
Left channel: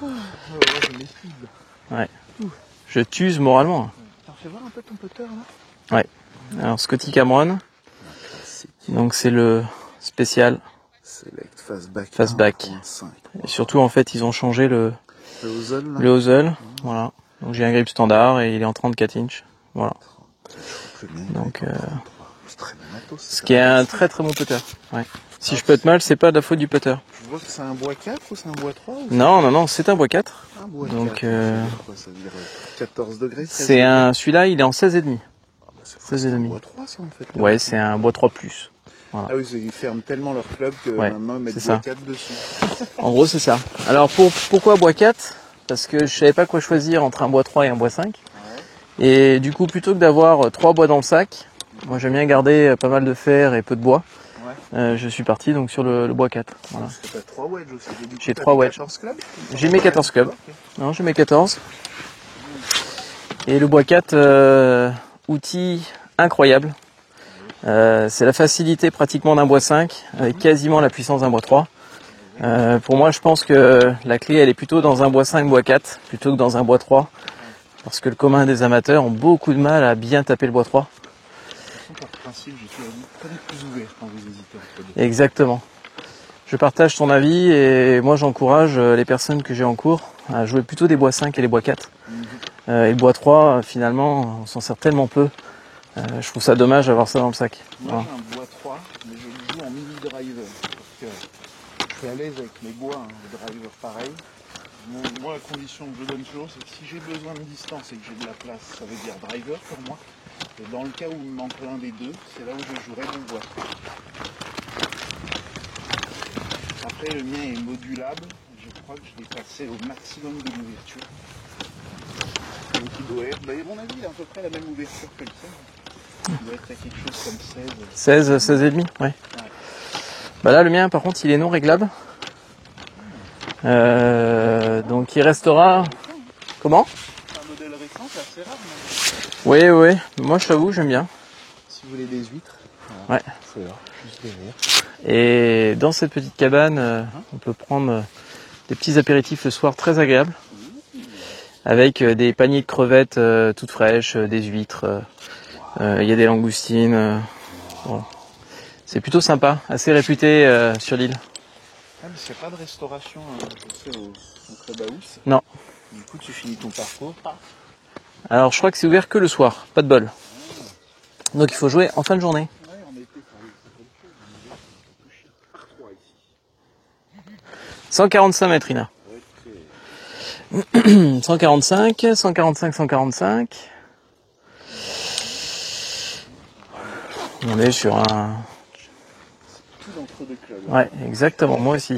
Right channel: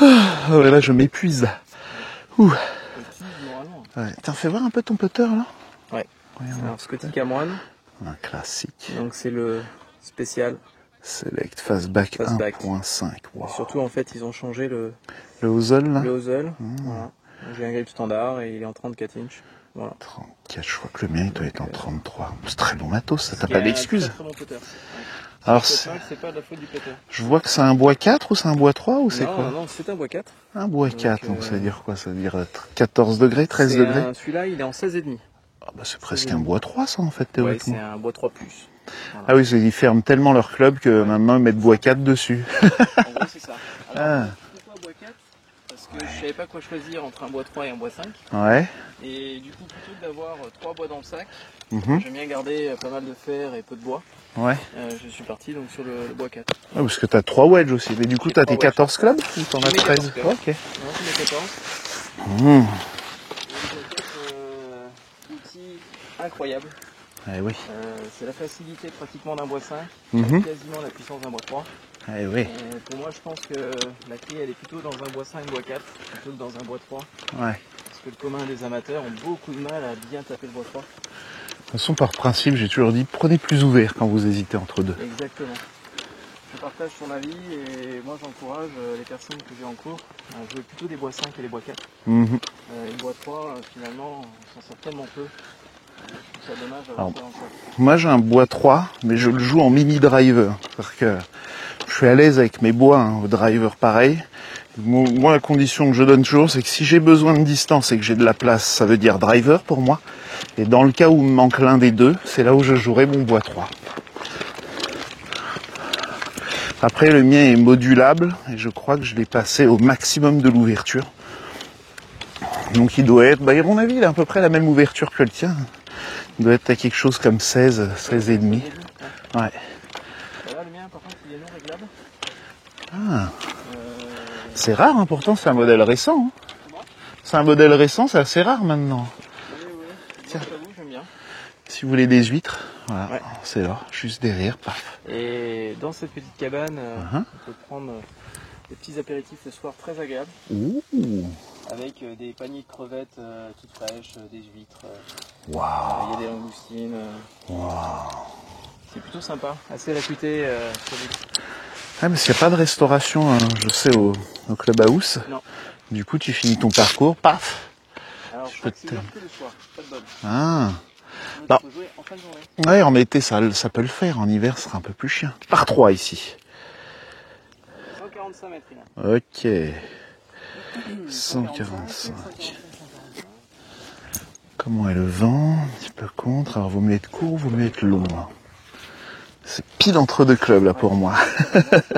Oh, là, je m'épuise. Ouais. Ouh. Je t'use moralement. Ouais. T'en fais voir un peu ton putter, là? Ouais. Alors Scotty Cameron. Un classique. Donc c'est le spécial. Select Fastback Fastback. 1.5. Wow. Et surtout en fait ils ont changé le hosel, là? hosel. Voilà. Donc j'ai un grip standard et il est en 34 inches. Voilà. 34, je crois que le mien doit être en 33. C'est très bon matos, ça. Ce T'as qui est pas un d'excuse. très très bon putter. Ouais. Si Alors, je pète mal, c'est pas de la faute du putter. Je vois que c'est un bois 4 ou c'est un bois 3 ou c'est Non, quoi? non, non, c'est un bois 4. Un bois Donc, 4, donc ça veut dire quoi? Ça veut dire 14 degrés, 13 C'est degrés? celui-là, il est en 16,5. Ah bah c'est presque un 16,5. bois 3 ça en fait. Ouais, théoriquement. c'est un bois 3+. Voilà. Ah oui, ils ferment tellement leur club que Ouais, maintenant ils mettent c'est bois ça. 4 dessus. En gros, c'est ça. Alors pourquoi bois 4? Parce que je savais pas quoi choisir entre un bois 3 et un bois 5. Ouais. Et du coup, plutôt que d'avoir 3 bois dans le sac, Mhm. j'aime bien garder pas mal de fer et peu de bois. Ouais. Je suis parti donc sur le bois 4. Ouais, Voilà. parce que t'as 3 wedges aussi. Mais du coup, J'ai t'as 3 tes wedges. 14 clubs? J'ai mes 14 clubs. Ok. Non, j'ai mes 14. Mmh. Et le bois 4, outil incroyable. Ah oui. C'est la facilité pratiquement d'un bois 5, avec Mhm. quasiment la puissance d'un bois 3. oui. Pour moi, je pense que la clé, elle est plutôt dans un bois 5, bois 4, plutôt que dans un bois 3. Ouais. Parce que le commun des amateurs ont beaucoup de mal à bien taper le bois 3. De toute façon, par principe, j'ai toujours dit, prenez plus ouvert quand vous hésitez entre deux. Exactement. Je partage ton avis et moi, j'encourage les personnes que j'ai en cours à jouer plutôt des bois 5 et les bois 4. Mhm. Et le bois 3, finalement, on s'en sert tellement peu. Je trouve ça dommage d'avoir ça dans le sac. Moi, j'ai un bois 3, mais je le joue en mini driver. Parce que je suis à l'aise avec mes bois, hein, au driver pareil. Moi, la condition que je donne toujours, c'est que si j'ai besoin de distance et que j'ai de la place, ça veut dire driver pour moi. Et dans le cas où il me manque l'un des deux, c'est là où je jouerai mon bois 3. Après, le mien est modulable et je crois que je l'ai passé au maximum de l'ouverture. Donc il doit être, à mon avis, il a à peu près la même ouverture que le tien. Il doit être à quelque chose comme 16 et demi, ouais. Ouais. Bah là, le mien, par contre, il est non réglable. Ah. C'est rare, hein, il pourtant, c'est un modèle récent. Hein. Comment? C'est un modèle récent, c'est assez rare maintenant. Oui, oui. Moi, je t'avoue, j'aime bien. Si vous voulez des huîtres, voilà, ouais. C'est là, juste derrière. Et dans cette petite cabane, on peut prendre des petits apéritifs le soir très agréables. Ouh. Avec des paniers de crevettes toutes fraîches, des huîtres. Il y a des langoustines. Wow. C'est plutôt sympa, assez réputé sur l'île. Ah, parce qu'il n'y a pas de restauration, hein, je sais, au Club House. Non. Du coup, tu finis ton parcours, paf. Alors, je crois que c'est ouvert que le soir, pas de bol. Ah. Donc, il faut jouer en fin de journée. Ouais, en été, ça peut le faire. En hiver, ce sera un peu plus chiant. Par 3 ici. 145 mètres, Ina. Ok. 145, 145, 145. Comment est le vent? Par contre, alors vous me mettez où? On est sur un... C'est pile entre deux clubs, là, ouais, pour moi. Exactement, moi aussi.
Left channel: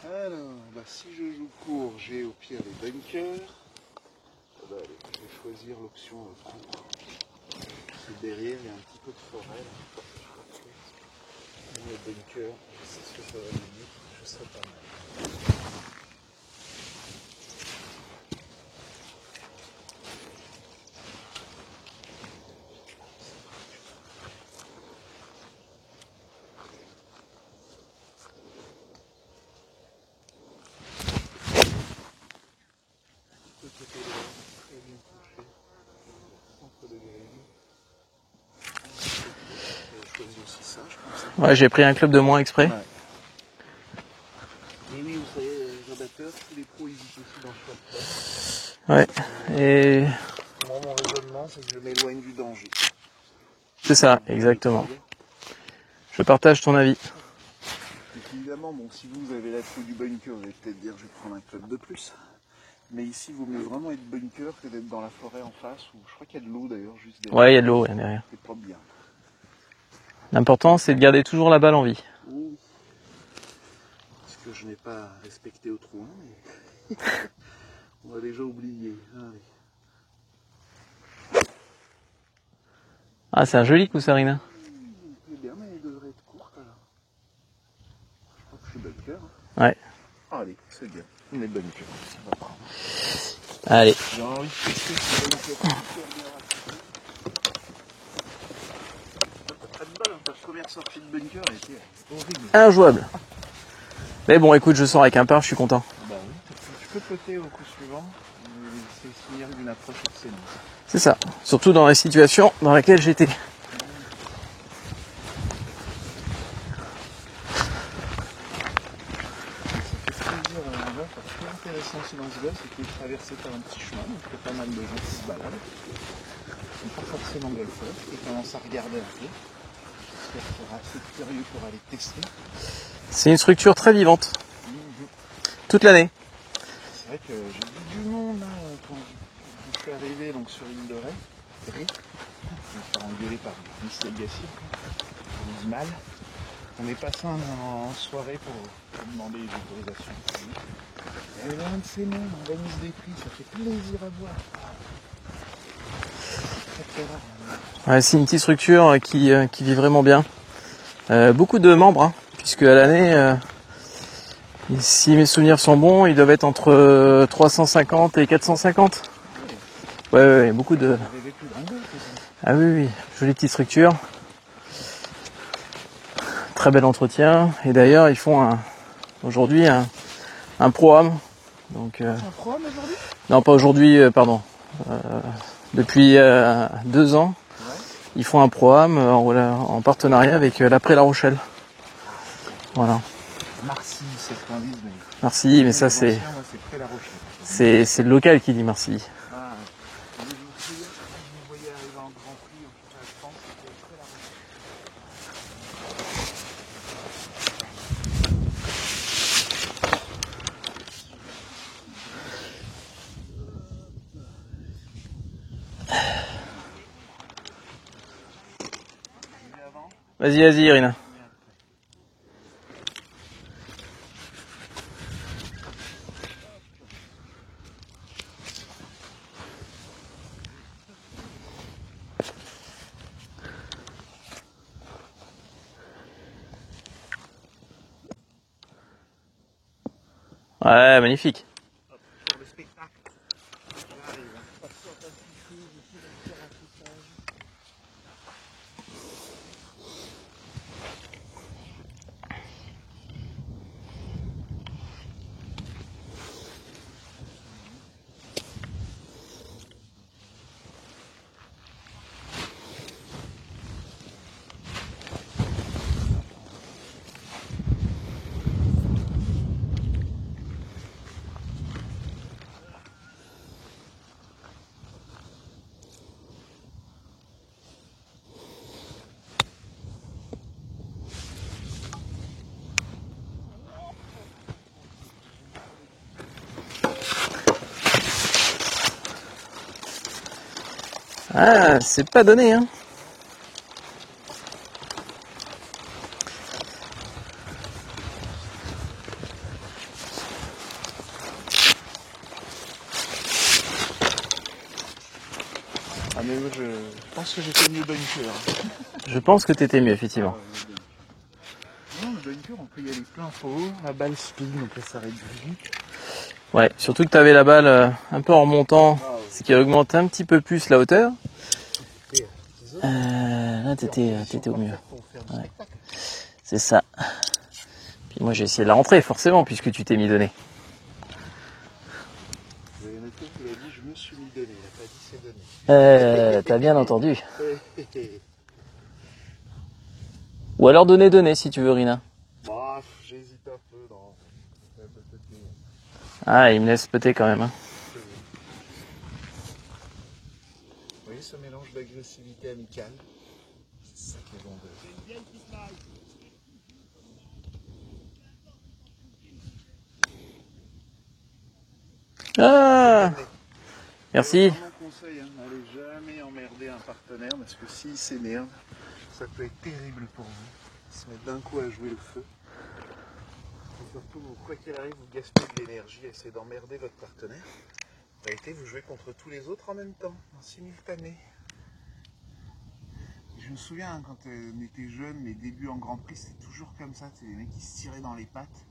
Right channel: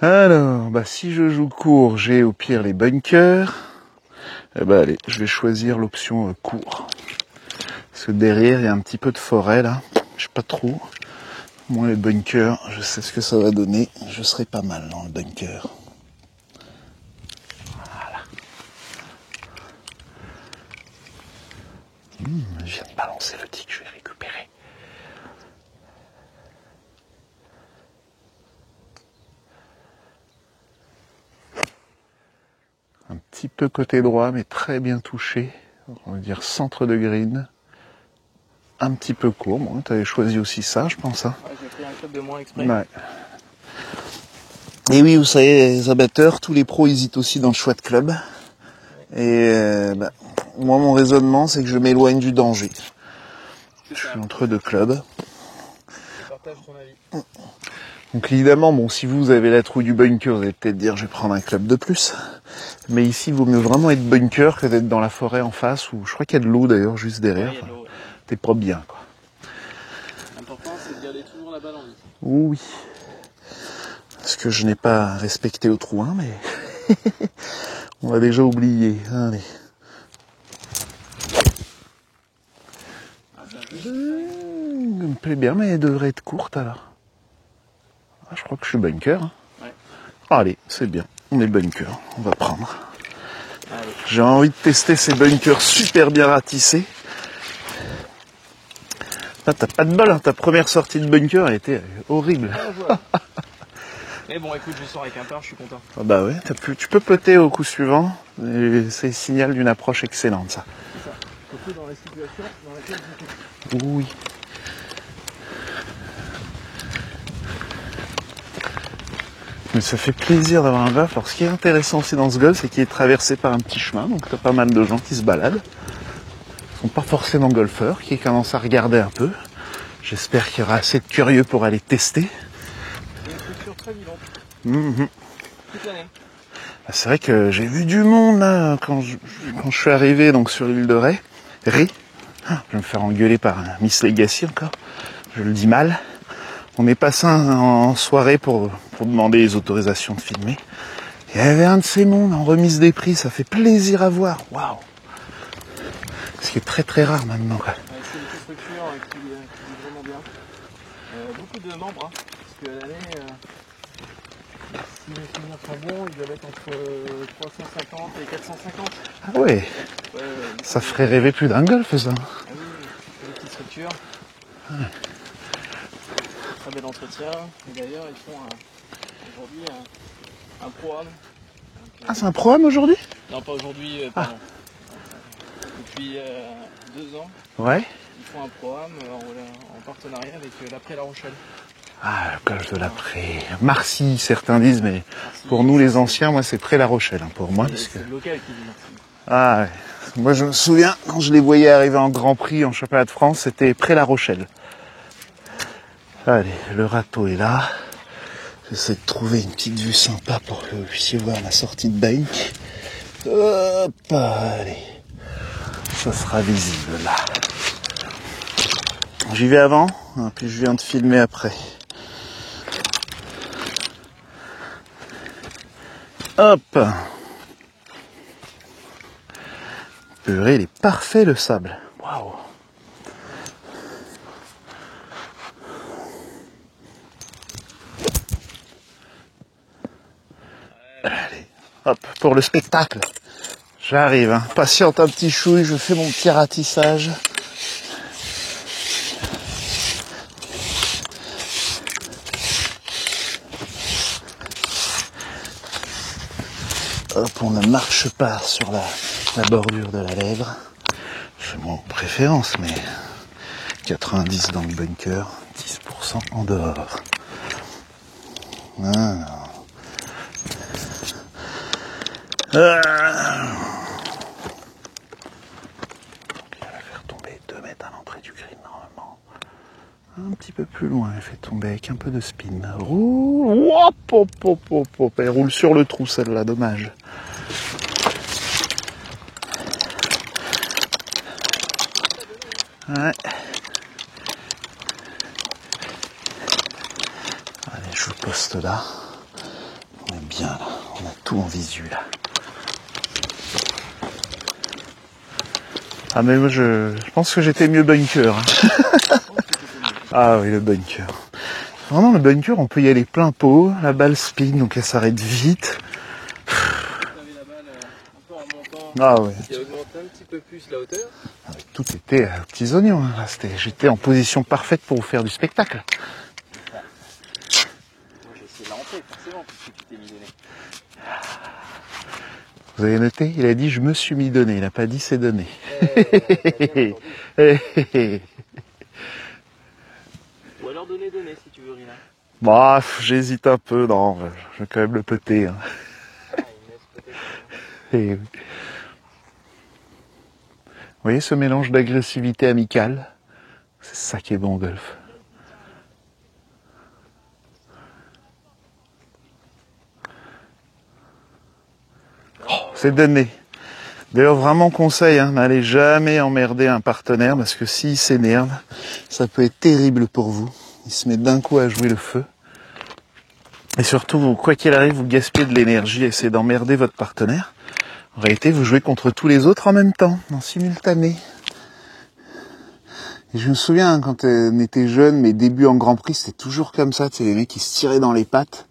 Alors, si je joue court, j'ai au pire les bunkers. Eh allez, je vais choisir l'option court. Parce que derrière, il y a un petit peu de forêt, là. Je sais pas trop. Moi, les bunkers, je sais ce que ça va donner. Je serai pas mal dans le bunker. Voilà. Je viens de balancer le tic, je vais récupérer. Un petit peu côté droit, mais très bien touché. On va dire centre de green. Un petit peu court. Bon, tu avais choisi aussi ça, je pense. Hein. Ouais, j'ai pris un club de moins exprès. Ouais. Et oui, vous savez, les amateurs, tous les pros hésitent aussi dans le choix de club. Ouais. Et moi, mon raisonnement, c'est que je m'éloigne du danger. C'est ça, exactement. Je partage ton avis. Donc évidemment, bon, si vous avez la trouille du bunker, vous allez peut-être dire je vais prendre un club de plus. Mais ici, il vaut mieux vraiment être bunker que d'être dans la forêt en face, où je crois qu'il y a de l'eau d'ailleurs juste derrière. Ouais, il y a de l'eau derrière. T'es pas bien, quoi. L'important, c'est de garder toujours la balle en vie. Oui. Parce que je n'ai pas respecté au trou 1, mais on l'a déjà oublié. Allez. Ah, c'est un joli coup, Sarina. Ça me plaît bien, mais elle devrait être courte alors. Ah, je crois que je suis bunker. Hein. Ouais. Allez, c'est bien. On est bunker. On va prendre. Allez. J'ai envie de tester ces bunkers super bien ratissés. Ah, t'as pas de bol, hein. Ta première sortie de bunker a été horrible. Injouable. Mais bon, écoute, je sors avec un par, je suis content. Ah bah ouais, tu peux putter au coup suivant. C'est signal d'une approche excellente, ça. C'est ça. Surtout dans la situation dans laquelle j'étais. Oui. Mais ça fait plaisir d'avoir un golf. Alors ce qui est intéressant aussi dans ce golf, c'est qu'il est traversé par un petit chemin. Donc t'as pas mal de gens qui se baladent. Ils sont pas forcément golfeurs, qui commencent à regarder un peu. J'espère qu'il y aura assez de curieux pour aller tester. C'est une structure très vivante. Toute l'année. C'est vrai que j'ai vu du monde là, quand je suis arrivé donc, sur l'île de Ré. Je vais me faire engueuler par Miss Legacy encore. Je le dis mal. On est passé en soirée pour demander les autorisations de filmer. Il y avait un de ces mondes en remise des prix, ça fait plaisir à voir. Waouh! Ce qui est très très rare maintenant. Ouais, c'est une petite structure qui vit vraiment bien. Beaucoup de membres, hein, puisque à l'année, si mes souvenirs sont bons, ils doivent être entre 350 et 450. Ah ouais. Ouais, beaucoup ça ferait rêver plus d'un golf, ça. Ah oui, jolie petite structure. très bel entretien. Et d'ailleurs, ils font aujourd'hui un pro-am. Donc, Ah, c'est un programme aujourd'hui? non, pas aujourd'hui, pardon. Depuis 2 ans, Ouais. ils font un pro-am en partenariat avec l'Après La Rochelle. Ah, le golf de Voilà. l'Après. Marcy, certains disent, mais Merci. pour mais nous ça, les anciens, moi c'est près La Rochelle. Hein, pour moi. c'est le local qui dit merci. Ah ouais. Moi je me souviens, quand je les voyais arriver en Grand Prix, en championnat de France, c'était près La Rochelle. Allez, le râteau est là. J'essaie de trouver une petite vue sympa pour que vous puissiez voir la sortie de bank. Hop, allez. Ça sera visible là. J'y vais avant. Vas-y, puis je vas-y, viens Irina. filmer après. Hop. Purée, il est parfait le sable. Waouh. Ouais, magnifique. Hop, pour le spectacle. J'arrive, hein. Patiente un petit chouille, je fais mon petit ratissage. Hop, on ne marche pas sur la bordure de la lèvre. C'est mon préférence, mais 90 dans le bunker, 10% en dehors. Ah. Ah. Il va la faire tomber 2 mètres à l'entrée du green normalement. Un petit peu plus loin, elle fait tomber avec un peu de spin. Roule, hop, hop, hop, hop, hop. Elle roule sur le trou celle-là, dommage. Ah, c'est pas donné, hein. Ouais. Allez, je poste là. On est bien là, on a tout en visu là. Ah mais moi je pense que j'étais mieux bunker. Hein. Je pense que t'étais mieux, effectivement. Ah oui, le bunker. Non, le bunker, on peut y aller plein pot, la balle spin, donc elle s'arrête vite. Ouais, surtout que t'avais la balle un peu en remontant, Ah ouais. ce qui augmente un petit peu plus la hauteur. Tout était petits oignons. Là, j'étais en position parfaite pour vous faire du spectacle. C'est ça. Puis moi j'ai essayé de la rentrer, forcément, puisque tu t'es mis donné. Vous avez noté? Il a dit je me suis mis donné, il n'a pas dit c'est donné. T'as bien entendu. Ou alors donner si tu veux, Rina. Bah, j'hésite un peu, non, je vais quand même le péter. Hein. Ah, il me laisse péter quand même. Hein. Et... Vous voyez ce mélange d'agressivité amicale? C'est ça qui est bon au golf. Ah, C'est donné. D'ailleurs, merci. vraiment conseil, hein, n'allez jamais emmerder un partenaire parce que s'il s'énerve, ça peut être terrible pour vous. Il se met d'un coup à jouer le feu. Et surtout, vous, quoi qu'il arrive, vous gaspillez de l'énergie et essayez d'emmerder votre partenaire. En réalité, vous jouez contre tous les autres en même temps, en simultané. Et je me souviens, hein, quand on était jeune, mes débuts en Grand Prix, c'était toujours comme ça. Tu sais, les mecs qui se tiraient dans les pattes.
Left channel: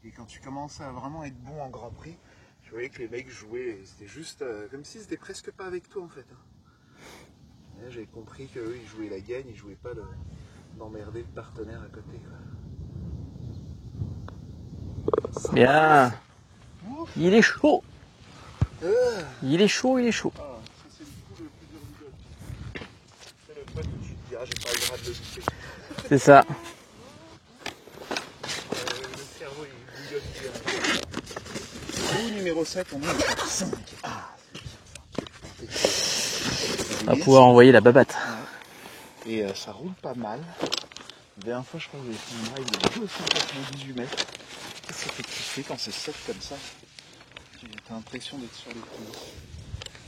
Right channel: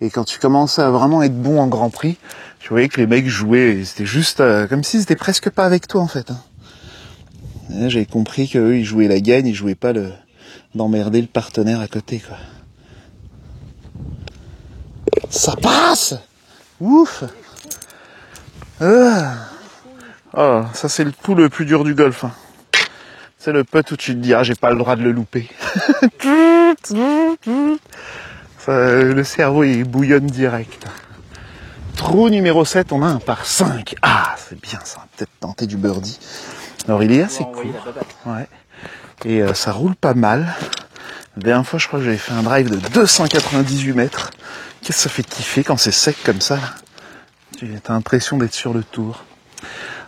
Et quand tu commençais à vraiment être bon en Grand Prix, tu voyais que les mecs jouaient, c'était juste comme s'ils étaient presque pas avec toi en fait. Hein. Et là, j'avais compris qu'eux, ils jouaient la gagne, ils jouaient pas d'emmerder le partenaire à côté, quoi. Ça Bien. passe! Ouf! Il est chaud. Ah. Il est chaud, il est chaud. Oh, ça c'est le coup le plus dur du golf. Hein. C'est le putt où tu te dis, ah, j'ai pas le droit de le louper. C'est ça. Le cerveau, il bouillonne direct. Trou numéro 7, on a un par 5. Ah, c'est bien ça. Peut-être tenter du birdie. Alors, il est Pouvoir envoyer la babatte. Ouais. Et ça roule pas mal. La dernière fois, je crois que j'avais fait un drive de 298 mètres. Qu'est-ce que ça fait kiffer quand c'est sec comme ça là. T'as l'impression d'être sur le tour.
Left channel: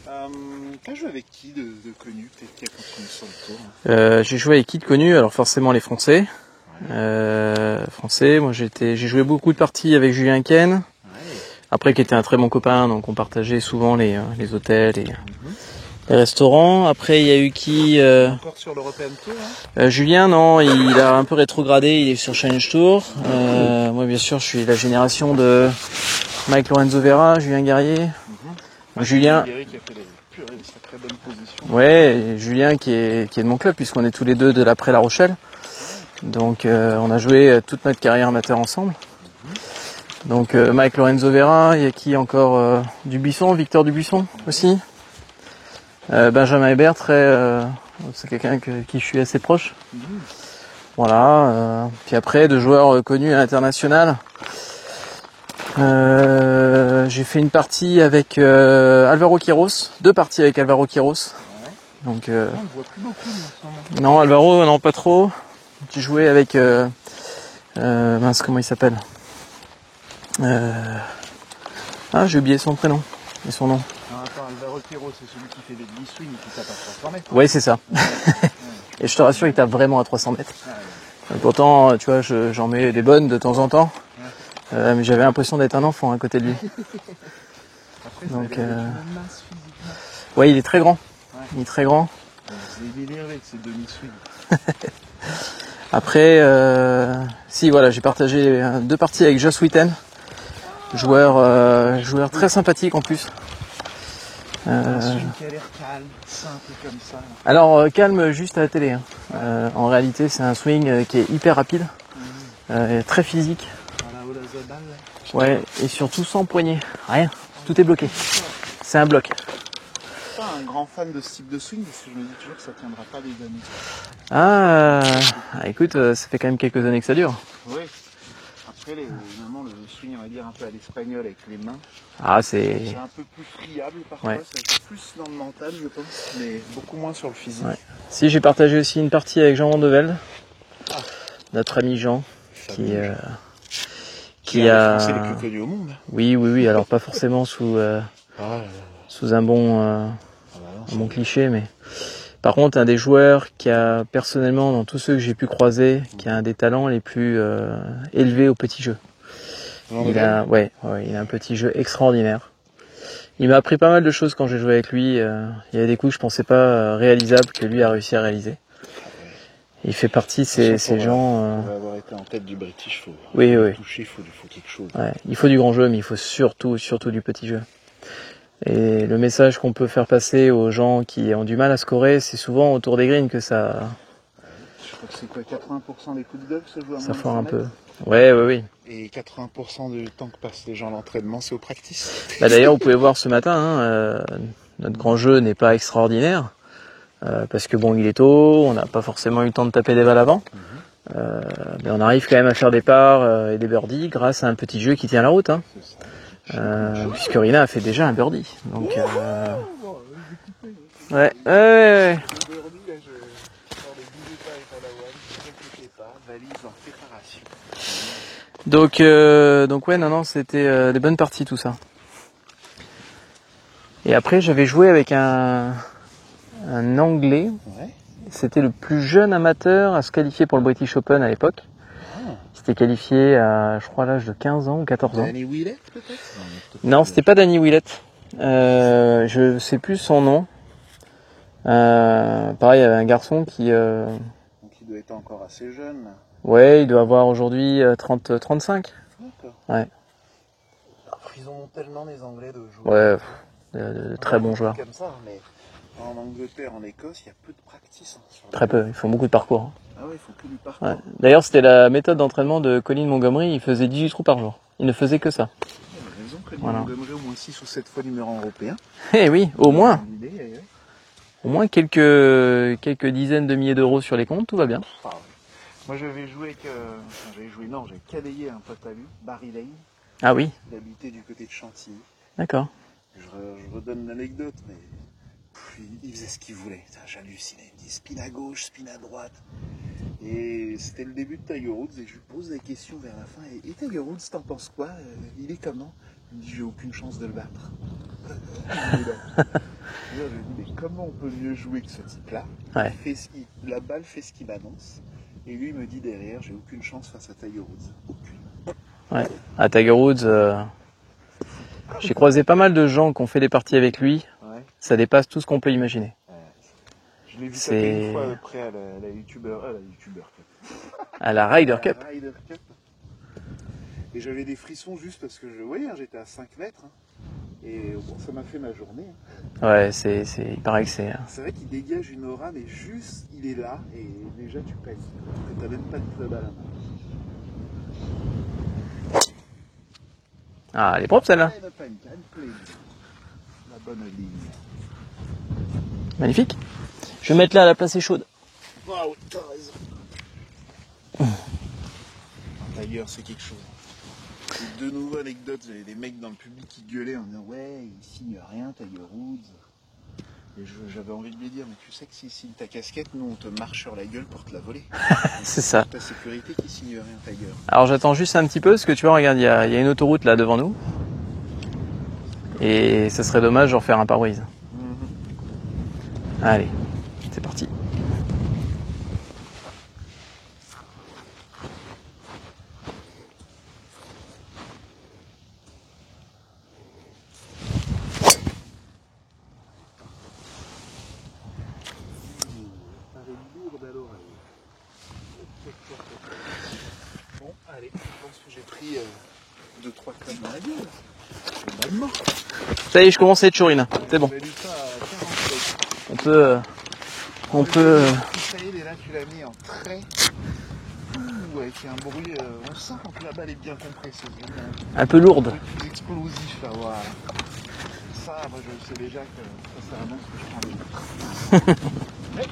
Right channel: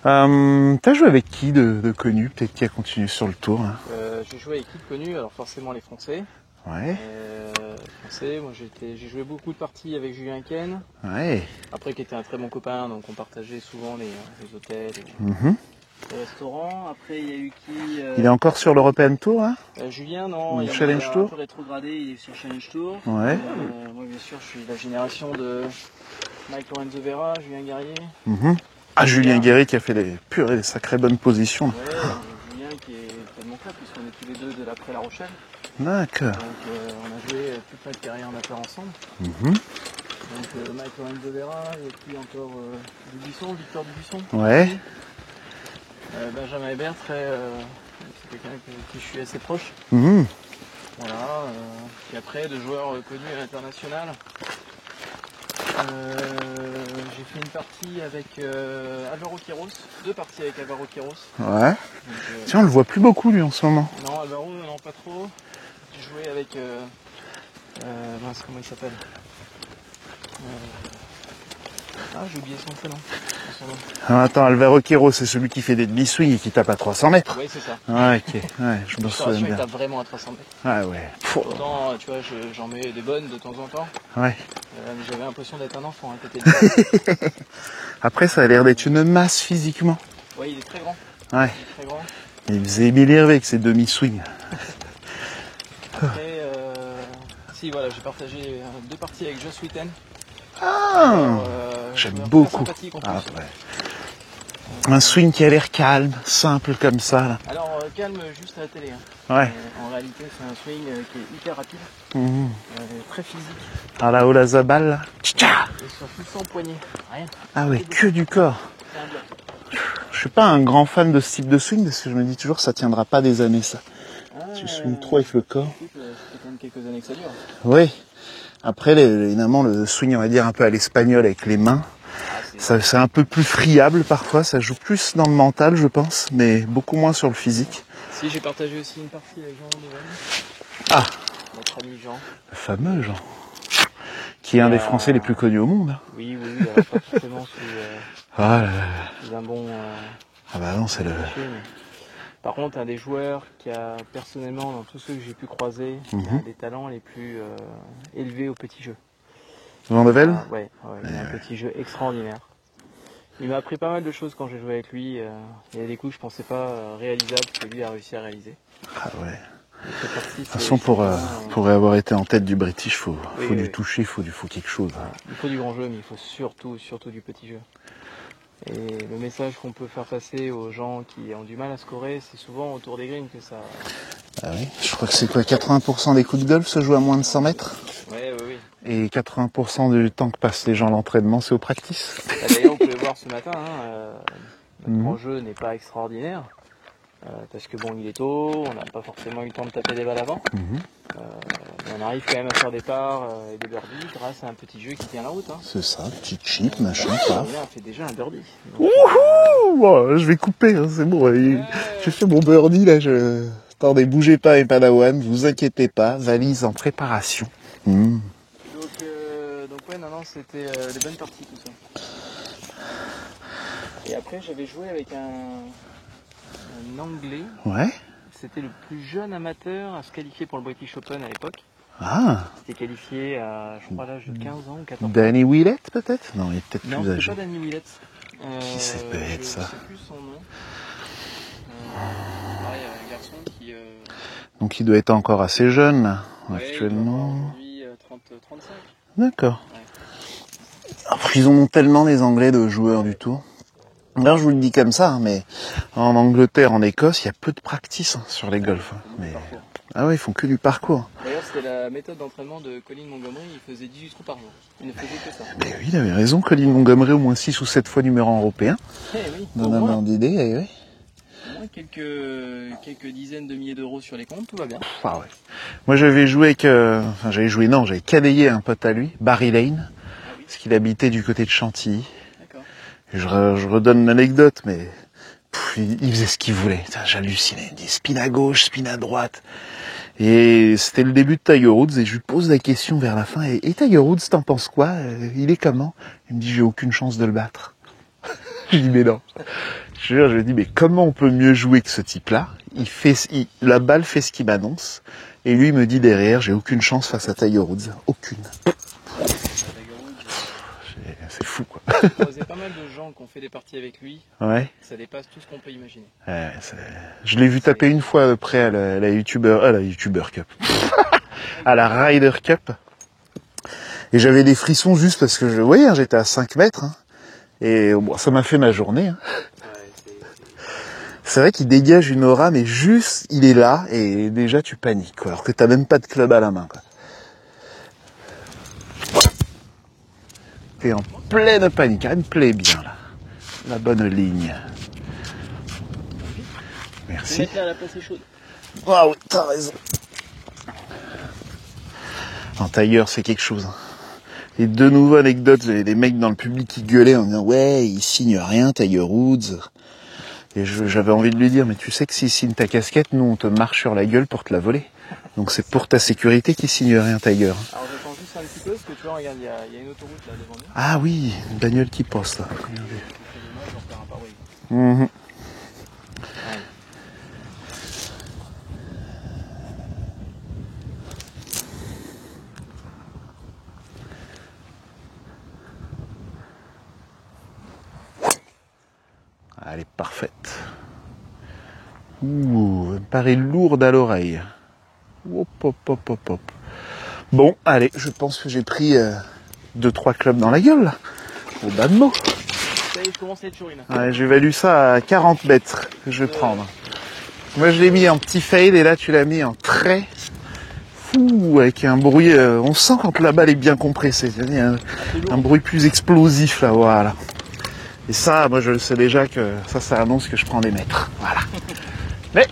T'as joué avec qui de connu, peut-être qui a continué sur le tour hein? J'ai joué avec qui de connu? Alors forcément les Français. Ouais. Français, moi j'ai joué beaucoup de parties avec Julien Ken. Ouais. Après qui était un très bon copain, donc on partageait souvent les hôtels et Mhm. les restaurants. Après il y a eu qui Il est encore sur l'European Tour hein? Julien, non, il Challenge a un Tour. peu rétrogradé, il est sur Challenge Tour. Ouais. Moi bien sûr je suis la génération de Mike Lorenzo Vera, Julien Guerrier. Mhm. Ah, Julien Guéry qui a fait des sacrées bonnes positions. Ouais, et Julien qui est de mon club puisqu'on est tous les deux de l'après La Rochelle. D'accord. Donc on a joué toute notre carrière amateur ensemble. Donc Mike Lorenzo Vera, il y a qui encore Dubuisson, Victor Dubuisson aussi. Benjamin Hébert, c'est quelqu'un qui je suis assez proche. Voilà. Puis après, de joueurs connus à l'international. J'ai fait une partie avec Alvaro Quiros, 2 parties avec Alvaro Quiros. Ouais. Donc, tiens, on le voit plus beaucoup lui en ce moment. non, Alvaro, non, pas trop. J'ai joué avec mince, comment il s'appelle j'ai oublié son prénom et son nom. Alors, attends, Alvaro Quiros, c'est celui qui fait des demi-swings et qui tape à 300 mètres. Oui, c'est ça. Ouais, ok. Ouais, Et je te rassure, il tape vraiment à 300 mètres. Ah ouais. Pourtant, tu vois, j'en mets des bonnes de temps en temps. Ouais. Mais j'avais l'impression d'être un enfant à côté de lui. Après, ça a l'air d'être une masse physiquement. Ouais, il est très grand. Ouais. Il est très grand. Il faisait Émile Hervé avec ses demi-swings. Après, voilà, j'ai partagé 2 parties avec Joss Witten. Joueur très sympathique en plus. Un swing qui a l'air calme, simple comme ça. Là. Alors, calme juste à la télé. Hein. Ouais. En réalité, c'est un swing qui est hyper rapide, très physique. À la Olazabal, là. Ouais, et surtout sans poignet. Rien. Ah Tout ouais, est bloqué. que du corps. C'est un bloc. Je suis pas un grand fan de ce type de swing parce que je me dis toujours que ça tiendra pas des années ça. Écoute, ça fait quand même quelques années que ça dure. Oui. Après, évidemment, le swing, on va dire un peu à l'espagnol avec les mains. C'est un peu plus friable parfois, ouais. Ça joue plus dans le mental, je pense, mais beaucoup moins sur le physique. Ouais. Si, j'ai partagé aussi une partie avec Jean Vandevel. Notre ami Jean. Le fameux Jean. Qui est un des Français les plus connus au monde. Oui, alors pas forcément sous un bon, cliché, mais par contre, un des joueurs qui a personnellement, dans tous ceux que j'ai pu croiser, qui a un des talents les plus élevés au petit jeu. Vandevel ? Il a un petit jeu extraordinaire. Il m'a appris pas mal de choses quand j'ai joué avec lui. Il y a des coups que je pensais pas réalisables que lui a réussi à réaliser. Ah ouais. Il fait partie de ces gens... Pour avoir été en tête du British, faut lui toucher, il faut quelque chose. Ouais, il faut du grand jeu, mais il faut surtout du petit jeu. Et le message qu'on peut faire passer aux gens qui ont du mal à scorer, c'est souvent autour des greens que ça... Ah oui. Je crois que c'est quoi, 80% des coups de golf se jouent à moins de 100 mètres. Oui. Et 80% du temps que passent les gens à l'entraînement, c'est au practice. D'ailleurs, vous pouvez voir ce matin, notre grand jeu n'est pas extraordinaire. Parce que bon, il est tôt, on n'a pas forcément eu le temps de taper des balles avant. Mais on arrive quand même à faire des parts et des birdies grâce à un petit jeu qui tient la route. Hein. C'est ça, petit chip, Corina a fait déjà un birdie. Donc, je vais couper, hein, c'est bon. J'ai fait mon birdie, là. Attendez, bougez pas et Padawan, vous inquiétez pas, valise en préparation. Donc c'était des bonnes parties tout ça. Et après j'avais joué avec un Anglais. Ouais. C'était le plus jeune amateur à se qualifier pour le British Open à l'époque. C'était qualifié à, je crois, l'âge de 15 ans ou 14 ans. Danny Willett peut-être ? Non, c'était pas Danny Willett. Je sais plus son nom. Pareil, il y avait un garçon qui... Donc il doit être encore assez jeune là. Ouais, il doit avoir aujourd'hui 35. D'accord. Ouais. Après, ils ont tellement les Anglais de joueurs et tout. Là, je vous le dis comme ça, mais en Angleterre, en Écosse, il y a peu de practice sur les golfs. Ils font beaucoup de parcours. Ah oui, ils font que du parcours. Ouais. D'ailleurs, c'était la méthode d'entraînement de Colin Montgomery. Il faisait 18 trous par jour. Il ne faisait que ça. Mais oui, il avait raison. Colin Montgomery, au moins 6 ou 7 fois numéro 1 européen. Eh oui, au moins. Oui. Au moins quelques dizaines de milliers d'euros sur les comptes, tout va bien. Ah ouais. Moi, j'avais cadayé un pote à lui, Barry Lane. Ah oui. Parce qu'il habitait du côté de Chantilly. D'accord. Je redonne l'anecdote, mais il faisait ce qu'il voulait. J'hallucinais. Il dit spin à gauche, spin à droite. Et c'était le début de Tiger Woods et je lui pose la question vers la fin. Et Tiger Woods, t'en penses quoi ? Il est comment ? Il me dit, j'ai aucune chance de le battre. Je dis, mais non. Je lui dis, mais comment on peut mieux jouer que ce type-là ? La balle fait ce qu'il m'annonce. Et lui, il me dit derrière, j'ai aucune chance face à Tiger Woods. Aucune. Ouais. À Tiger Woods... C'est fou, quoi. J'ai croisé pas mal de gens qui ont fait des parties avec lui. Ouais. Ça dépasse tout ce qu'on peut imaginer. Je l'ai vu taper une fois après à la YouTuber Cup. À la Ryder Cup. Et j'avais des frissons juste parce que j'étais à 5 mètres. Hein. Et bon, ça m'a fait ma journée. Hein. Ouais, il paraît que c'est... C'est vrai qu'il dégage une aura, mais juste, il est là, et déjà tu paniques, quoi, alors que t'as même pas de club à la main. Quoi. Ah, elle est propre celle-là. Pleine panique, elle me plaît bien là. La bonne ligne. Magnifique. Merci. Je vais mettre là, la place est chaude. Ah oui, t'as raison. En tailleur, c'est quelque chose. Hein. Et de nouveau anecdotes, des mecs dans le public qui gueulaient en disant ouais, il signe rien, Tiger Woods. Et j'avais envie de lui dire, mais tu sais que s'il signe ta casquette, nous on te marche sur la gueule pour te la voler. Donc c'est ça. pour ta sécurité qu'il signe rien, Tiger. Alors j'attends juste un petit peu, parce que tu vois, regarde, il y a une autoroute là devant nous. Ah oui, une bagnole qui poste là. Et ça serait dommage de refaire un pare-brise. Mhm. Allez, c'est parti. Elle est parfaite. Ouh, elle me paraît lourde à l'oreille. Hop, hop, hop, hop, hop. Bon, allez, je pense que j'ai pris 2-3 clubs dans la gueule, là. Au bas de mots. Ça y est, je commence à être chourine. Ouais, C'est bon. j'évalue ça à 40 mètres que je vais prendre. Moi, je l'ai mis en petit fade et là, tu l'as mis en très fou, avec un bruit. On sent quand la balle est bien compressée. Il y a Un peu un lourd. bruit plus explosif, là, voilà. Et ça, moi, je sais déjà que ça annonce que je prends des mètres. Voilà. Mais,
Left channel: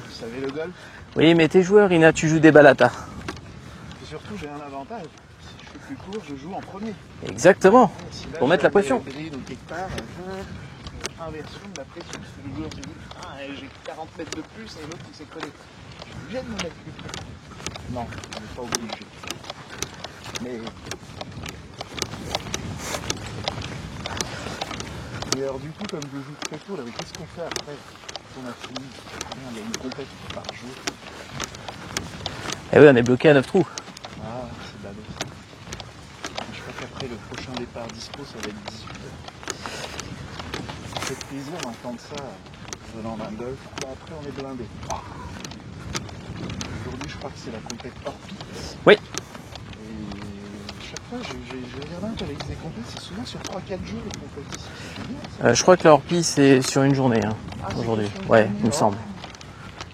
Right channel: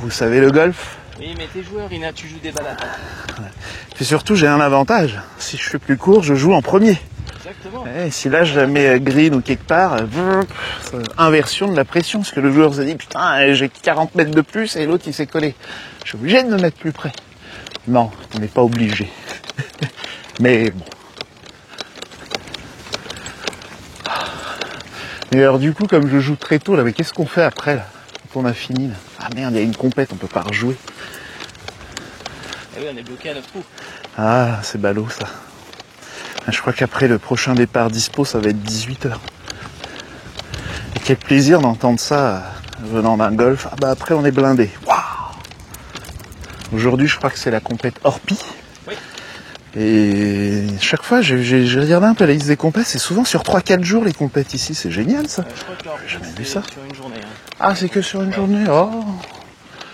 vous savez, le golf. Oui, mais t'es joueur, Ina, tu joues des balatas. Puis surtout, j'ai un avantage. Si je fais plus court, je joue en premier. Exactement. Et si là, Pour je mettre la la mets pression. green ou quelque part, inversion de la pression. Parce que le joueur se dit, putain, j'ai 40 mètres de plus et l'autre, il s'est collé. Je suis obligé de me mettre plus près. Non, on n'est pas obligé. Mais bon. Et alors du coup, comme je joue très tôt, là, mais qu'est-ce qu'on fait après, là, quand on a fini là. Ah merde, il y a une compète, on peut pas rejouer. Eh oui, on est bloqué à 9 trous. Ah, c'est ballot ça. Je crois qu'après le prochain départ dispo, ça va être 18h. Et quel plaisir d'entendre ça venant d'un golf. Ah bah après, on est blindé. Waouh. Aujourd'hui, je crois que c'est la compète Orpi. Oui. Et chaque fois, j'ai regardé un peu la liste des compètes, c'est souvent sur 3-4 jours les compètes ici, c'est génial ça. Je crois que leur prix, c'est sur une journée. Hein. Ah, c'est que sur une Ouais, journée. il me Oh. semble.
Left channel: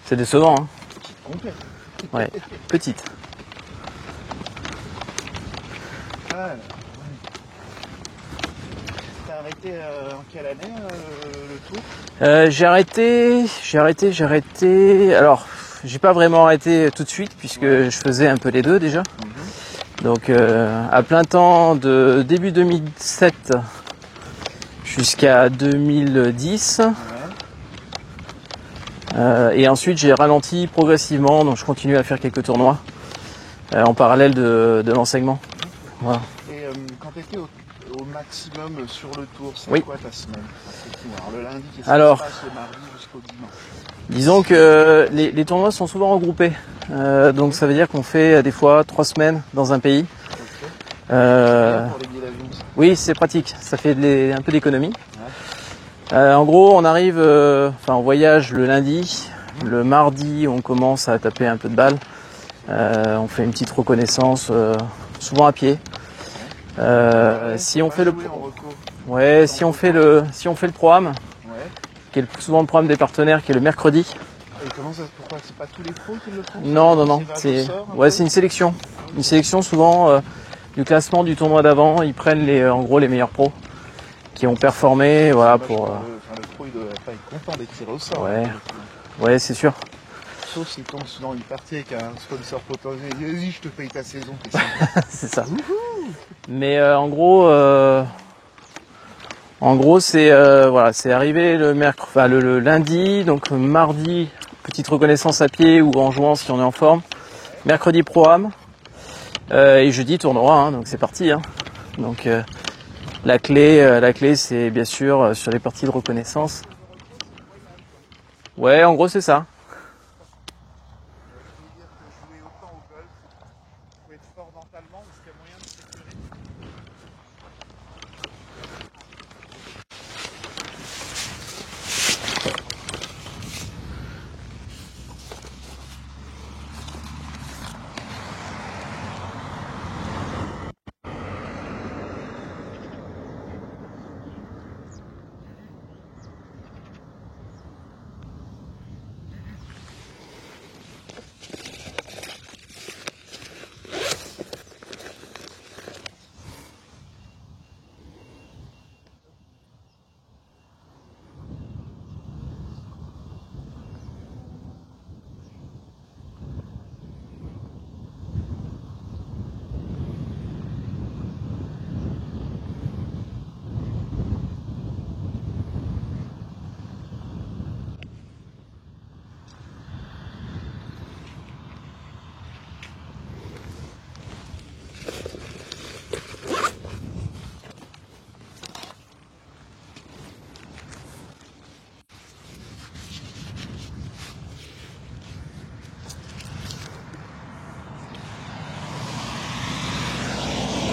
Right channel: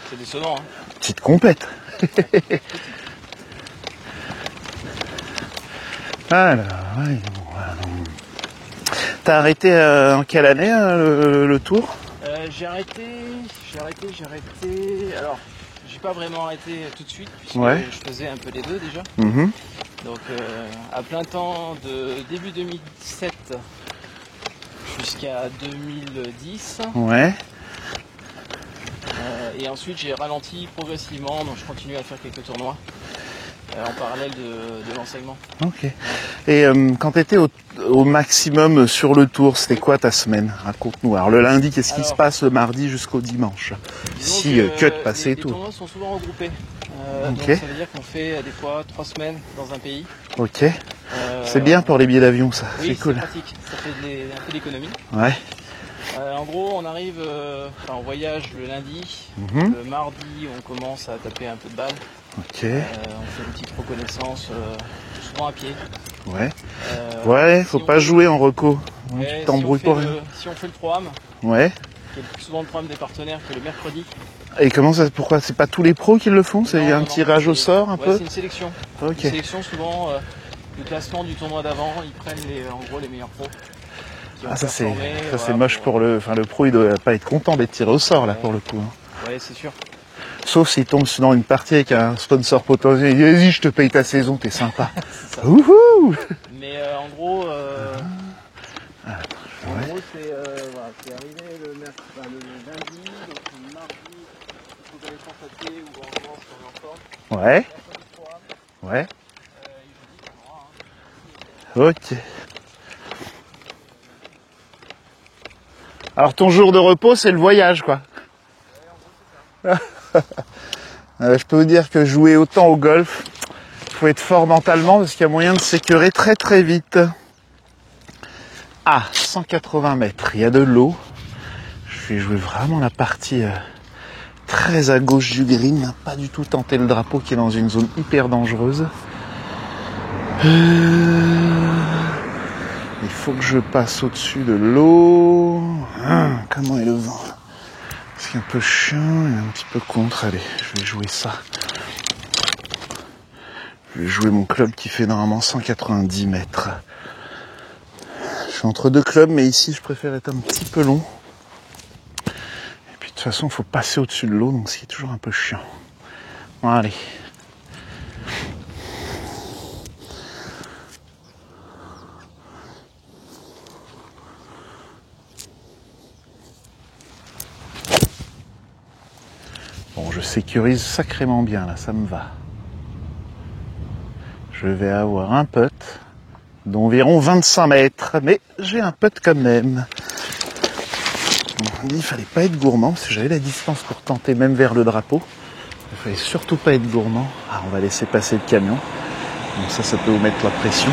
C'est décevant. Hein. Petite compète. Ouais. Petite. Alors, ouais, t'as arrêté en quelle année le tour? J'ai arrêté. Alors, j'ai pas vraiment arrêté tout de suite, puisque Ouais. je faisais un peu les deux déjà. Mhm. Donc, à plein temps de début 2007 jusqu'à 2010. Ouais. Et ensuite, j'ai ralenti progressivement, donc je continue à faire quelques tournois en parallèle de l'enseignement. Ok. Voilà. Et quand tu étais au maximum sur le tour, c'était Oui. quoi ta semaine? Raconte-nous. Alors le lundi, qu'est-ce qui se Alors, passe le mardi jusqu'au dimanche? Disons Si, que que de passer et les tout. tournois sont souvent regroupés. Donc Ok. ça veut dire qu'on fait des fois 3 semaines dans un pays. Ok. C'est bien pour les billets d'avion ça. Oui, c'est cool. pratique. Ça fait un peu d'économie. Ouais. En gros, on arrive, on voyage le lundi. Mhm. Le mardi, on commence à taper un peu de balle. Ok. On fait une petite reconnaissance, souvent à pied. Ouais. Ouais, Faut pas jouer en reco. Ouais, si on T'embrouilles fait pas. si on fait le programme, Ouais. qui est souvent le programme des partenaires, qui est le mercredi. Et comment ça? Pourquoi? C'est pas tous les pros qui le font? C'est Non, un non, non, tirage au c'est- sort un Ouais, peu? c'est une sélection. Ok. Une sélection souvent du classement du tournoi d'avant. Ils prennent en gros les meilleurs pros qui ont Ah, ça, performé. c'est Voilà, moche pour le pro, il doit pas être content d'être tiré au sort là Ouais. pour le coup. Ouais, c'est sûr. Sauf s'il tombe dans une partie avec un sponsor potentiel, il dit vas-y, je te paye ta saison, t'es sympa. C'est ça. Wouhou! Mais en gros, c'est voilà, c'est arrivé le lundi, donc mardi petite reconnaissance à pied ou en jouant si on est en forme. Ouais, Mercredi programme ouais. et jeudi tournoi. Hein, donc c'est parti. Hein. Ok. Donc la clé, c'est bien sûr sur les parties de reconnaissance. Alors ton jour de repos, c'est le voyage, quoi. Ouais, en gros c'est ça. Je peux vous dire que jouer autant au golf, il faut être fort mentalement parce qu'il y a moyen de s'écœurer très très vite. Ah, 180 mètres, il y a de l'eau. Et je veux vraiment la partie très à gauche du green, pas du tout tenter le drapeau qui est dans une zone hyper dangereuse. Il faut que je passe au-dessus de l'eau. Comment est le vent? C'est un peu chiant et un petit peu contre. Allez, je vais jouer ça. Je vais jouer mon club qui fait normalement 190 mètres. Je suis entre deux clubs, mais ici, je préfère être un petit peu long. Et puis, de toute façon, il faut passer au-dessus de l'eau, donc c'est toujours un peu chiant. Bon, allez. Bon, je sécurise sacrément bien, là, ça me va. Je vais avoir un putt d'environ 25 mètres, mais j'ai un putt quand même. Bon, on dit qu'il fallait pas être gourmand, parce que j'avais la distance pour tenter même vers le drapeau. Il fallait surtout pas être gourmand. Ah, on va laisser passer le camion. Donc ça peut vous mettre la pression.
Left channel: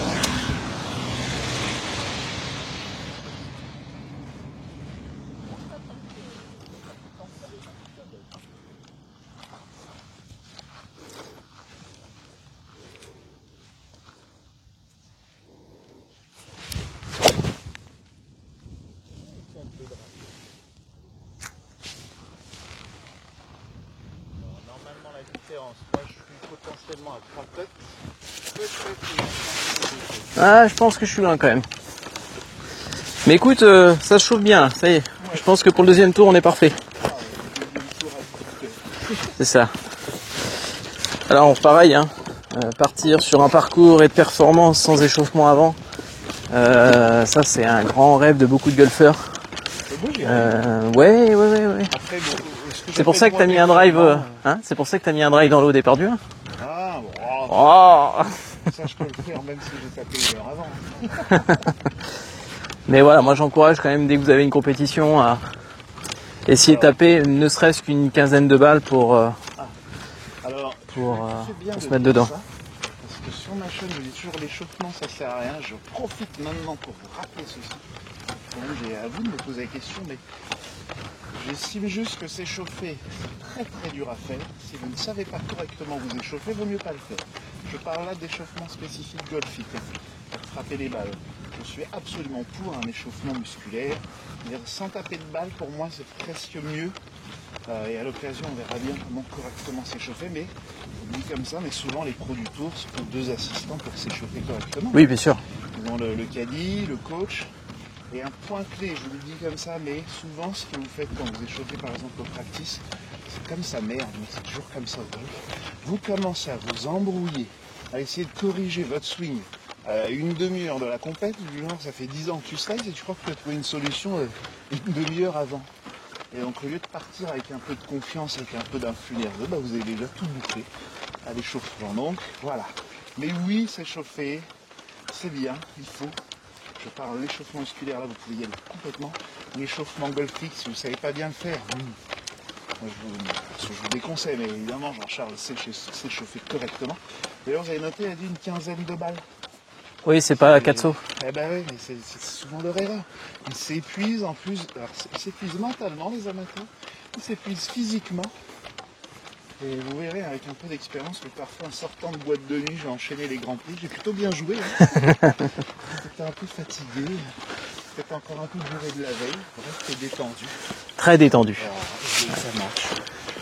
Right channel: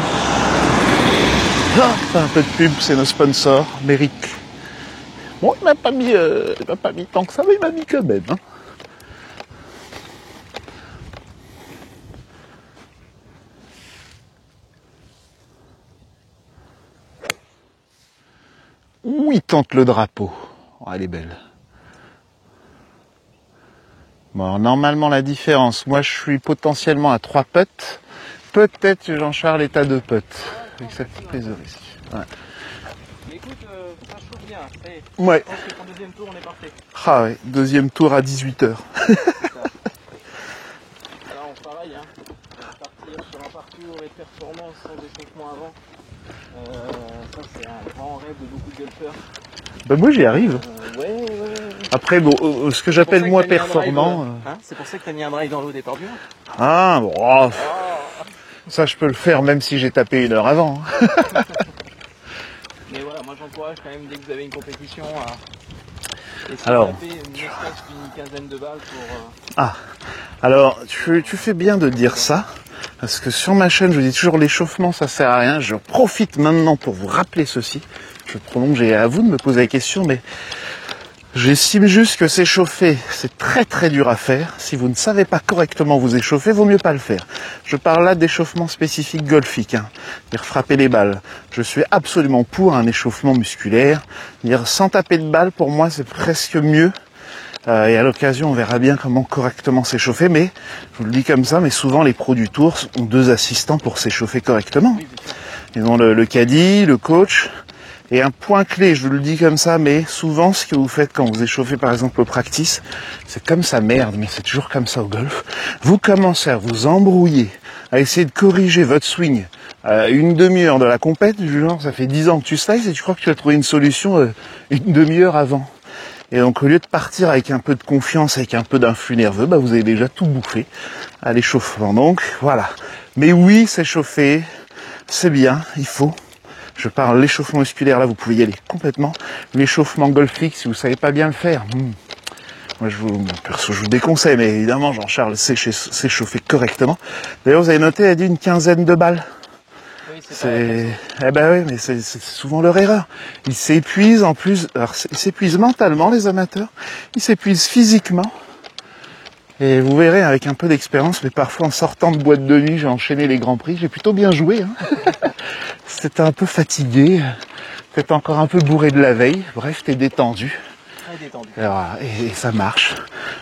Ah, un peu de pub, c'est nos sponsors, Merrick. Bon, il m'a pas mis tant que ça, mais il m'a mis quand même. Hein. Où il tente le drapeau. Oh, elle est belle. Bon, alors, normalement, la différence, moi, je suis potentiellement à 3 putts. Peut-être que Jean-Charles est à 2 putts. Ah, je pense que je suis loin quand même. Ouais. Mais écoute, ça se chauffe bien, ça y est. Ouais. Je pense que pour le deuxième tour, on est parfait. Ah ouais, deuxième tour à 18h. C'est ça. Alors, pareil, hein, partir sur un parcours et de performance sans échauffement avant, ça c'est un grand rêve de beaucoup de golfeurs. Bah, moi j'y arrive. Ouais. Après, bon, ce que C'est pour ça j'appelle que moi t'as mis un drive. performant, C'est pour ça que t'as mis un drive dans l'eau des perdus. Ah, bon, oh, Oh. ça je peux le faire même si j'ai tapé 1 heure avant. Hein. Mais voilà, moi j'encourage quand même dès que vous avez une compétition à essayer Alors, de taper ne serait-ce qu'une quinzaine de balles pour. Alors, tu Pour, fais bien de se mettre dire dedans. ça, parce que sur ma chaîne, je dis toujours l'échauffement, ça sert à rien. Je profite maintenant pour vous rappeler ceci. Je prolonge et à vous de me poser la question, mais j'estime juste que s'échauffer, c'est très très dur à faire. Si vous ne savez pas correctement vous échauffer, vaut mieux pas le faire. Je parle là d'échauffement spécifique golfique, dire frapper les balles. Je suis absolument pour un échauffement musculaire. Dire sans taper de balles, pour moi, c'est presque mieux. Et à l'occasion, on verra bien comment correctement s'échauffer. Mais je vous le dis comme ça, mais souvent les pros du tour ont 2 assistants pour s'échauffer correctement. Oui, bien sûr. Ils ont le caddie, le coach. Et un point clé, je vous le dis comme ça, mais souvent ce que vous faites quand vous échauffez par exemple au practice, c'est comme ça, merde, mais c'est toujours comme ça au golf. Vous commencez à vous embrouiller, à essayer de corriger votre swing à une demi-heure de la compète, du genre ça fait 10 ans que tu slices et tu crois que tu as trouvé une solution une demi-heure avant. Et donc au lieu de partir avec un peu de confiance, avec un peu d'influx nerveux, bah, vous avez déjà tout bouffé à l'échauffement. Donc voilà. Mais oui, s'échauffer, c'est bien, il faut. Je parle l'échauffement musculaire, là vous pouvez y aller complètement. L'échauffement golfique, si vous savez pas bien le faire, moi perso je vous déconseille, mais évidemment Jean-Charles sait s'échauffer correctement. D'ailleurs vous avez noté, elle a dit une quinzaine de balles. Oui, c'est pas 4 sauts. Eh ben oui, mais c'est souvent leur erreur. Ils s'épuisent en plus, alors ils s'épuisent mentalement les amateurs, ils s'épuisent physiquement. Et vous verrez, avec un peu d'expérience, mais parfois en sortant de boîte de nuit, j'ai enchaîné les grands prix, j'ai plutôt bien joué. Hein. C'était un peu fatigué, peut-être encore un peu bourré de la veille, bref, t'es détendu. Très détendu. Et ça marche.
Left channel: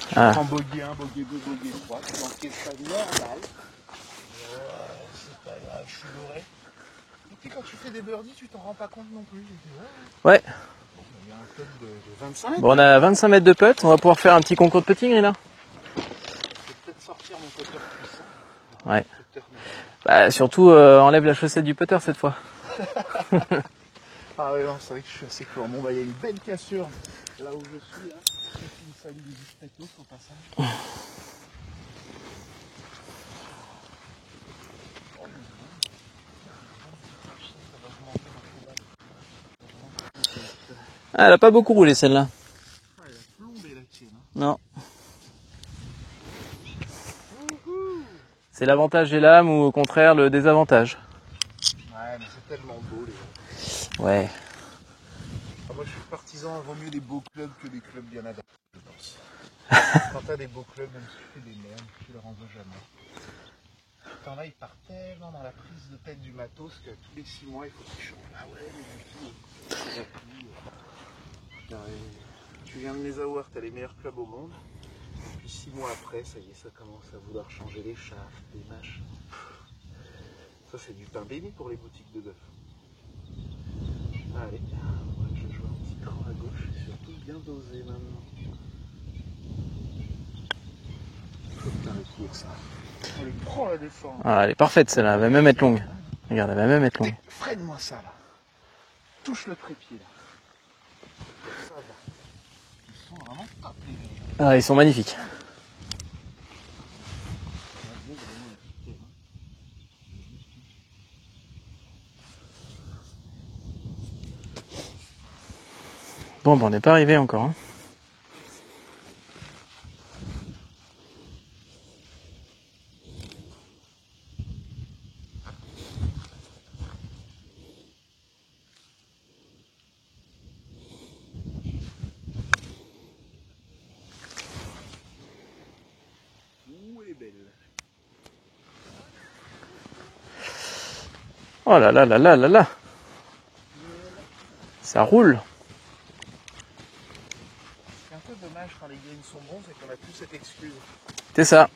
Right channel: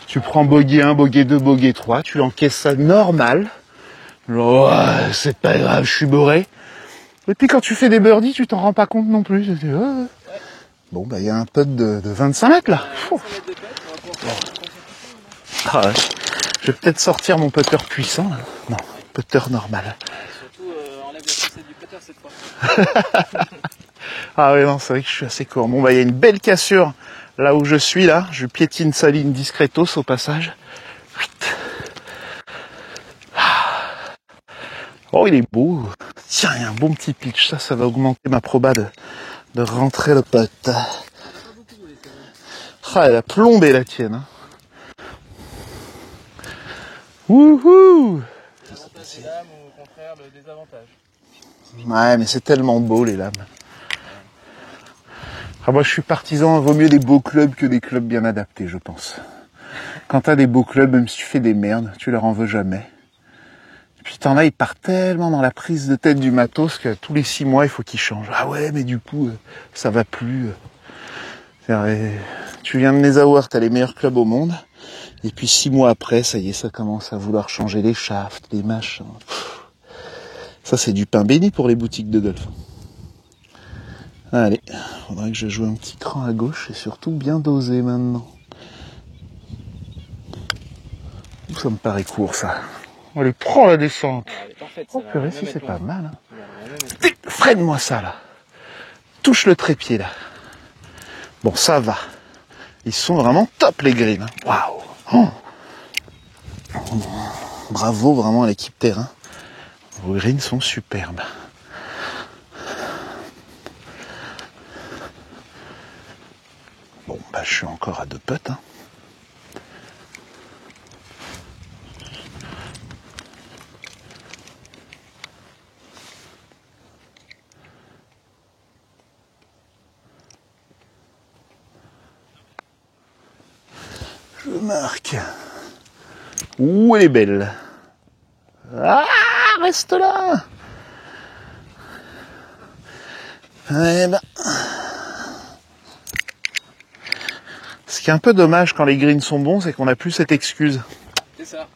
Tu prends bogey 1, bogey 2, bogey 3, tu encaisses ça normal. Genre, ouais, c'est pas grave, je suis bourré. Et puis quand tu fais des birdies, tu t'en rends pas compte non plus. Ouais. Bon, bah il y a un putt de 25 mètres. Bon, on a 25 mètres de putt, on va pouvoir faire un petit concours de putting, Rina. Ah ouais. Je vais peut-être sortir mon putter puissant. Là. Non, Ouais. putter normal. Bah, surtout, enlève la chaussette du putter cette fois. Ah ouais, non, c'est vrai que je suis assez court. Bon, bah il y a une belle cassure là où je suis, là. Je piétine sa ligne discretos au passage. Oh, il est beau. Tiens, il y a un bon petit pitch. Ça va augmenter ma proba de rentrer le putt. Ah, elle a pas beaucoup roulé celle-là. Ah, elle a plombé la tienne. Hein. Non. Wouhou! C'est l'avantage des lames ou au contraire le désavantage? Ouais, mais c'est tellement beau les lames. Ouais. Ah, moi, je suis partisan, vaut mieux des beaux clubs que des clubs bien adaptés, je pense. Quand t'as des beaux clubs, même si tu fais des merdes, tu leur en veux jamais. Puis t'en as, il part tellement dans la prise de tête du matos que tous les 6 mois, il faut qu'il change. Ah ouais, mais du coup, ça va plus. Tu viens de les avoir, t'as les meilleurs clubs au monde. Et puis 6 mois après, ça y est, ça commence à vouloir changer les shafts, les machins. Ça, c'est du pain béni pour les boutiques de golf. Allez, faudrait que je joue un petit cran à gauche et surtout bien dosé maintenant. Ça me paraît court, ça. Allez, prends la descente. Ah, elle est parfaite celle-là, elle va même être longue. Mal, hein. Regarde, elle va même être longue. Freine-moi ça, là. Touche le trépied, là. Bon, ça va. Ils sont vraiment top, les greens. Ah, ils sont magnifiques. Bravo, vraiment, à l'équipe terrain. Vos greens sont superbes. Bon, ben, on n'est pas arrivé encore. Je suis encore à 2 putts. Hein. Je marque. Ouh, elle est belle. Ah, reste là. Oh là là là là là là. Eh ben, Ça roule. ce qui est un peu dommage quand les greens sont bons, c'est qu'on n'a plus cette excuse. C'est ça.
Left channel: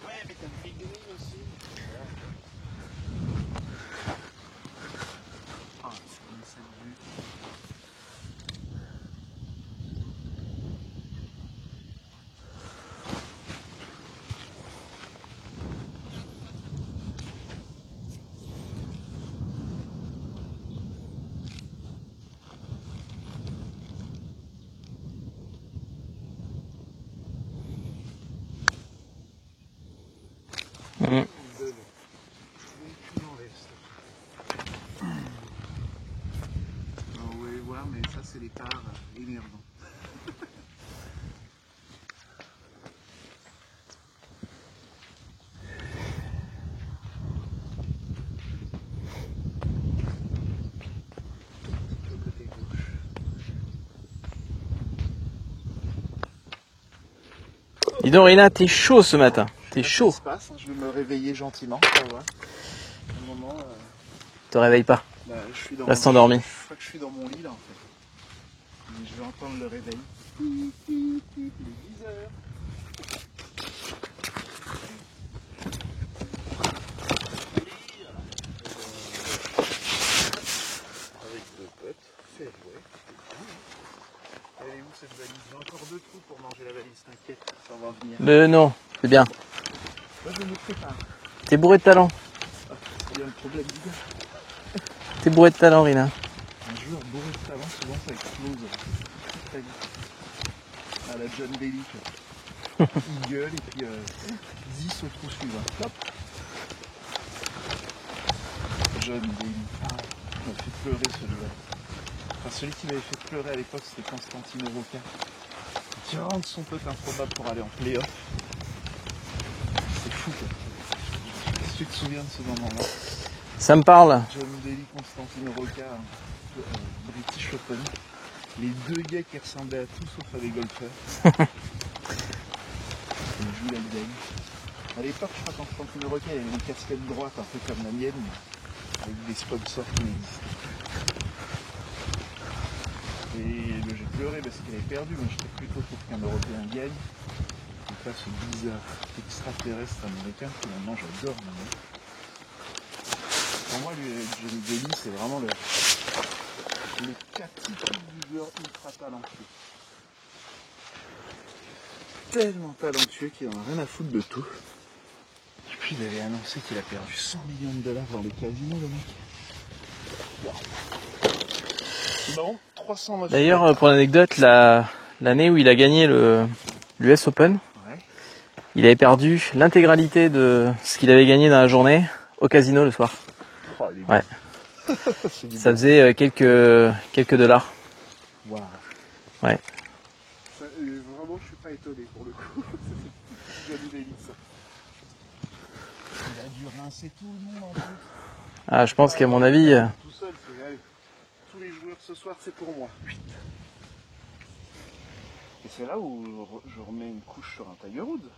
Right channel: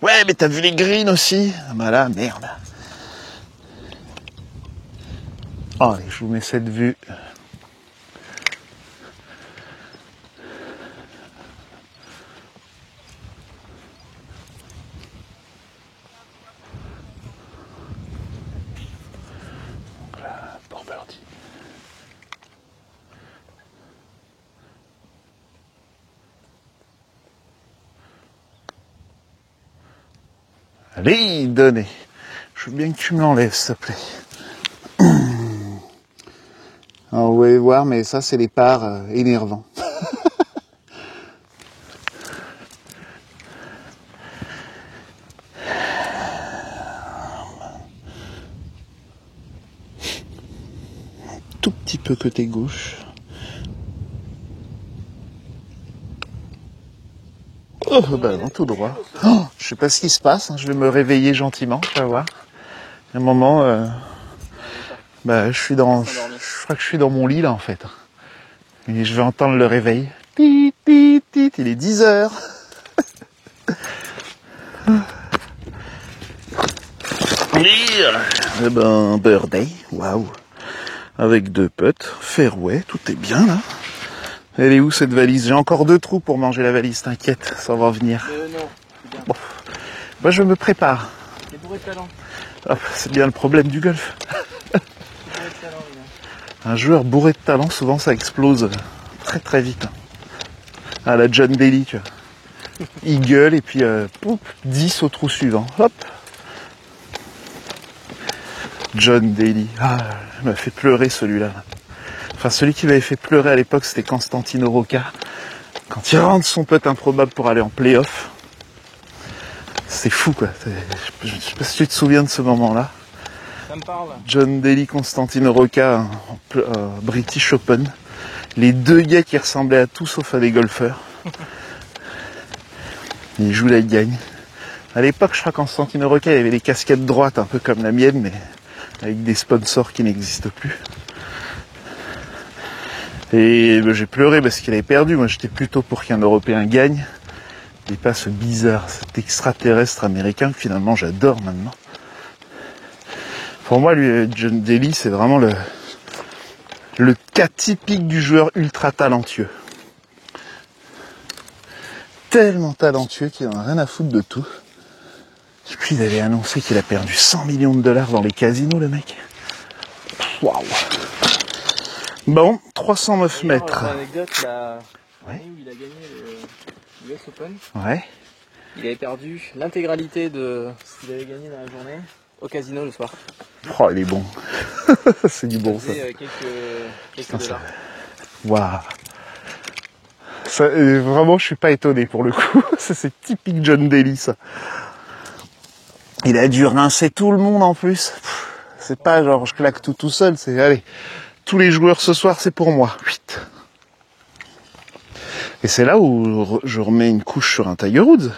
Ouais, mais t'as vu les greens aussi? Ah bah là, merde. Oh, allez, je vous mets cette vue. Donc là, pour birdie. Allez, donnez. Je veux bien que tu me l'enlèves, s'il te plaît. Alors, vous allez voir, mais ça, c'est les parts énervants. Tout petit peu côté gauche. Dis donc, Rina, t'es chaud ce matin. Je sais T'es pas ce chaud. qui se passe, hein. Je vais me réveiller gentiment, tu vas voir. À un moment, Te réveille pas. bah, je suis dans. Reste endormi. Je crois que je suis dans mon lit là en fait. Et je vais entendre le réveil. Tit, tit, tit, il est 10h. Eh ben, birthday, waouh. Avec 2 putts, fairway, tout est bien là. Elle est où cette valise? J'ai encore 2 trous pour manger la valise, t'inquiète, ça va venir. Non, c'est bien. Moi je me prépare. T'es bourré de talent. Ah, c'est bien le problème du golf. T'es bourré de talent, Rina. Un joueur bourré de talent, souvent ça explose très très vite. À la John Daly, tu vois. Il gueule et puis poup, 10 au trou suivant. Hop. John Daly. Ah, il m'a fait pleurer celui-là. Enfin, celui qui m'avait fait pleurer à l'époque, c'était Constantino Rocca. Quand il rentre son putt improbable pour aller en play-off. C'est fou, quoi. Je sais pas si tu te souviens de ce moment-là. Ça me parle. John Daly, Constantino Rocca, en British Open. Les 2 gars qui ressemblaient à tout sauf à des golfeurs. Ils jouent la gagne. À l'époque, je crois qu'en Constantino Rocca, il y avait des casquettes droites, un peu comme la mienne, mais avec des sponsors qui n'existent plus. Et ben, j'ai pleuré parce qu'il avait perdu. Moi, j'étais plutôt pour qu'un Européen gagne. Et pas ce bizarre, cet extraterrestre américain que finalement j'adore maintenant. Pour moi, lui, John Daly, c'est vraiment le cas typique du joueur ultra talentueux. Tellement talentueux qu'il n'en a rien à foutre de tout. Et puis il avait annoncé qu'il a perdu 100 millions de dollars dans les casinos, le mec. Waouh. Bon, 309 D'ailleurs, mètres. pour l'anecdote, l'année où il a gagné l'US Open, Ouais. il avait perdu l'intégralité de ce qu'il avait gagné dans la journée au casino le soir. Oh, il est bon. Ouais. C'est du Ça bon. faisait quelques dollars. Waouh. Ouais. Ça, vraiment, je suis pas étonné pour le coup. Ça, c'est typique John Daly, ça. Il a dû rincer tout le monde en plus. Ah, je C'est pense pas qu'à genre, mon je avis, claque tout seul. C'est allez, tous les joueurs ce soir, c'est pour moi. 8. Et c'est là où je remets une couche sur un Tiger Woods.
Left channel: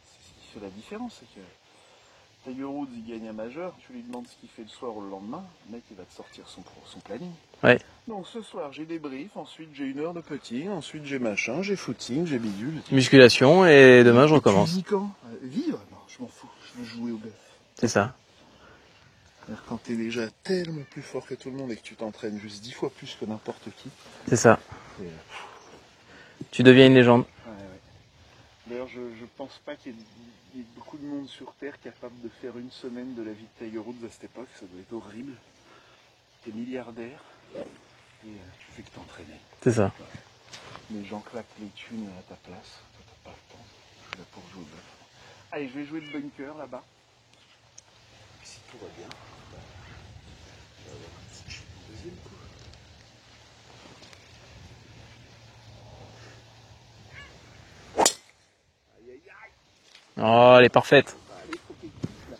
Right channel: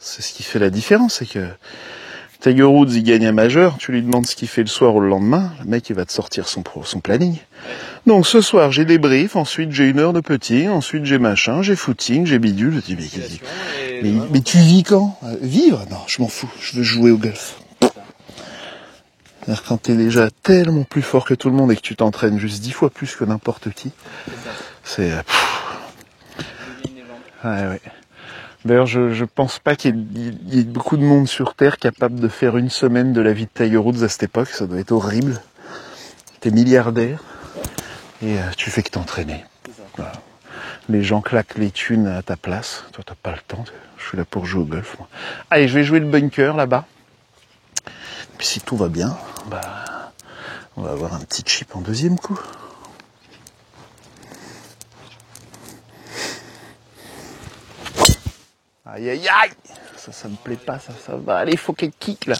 C'est ce qui fait la différence, c'est que Tiger Woods, il gagne un majeur, tu lui demandes ce qu'il fait le soir ou le lendemain, le mec, il va te sortir son planning. Ouais. Donc ce soir, j'ai des briefs, ensuite j'ai 1 heure de putting, ensuite j'ai machin, j'ai footing, j'ai bidule. Je dis, Musculation et demain je mais tu recommence. vis quand Vivre? Non, je m'en fous, je veux jouer au golf. C'est ça. C'est-à-dire quand t'es déjà tellement plus fort que tout le monde et que tu t'entraînes juste 10 fois plus que n'importe qui, C'est ça. c'est... Tu deviens une légende. Ouais. D'ailleurs, je pense pas qu'il y ait beaucoup de monde sur Terre capable de faire 1 semaine de la vie de Tiger Woods à cette époque. Ça doit être horrible. T'es milliardaire et tu fais que t'entraîner. C'est ça. Voilà. Les gens claquent les thunes à ta place. Toi, t'as pas le temps. Je suis là pour jouer au golf, moi. Allez, je vais jouer le bunker là-bas. Puis si tout va bien, bah, on va avoir un petit chip en 2e coup. Aïe aïe aïe! Oh, elle est parfaite. Ça va. Allez, il faut qu'elle kick là.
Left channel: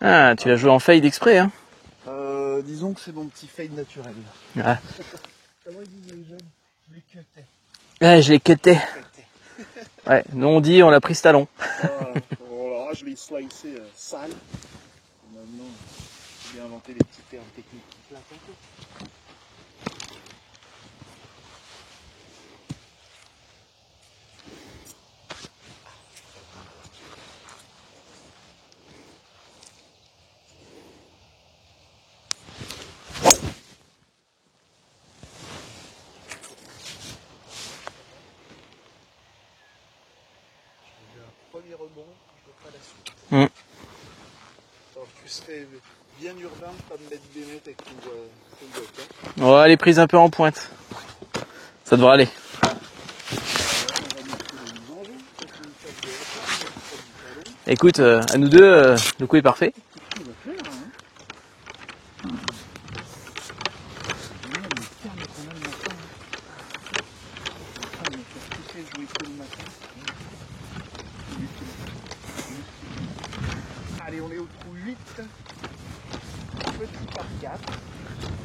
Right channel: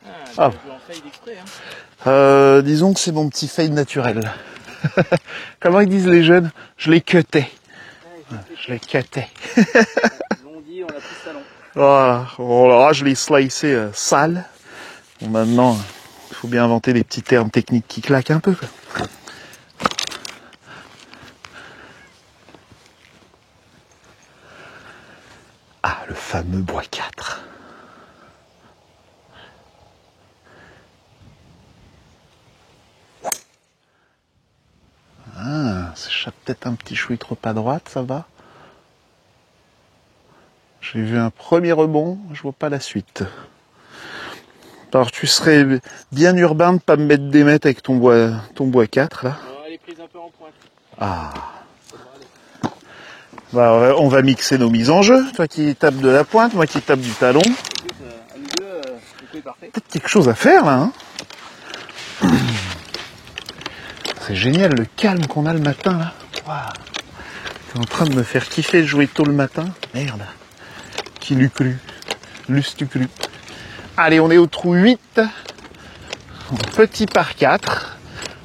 Ah, tu as joué en fade exprès, hein. Disons que c'est mon petit fade naturel. Ah. Comment ils disent les jeunes? Je l'ai cuté. Ouais, je l'ai cuté. Cuté. Ouais, nous on dit on l'a pris ce talon. Voilà. Oh là, je l'ai slicé sale. Bon, maintenant, il faut bien inventer des petits termes techniques qui claquent un peu, quoi. Ah, le fameux bois 4. Ah, s'échappe peut-être un petit chouï trop à droite, ça va. J'ai vu un premier rebond, je vois pas la suite. Alors tu serais bien urbain de pas me mettre des mètres avec ton bois 4 là. Oh, elle est prise un peu en pointe. Ah. Ça devrait aller. Bah, on va mixer nos mises en jeu. Toi qui tapes de la pointe, moi qui tape du talon. Écoute, à nous deux, le coup est parfait. Peut-être quelque chose à faire là. Hein. C'est génial le calme qu'on a le matin là. Wow. T'es en train de me faire kiffer de jouer tôt le matin. Merde. Qui l'eût cru? L'eus-tu cru? Allez, on est au trou 8. Petit par 4.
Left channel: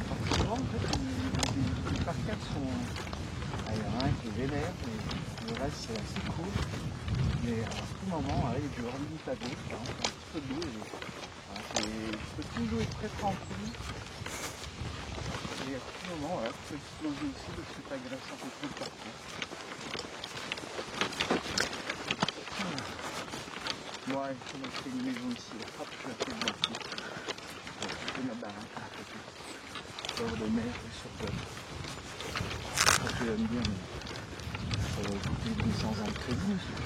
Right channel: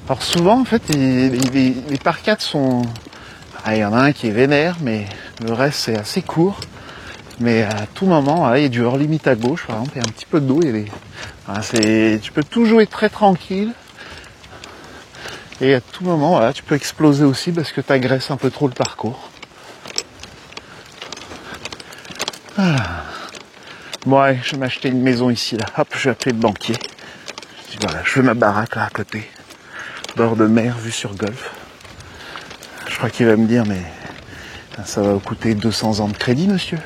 Alors souvent en fait les par 4 sont... Ah, il y en a un qui est vénère, mais le reste c'est assez court. Mais à tout moment, voilà, il y a du hors limite à gauche, par exemple, il y a un petit peu d'eau. Voilà, tu peux tout jouer très tranquille. Et à tout moment, voilà, tu peux exploser aussi parce que tu agresses un peu trop le parcours. Voilà. Bon, allez, je vais m'acheter une maison ici, là. Hop, je vais appeler le banquier. Voilà, je fais ma baraque là à côté. Bord de mer, vue sur golf. Je crois qu'il va me dire, mais ça va vous coûter 200 ans de crédit, monsieur.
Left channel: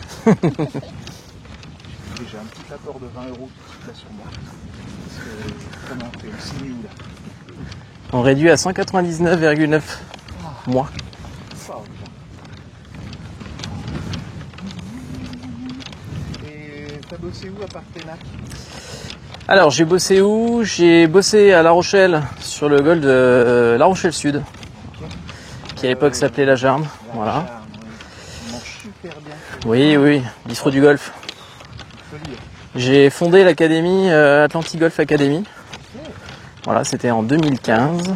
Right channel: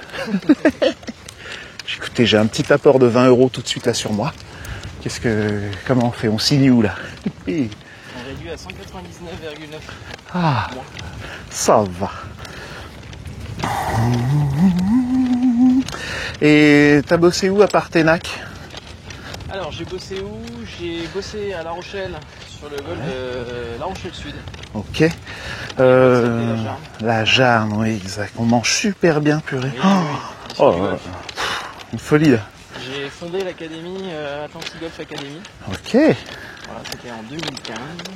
Écoutez, j'ai un petit apport de 20 € tout de suite là sur moi. Comment on fait? On signe où là? On réduit à 199,9 mois. Ça va. Et t'as bossé où à part Ténac? Alors j'ai bossé où? J'ai bossé à La Rochelle, sur le golf de La Rochelle Sud, Ok. qui à l'époque s'appelait La Jarne. La Jarne, oui, exact. On mange super bien, purée. Oui, oui, bistrot du golf. Une folie là. J'ai fondé l'académie Atlantic Golf Academy. Ok. Voilà, c'était en 2015.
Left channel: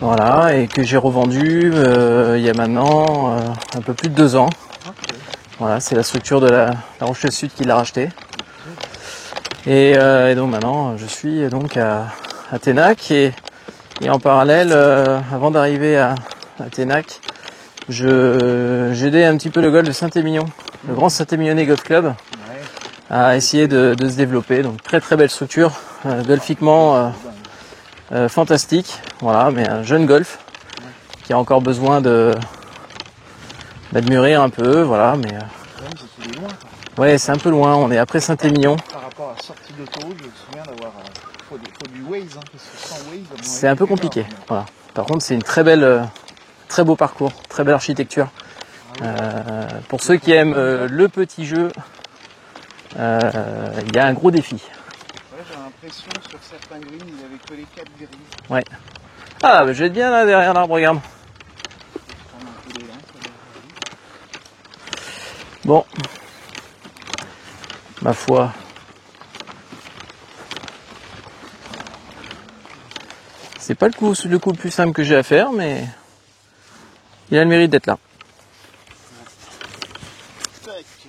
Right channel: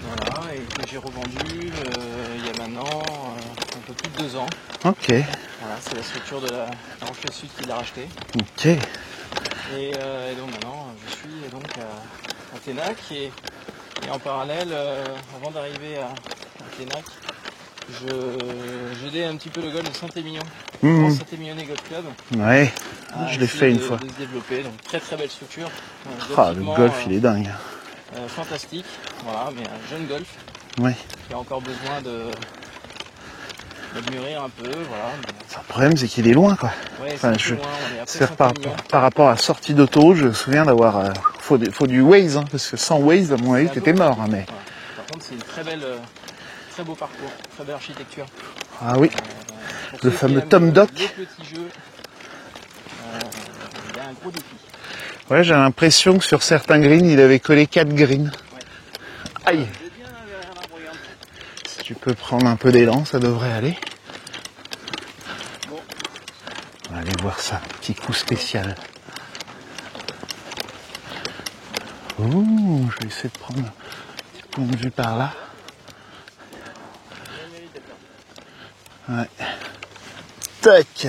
Voilà, et que j'ai revendu il y a maintenant un peu plus de 2 ans. Ok. Voilà, c'est la structure de la Rochelle Sud qui l'a racheté. Ok. Et donc maintenant, je suis donc à Ténac et en parallèle, avant d'arriver à Ténac, j'aidais un petit peu le golf de Saint-Émilion, le Grand Saint-Émilionnais Golf Club, Ouais. à Je l'ai essayer fait une de fois. se développer. Donc très très belle structure, Le golfiquement golf, il est dingue. fantastique. Voilà, mais un jeune golf Ouais. qui a encore besoin de mûrir un peu, voilà. Mais Le problème, c'est qu'il est loin, quoi. ouais, c'est un peu loin. On est après C'est Saint-Émilion. Par rapport à la sortie d'auto, je me souviens d'avoir... faut du Waze, hein, parce que sans Waze, à mon avis, C'est un peu t'étais mort. compliqué. Hein, mais... Voilà. Par contre, c'est une très belle, très beau parcours, très belle architecture. Ah oui. Pour Le ceux qui fameux aiment Tom Doc. le petit jeu, il y a un gros défi. Ouais, j'ai l'impression que sur certains greens, il avait collé 4 greens. Ouais. Ah, bah, je vais être bien là derrière l'arbre, regarde. Si tu peux prendre un peu d'élan, ça devrait aller. Bon, On va aller voir ça. Petit coup Ma foi. spécial. Ouh, je vais essayer de prendre... c'est pas le coup le plus dit simple que par j'ai à là. faire, mais il a le mérite d'être là. Ouais. Tac.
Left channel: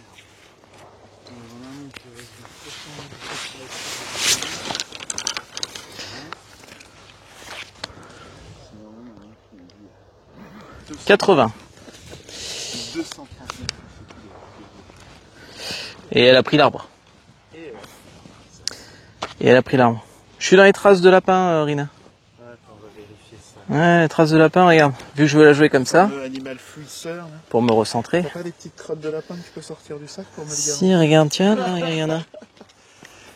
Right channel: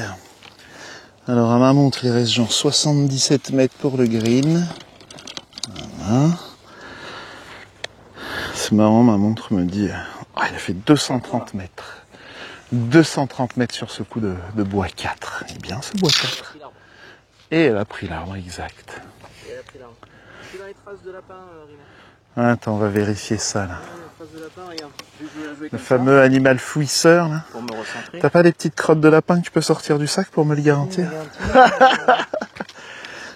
Alors à ma montre, il reste genre 77 mètres pour le green. Voilà. C'est marrant, ma montre me dit... Ah, il a fait 230 80. mètres. 230 mètres sur ce coup de bois 4. Bien, ce bois Et elle a pris l'arbre. Et elle a pris l'arbre, exact. Et elle a pris l'arbre. Je suis dans les traces de lapin, Rina. Attends, on va vérifier ça. Là. Ouais, les traces de lapin, regarde. Vu que je veux la jouer comme Le ça, fameux animal fouisseur, là. pour me recentrer. T'as pas des petites crottes de lapin que tu peux sortir du sac pour me le Si, garantir? regarde, tiens, regarde.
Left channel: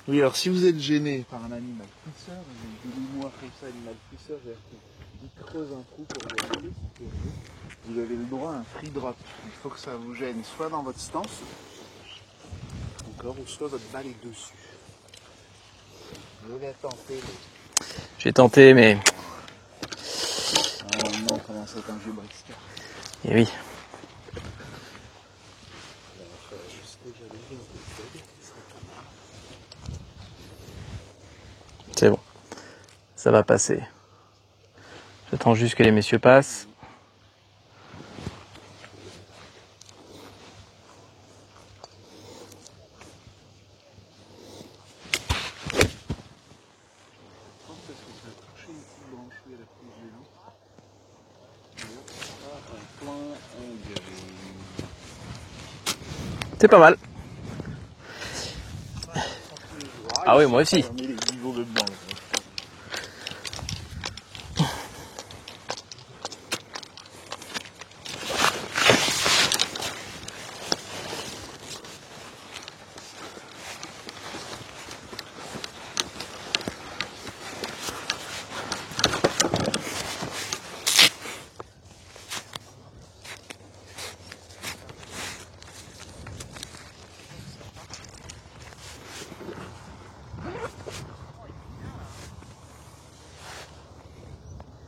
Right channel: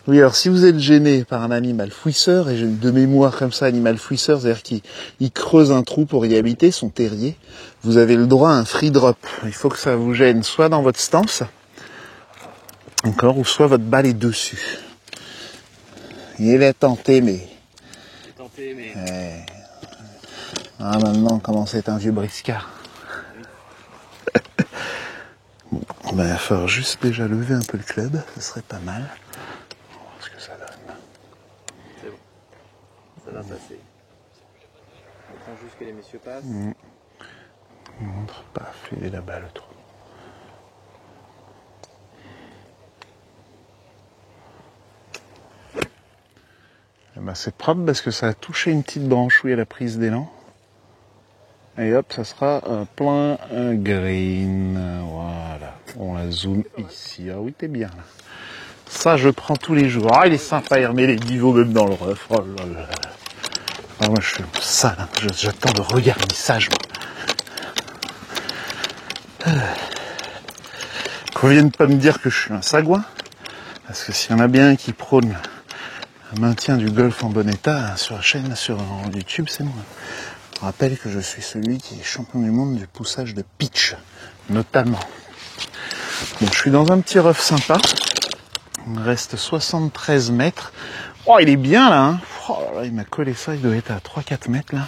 Oui, alors si vous êtes gêné par un animal fouisseur, et j'ai de mémoire comme ça, animal fouisseur, c'est-à-dire qu'il creuse un trou pour y habiter, son terrier, vous avez le droit à un free drop. Il faut que ça vous gêne soit dans votre stance, encore, ou soit votre balle est dessus. Il est tenté, mais... J'ai tenté, mais... Ah, maintenant, comment c'est un vieux briscard. Eh oui. Bon, ben, il va falloir juste déjà lever un peu le club, ce serait pas mal. On va voir ce que ça donne. C'est bon. Ça va passer. J'attends juste que les messieurs passent. Paf, il est là-bas le trou. Ben, c'est propre parce que ça a touché une petite branchouille à la prise d'élan. Et hop, ça sera un plein un green. Voilà. On a zoom. C'est pas mal. Ici. Ah oui, t'es bien. Ça, je prends tous les jours. Ah, il est oui, moi sympa, aussi. il remet les niveaux même dans le ref. Oh là là. Ah, moi, je fais tout ça. Là. J'attends le regardissage. Qu'on vienne pas me dire que je suis un sagouin. Parce que s'il y en a bien un qui prône le maintien du golf en bon état sur la chaîne, sur YouTube, je rappelle que je suis celui qui est champion du monde du poussage de pitch, notamment. Bon, je suis dans un petit rough sympa. Il me reste 73 mètres. Oh, il est bien là, hein. Oh là là, il m'a collé ça, il doit être à 3-4 mètres là.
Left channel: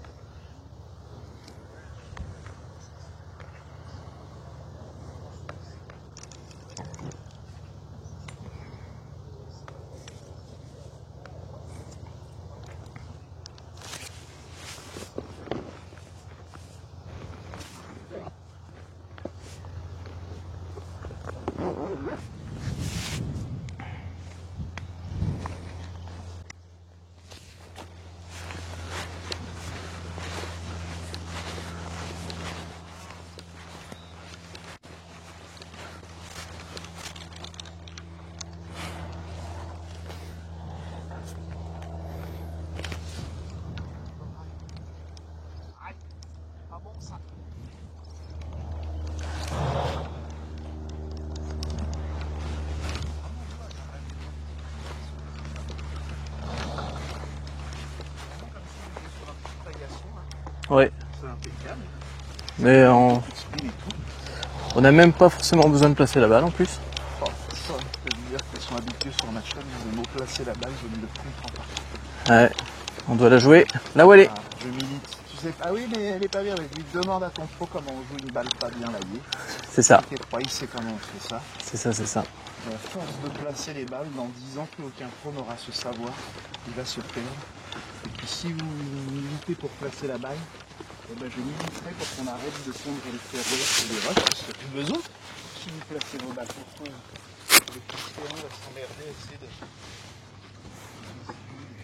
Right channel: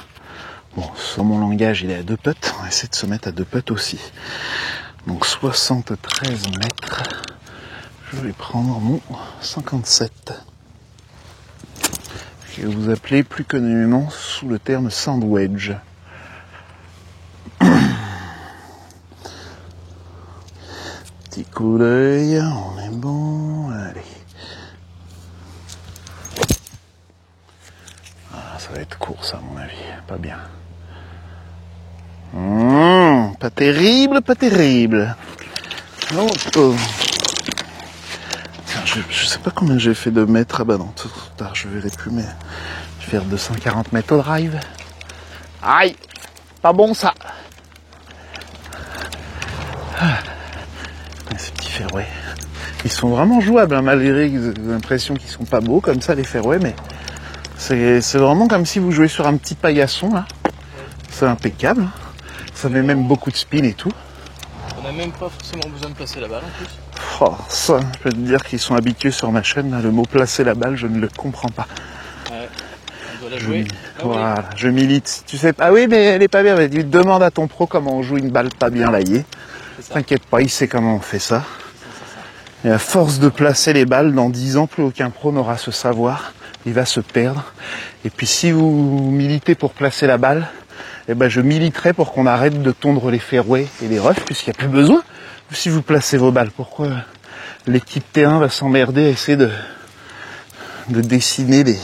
Bon, sur mon langage, il est à 2 putts. On va essayer de se mettre à 2 putts aussi. Donc 73 mètres. Je vais prendre mon 57. Que vous appelez plus communément sous le terme sand wedge. Petit coup d'œil, on est bon, allez. Ah, ça va être court ça à mon avis, pas bien. Pas terrible, pas terrible. Oh, oh. Tiens, je sais pas combien j'ai fait de mètres. Ah bah non, trop tard, je verrai plus, mais je vais faire 240 mètres au drive. Aïe, pas bon ça. Ces petits fairways, ils sont vraiment jouables, hein, malgré l'impression qu'ils sont pas beaux comme ça les fairways, mais c'est vraiment comme si vous jouez sur un petit paillasson là. Ouais. C'est impeccable. Ça Mais met même beaucoup de spin et tout. On n'a même pas forcément besoin de placer la balle en plus. Oh, ça, je peux te dire qu'ils sont habitués sur ma chaîne, là, le mot placer la balle, je ne le comprends pas. Ouais. On doit la jouer là où elle est. Voilà, je milite. Tu sais, ah oui, mais elle est pas bien. Mais tu demandes à ton pro comment on joue une balle pas bien laillée. C'est ça. T'inquiète pas, il sait comment on fait ça. C'est ça, c'est ça. Et à force de placer les balles, dans 10 ans, plus aucun pro n'aura ce savoir. Il va se perdre. Et puis si vous militez pour placer la balle, eh ben je militerai pour qu'on arrête de tondre les fairways et les roughs, puisqu'il n'y a plus besoin. Si vous placez vos balles, pourquoi l'équipe terrain va s'emmerder à essayer de dessiner des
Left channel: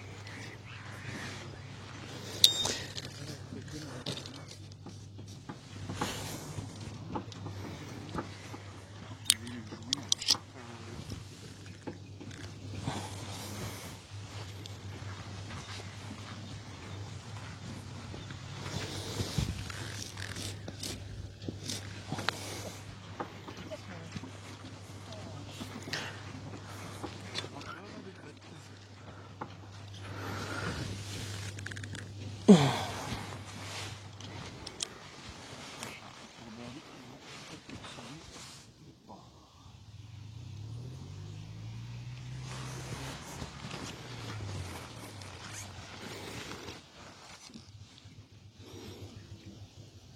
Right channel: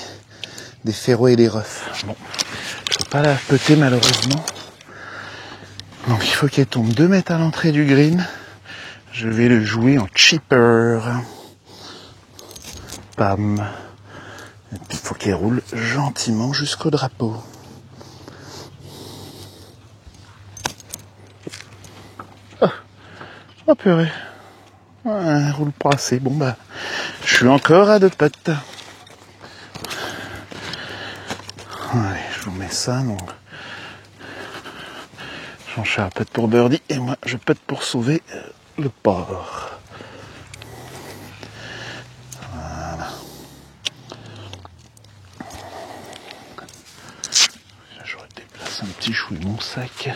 fairways et des roughs. Bon, je peux pas la peter malheureusement. Donc il faut qu'elle tombe 2 mètres à l'entrée du green. Je vais le jouer en chipper. Pam. Et puis il faut qu'elle roule gentiment jusqu'au drapeau. Oh purée. Ouais, elle roule pas assez. Bon bah, je suis encore à 2 putts. Allez, je vous mets ça donc. Jean-Charles putt pour birdie et moi je putt pour sauver le port. Voilà. J'aurais déplacé un petit chouille mon sac.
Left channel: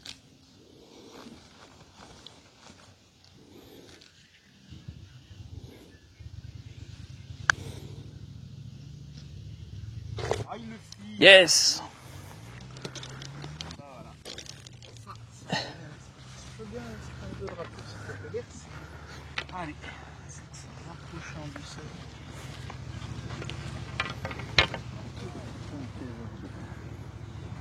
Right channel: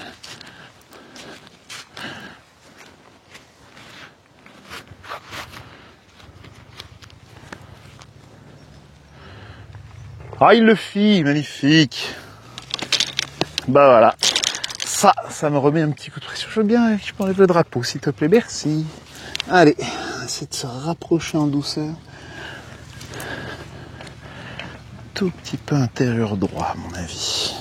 Ah, il le fit, Yes. magnifique. Bah voilà. Ça, ça me remet un petit coup de pression. Je veux bien que je m'enlève le drapeau, s'il te plaît. Merci. Allez, on essaie de se rapprocher en douceur. Tout petit peu intérieur droit, à mon avis.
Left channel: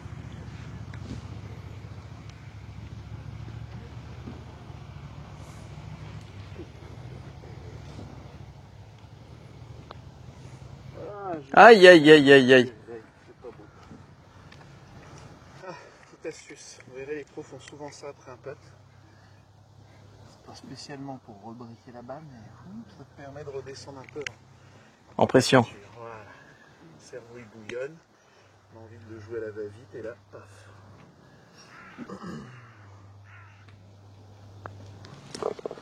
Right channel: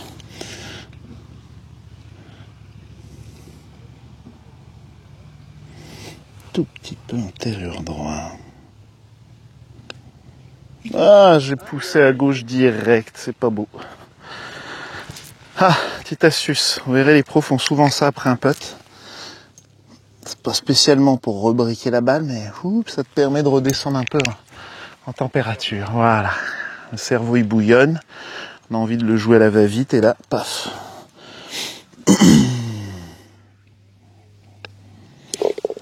Tout petit peu intérieur droit. Ah, j'ai poussé à gauche direct, c'est pas beau. Ah, petite astuce. Vous verrez, les pros font souvent ça après un putt. C'est pas spécialement pour rebriquer la balle, mais ça te permet de redescendre un peu en température. Voilà. Le cerveau, il bouillonne. On a envie de le jouer à la va-vite, et là, paf.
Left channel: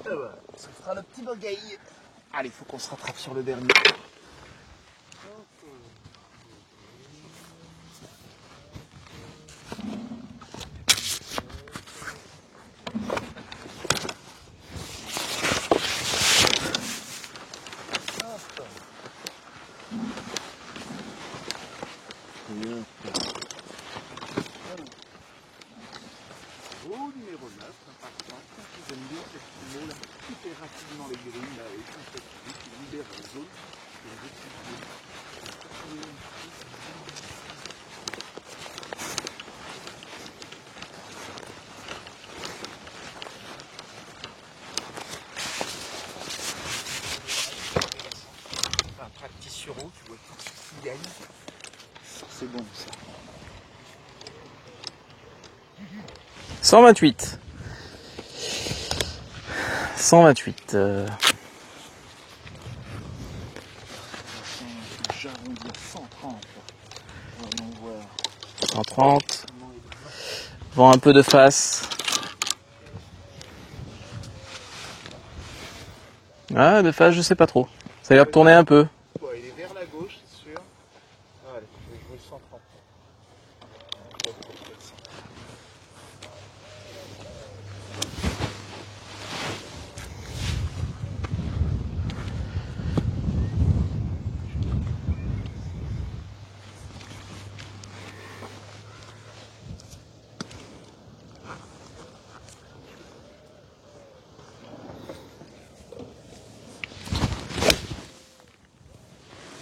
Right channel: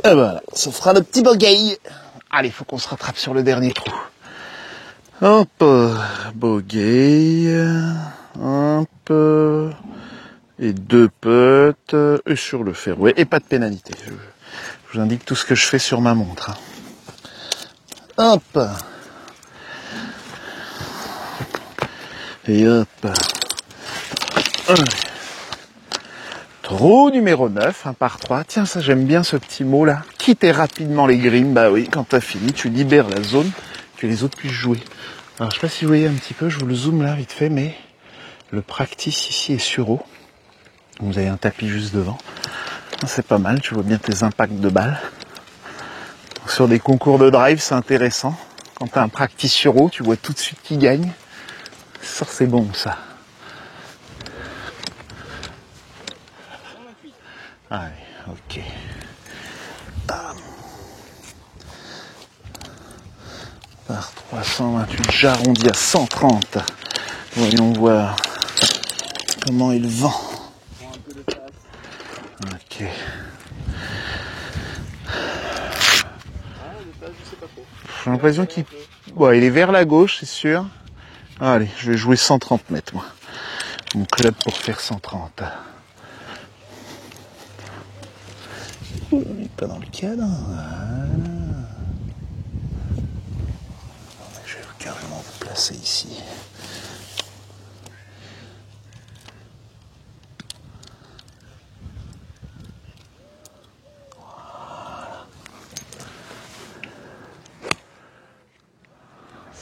Et voilà, ça fera le petit bogey. Allez, il faut qu'on se rattrape sur le dernier coup. Hop, bogey, hop, et 2 putts, et sur le fairway, et pas de pénalité. Je vous indique tout ce que je fais sur ma montre. Hop, et hop. Trou numéro 9, 1 par 3. Tiens, ça j'aime bien ce petit mot là. Quitter rapidement les greens. Bah oui, quand t'as fini, tu libères la zone, que les autres puissent jouer. Alors je sais pas si vous voyez un petit peu, je vous le zoome là vite fait, mais le practice ici est sur eau. Vous avez un tapis juste devant. C'est pas mal, tu vois bien tes impacts de balles. Sur des concours de drive, c'est intéressant. Quand t'as un practice sur eau, tu vois tout de suite qui gagne. Ça, c'est bon ça. 128. Allez, ok. 128. Par 328, j'arrondis à 130. Voyons voir 130. comment il vend. Vend un peu de face. Ok. Ah, de face, je sais pas trop. Ça va retourner un peu. Bon, il est vers la gauche, c'est sûr. Allez, je vais jouer 130 mètres, moi. Mon club pour faire 130. Pas dans le cadre. Voilà. Je vais carrément vous placer ici.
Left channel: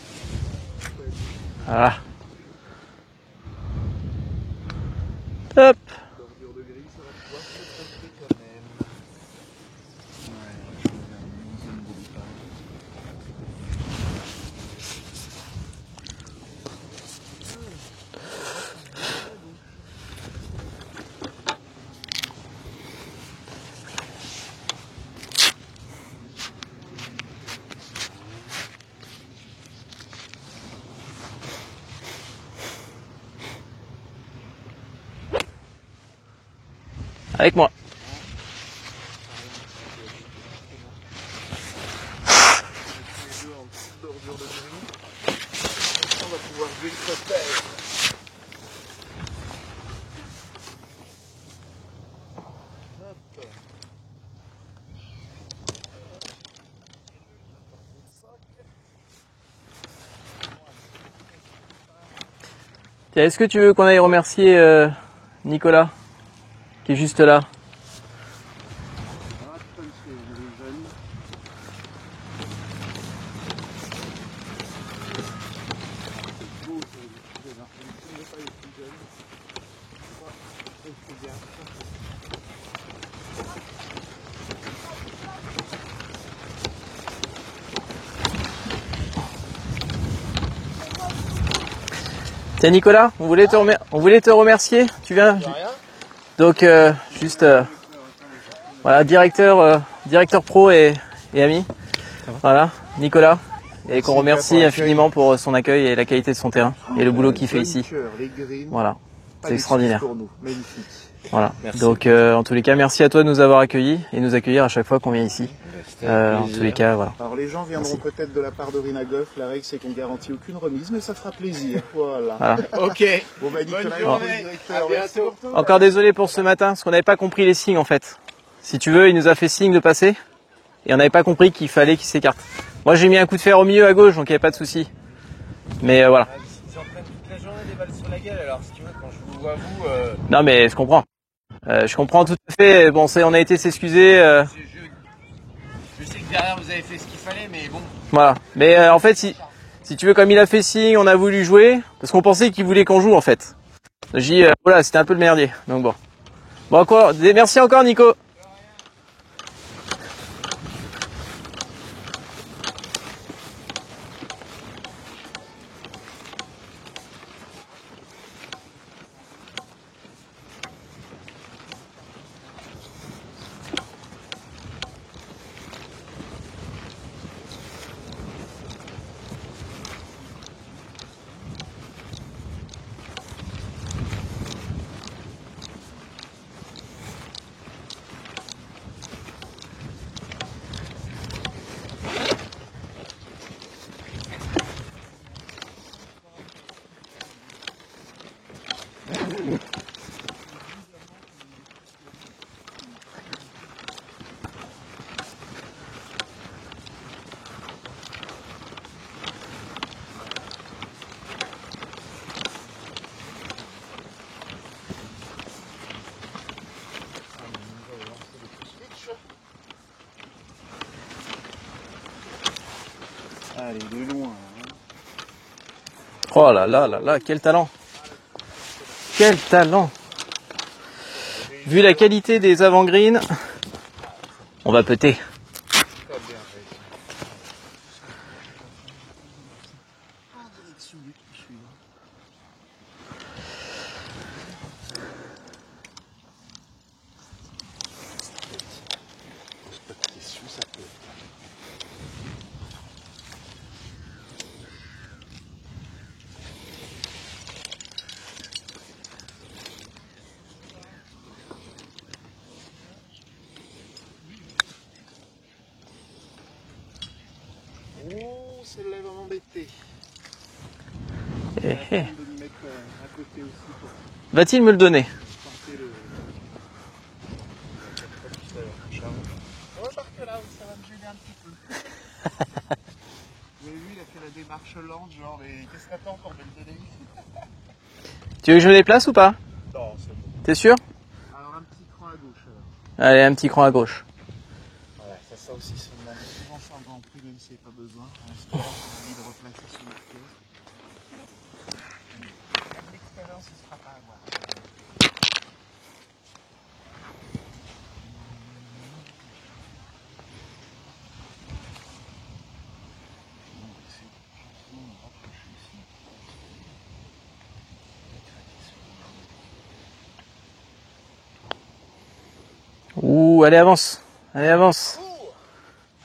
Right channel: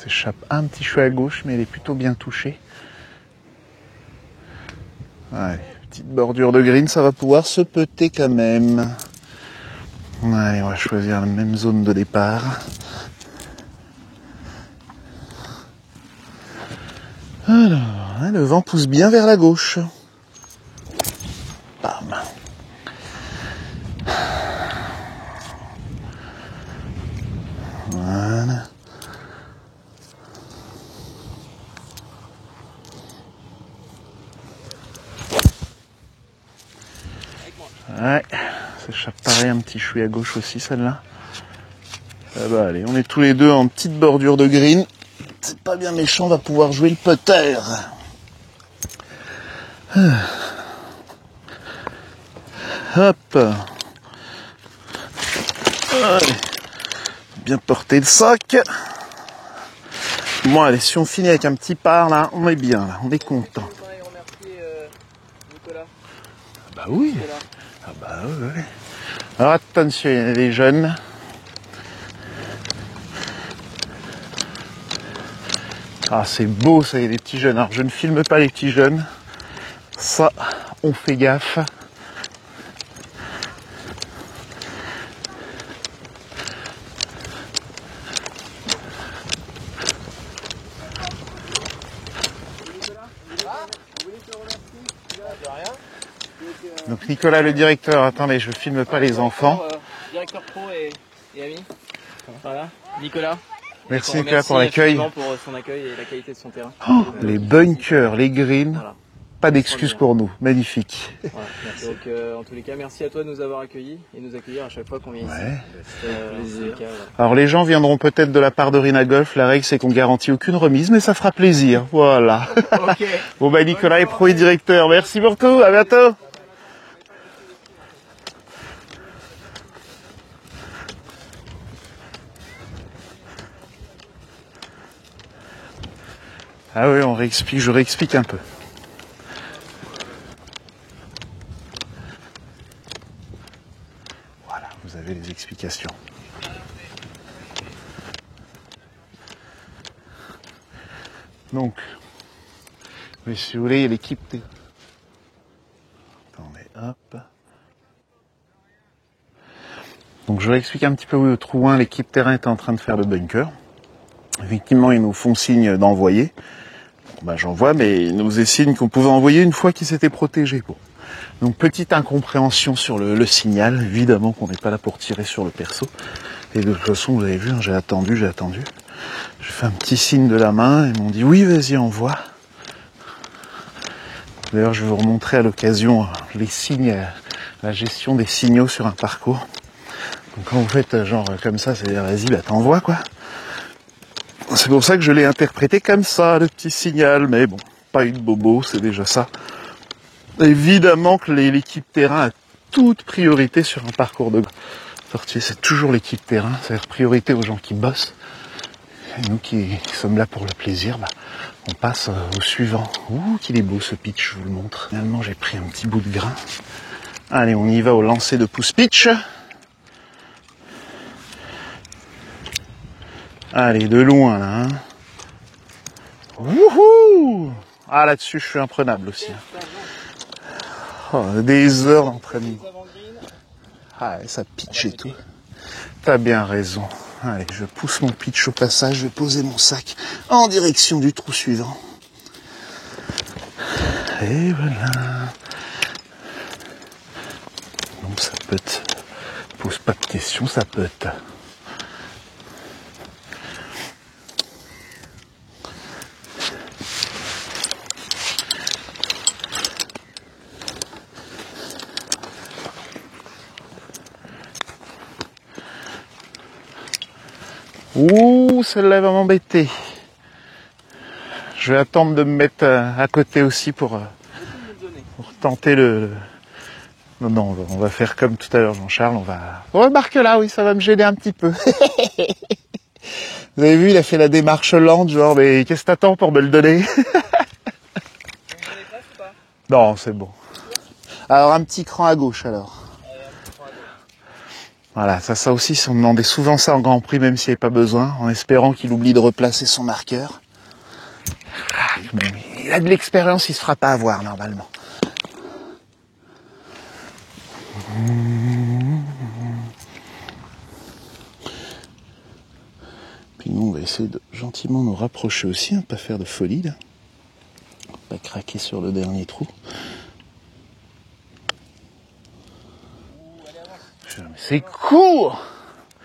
S'échappe un petit chouet à gauche, mais elle est plutôt bien touchée. Ouais, petite bordure de green, ça va pouvoir se peter quand même. Allez, on va choisir la même zone de départ. Alors, le vent pousse bien vers la gauche. Bam. Voilà. Avec moi. Ouais, ça pareil un petit chouïa à gauche aussi celle-là. Voilà, allez, on est tous les deux en petite bordure de green. C'est pas bien méchant, on va pouvoir jouer le putter. Hop. Allez. Bien porter le sac. Bon allez, si on finit avec un petit par là, on est bien là. Est-ce que tu veux qu'on aille remercier Nicolas qui est juste là? Ah bah ouais. Alors attention, il y a des jeunes. Ah c'est beau ça, il y a des petits jeunes. Alors je ne filme pas les petits jeunes. Ça, on fait gaffe. Tiens Nicolas, on voulait te remercier. Tu viens? Donc Nicolas juste, le directeur, attendez, je filme voilà, pas les enfants. directeur pro et ami. Voilà, Nicolas. Et Merci, qu'on remercie pour l'accueil. infiniment pour son accueil et la qualité de son terrain et le boulot Les qu'il fait ici. bunkers, les greens, Voilà. pas C'est d'excuses extraordinaire. pour nous, magnifique. Voilà. Donc en tous les cas, merci à toi de nous avoir accueillis et nous accueillir à chaque fois qu'on vient ici. En tous les cas, voilà. Alors les gens viendront peut-être de la part de Rina Golf, la règle c'est qu'on garantit aucune remise, mais ça fera plaisir, voilà. Ok. Bon bah Nicolas est pro et directeur, merci beaucoup, à Encore bientôt. désolé pour ce matin, parce qu'on n'avait pas compris les signes en fait. Si tu veux, il nous a fait signe de passer et on n'avait pas compris qu'il fallait qu'il s'écarte. Moi j'ai mis un coup de fer au milieu à gauche, donc il n'y avait pas de souci. Mais voilà. Ah oui, on réexplique, je réexplique un peu. Non mais je comprends. Je comprends tout à fait. Bon, on a été s'excuser. Voilà, vous avez les explications. Je sais que derrière vous avez fait ce qu'il fallait, mais bon. Voilà. Mais en fait, si tu veux, comme il a fait signe, on a voulu jouer, parce qu'on pensait qu'il voulait qu'on joue en fait. Si vous voulez, l'équipe. J'ai dit, voilà, c'était un peu le merdier. Donc bon. Bon, quoi, merci encore, Nico. Donc je vais expliquer un petit peu où le trou 1, l'équipe terrain était en train de faire le bunker. Effectivement, ils nous font signe d'envoyer. Ben, j'envoie, mais ils nous faisaient signe qu'on pouvait envoyer une fois qu'ils s'étaient protégés. Bon. Donc petite incompréhension sur le signal. Évidemment qu'on n'est pas là pour tirer sur le perso. Et de toute façon, vous avez vu, hein, j'ai attendu. J'ai fait un petit signe de la main. Ils m'ont dit oui, vas-y, envoie. D'ailleurs, je vais vous remontrer à l'occasion les signes, la gestion des signaux sur un parcours. Donc, quand vous faites genre comme ça, c'est-à-dire vas-y, bah, t'envoies quoi. C'est pour ça que je l'ai interprété comme ça, le petit signal, mais bon, pas eu de bobo, c'est déjà ça. Évidemment que l'équipe terrain a toute priorité sur un parcours de sortie, c'est toujours l'équipe terrain, c'est-à-dire priorité aux gens qui bossent. Et nous qui sommes là pour le plaisir, bah, on passe au suivant. Ouh, qu'il est beau ce pitch, je vous le montre. Finalement, j'ai pris un petit bout de grain. Allez, on y va au lancer de pouce pitch. Allez, de loin là. Hein. Oh là là là là, quel talent. Ah, là-dessus, je suis imprenable. Quel talent. Oh, Vu la qualité des avant-greens, ah, ça pitch. on va péter. T'as bien raison. Allez, je pousse mon pitch au passage, je vais poser mon sac en direction du trou suivant. Et voilà. Donc ça peut être... Pose pas de questions, ça peut être... Ouh, celle-là va m'embêter. Je vais attendre de me mettre à côté aussi pour Va-t-il me le donner? tenter le... Non, on va faire comme tout à l'heure, Jean-Charles, on remarque là, oui, ça va me gêner un petit peu. Vous avez vu, il a fait la démarche lente, genre, mais qu'est-ce que t'attends pour me le donner? Tu veux que je me déplace ou pas? Non, c'est bon. T'es sûr? Alors, un petit cran à gauche, alors. Allez, un petit cran à gauche. Voilà, ça aussi, on demandait souvent ça en Grand Prix, même s'il n'y avait pas besoin, en espérant qu'il oublie de replacer son marqueur. Ah, il a de l'expérience, il se fera pas avoir, normalement. Puis nous, on va essayer de gentiment nous rapprocher aussi, hein, pas faire de folie, là. Pas craquer sur le dernier trou. Ouh, allez, avance. Allez, avance. Court.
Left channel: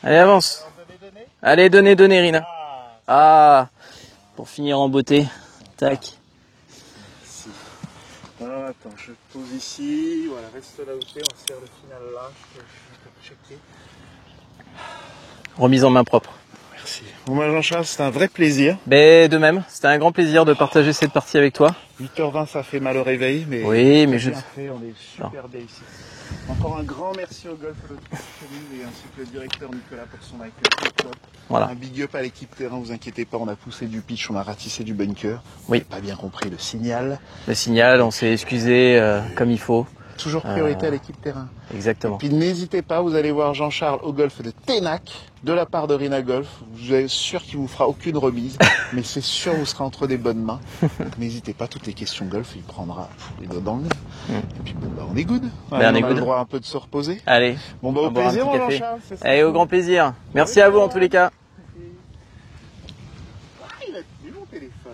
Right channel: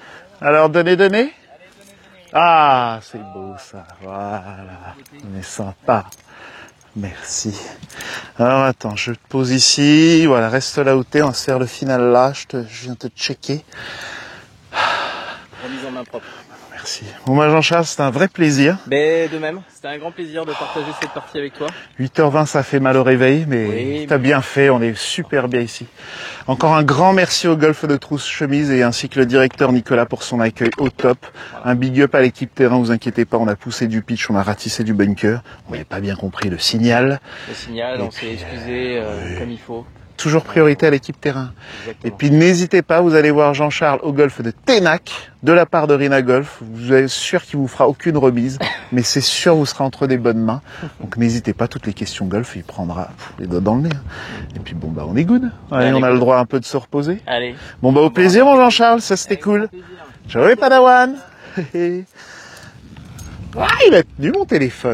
Allez, avance. Alors, donnez. Allez, donnez, Rina. Ah, c'est beau, ça. Voilà. Pour finir en beauté. On est sympa. Tac. Merci. Alors, attends, je te pose ici. Voilà, reste là où t'es. On va se faire le final là. Je viens te checker. Remise en main propre. Merci. Bon, moi, Jean-Charles, c'était un vrai plaisir. Mais de même, c'était un grand plaisir de partager cette partie avec toi. 8h20, ça fait mal au réveil, mais Oui, t'as mais bien fait. On est super bien ici. Encore un grand merci au Golf de Trousse-Chemise et ainsi que le directeur Nicolas pour son accueil au top. Voilà. Un big up à l'équipe terrain, vous inquiétez pas, on a poussé du pitch, on a ratissé du bunker. Oui. On n'a pas bien compris le signal. Le signal, on s'est excusé comme il faut. Toujours priorité à l'équipe terrain. Exactement. Et puis n'hésitez pas, vous allez voir Jean-Charles au golf de Ténac, de la part de Rina Golf. Vous êtes sûr qu'il vous fera aucune remise, mais c'est sûr vous serez entre des bonnes mains. Donc n'hésitez pas, toutes les questions golf, il prendra les doigts dans le nez. Et puis bon, bah on est good. Allez, on a le droit un peu de se reposer. Allez. Bon bah au plaisir mon Jean-Charles, ça c'était Au cool. grand plaisir. Ciao, Merci les à vous en tous les Padawan. cas. Ah, il a tenu mon téléphone.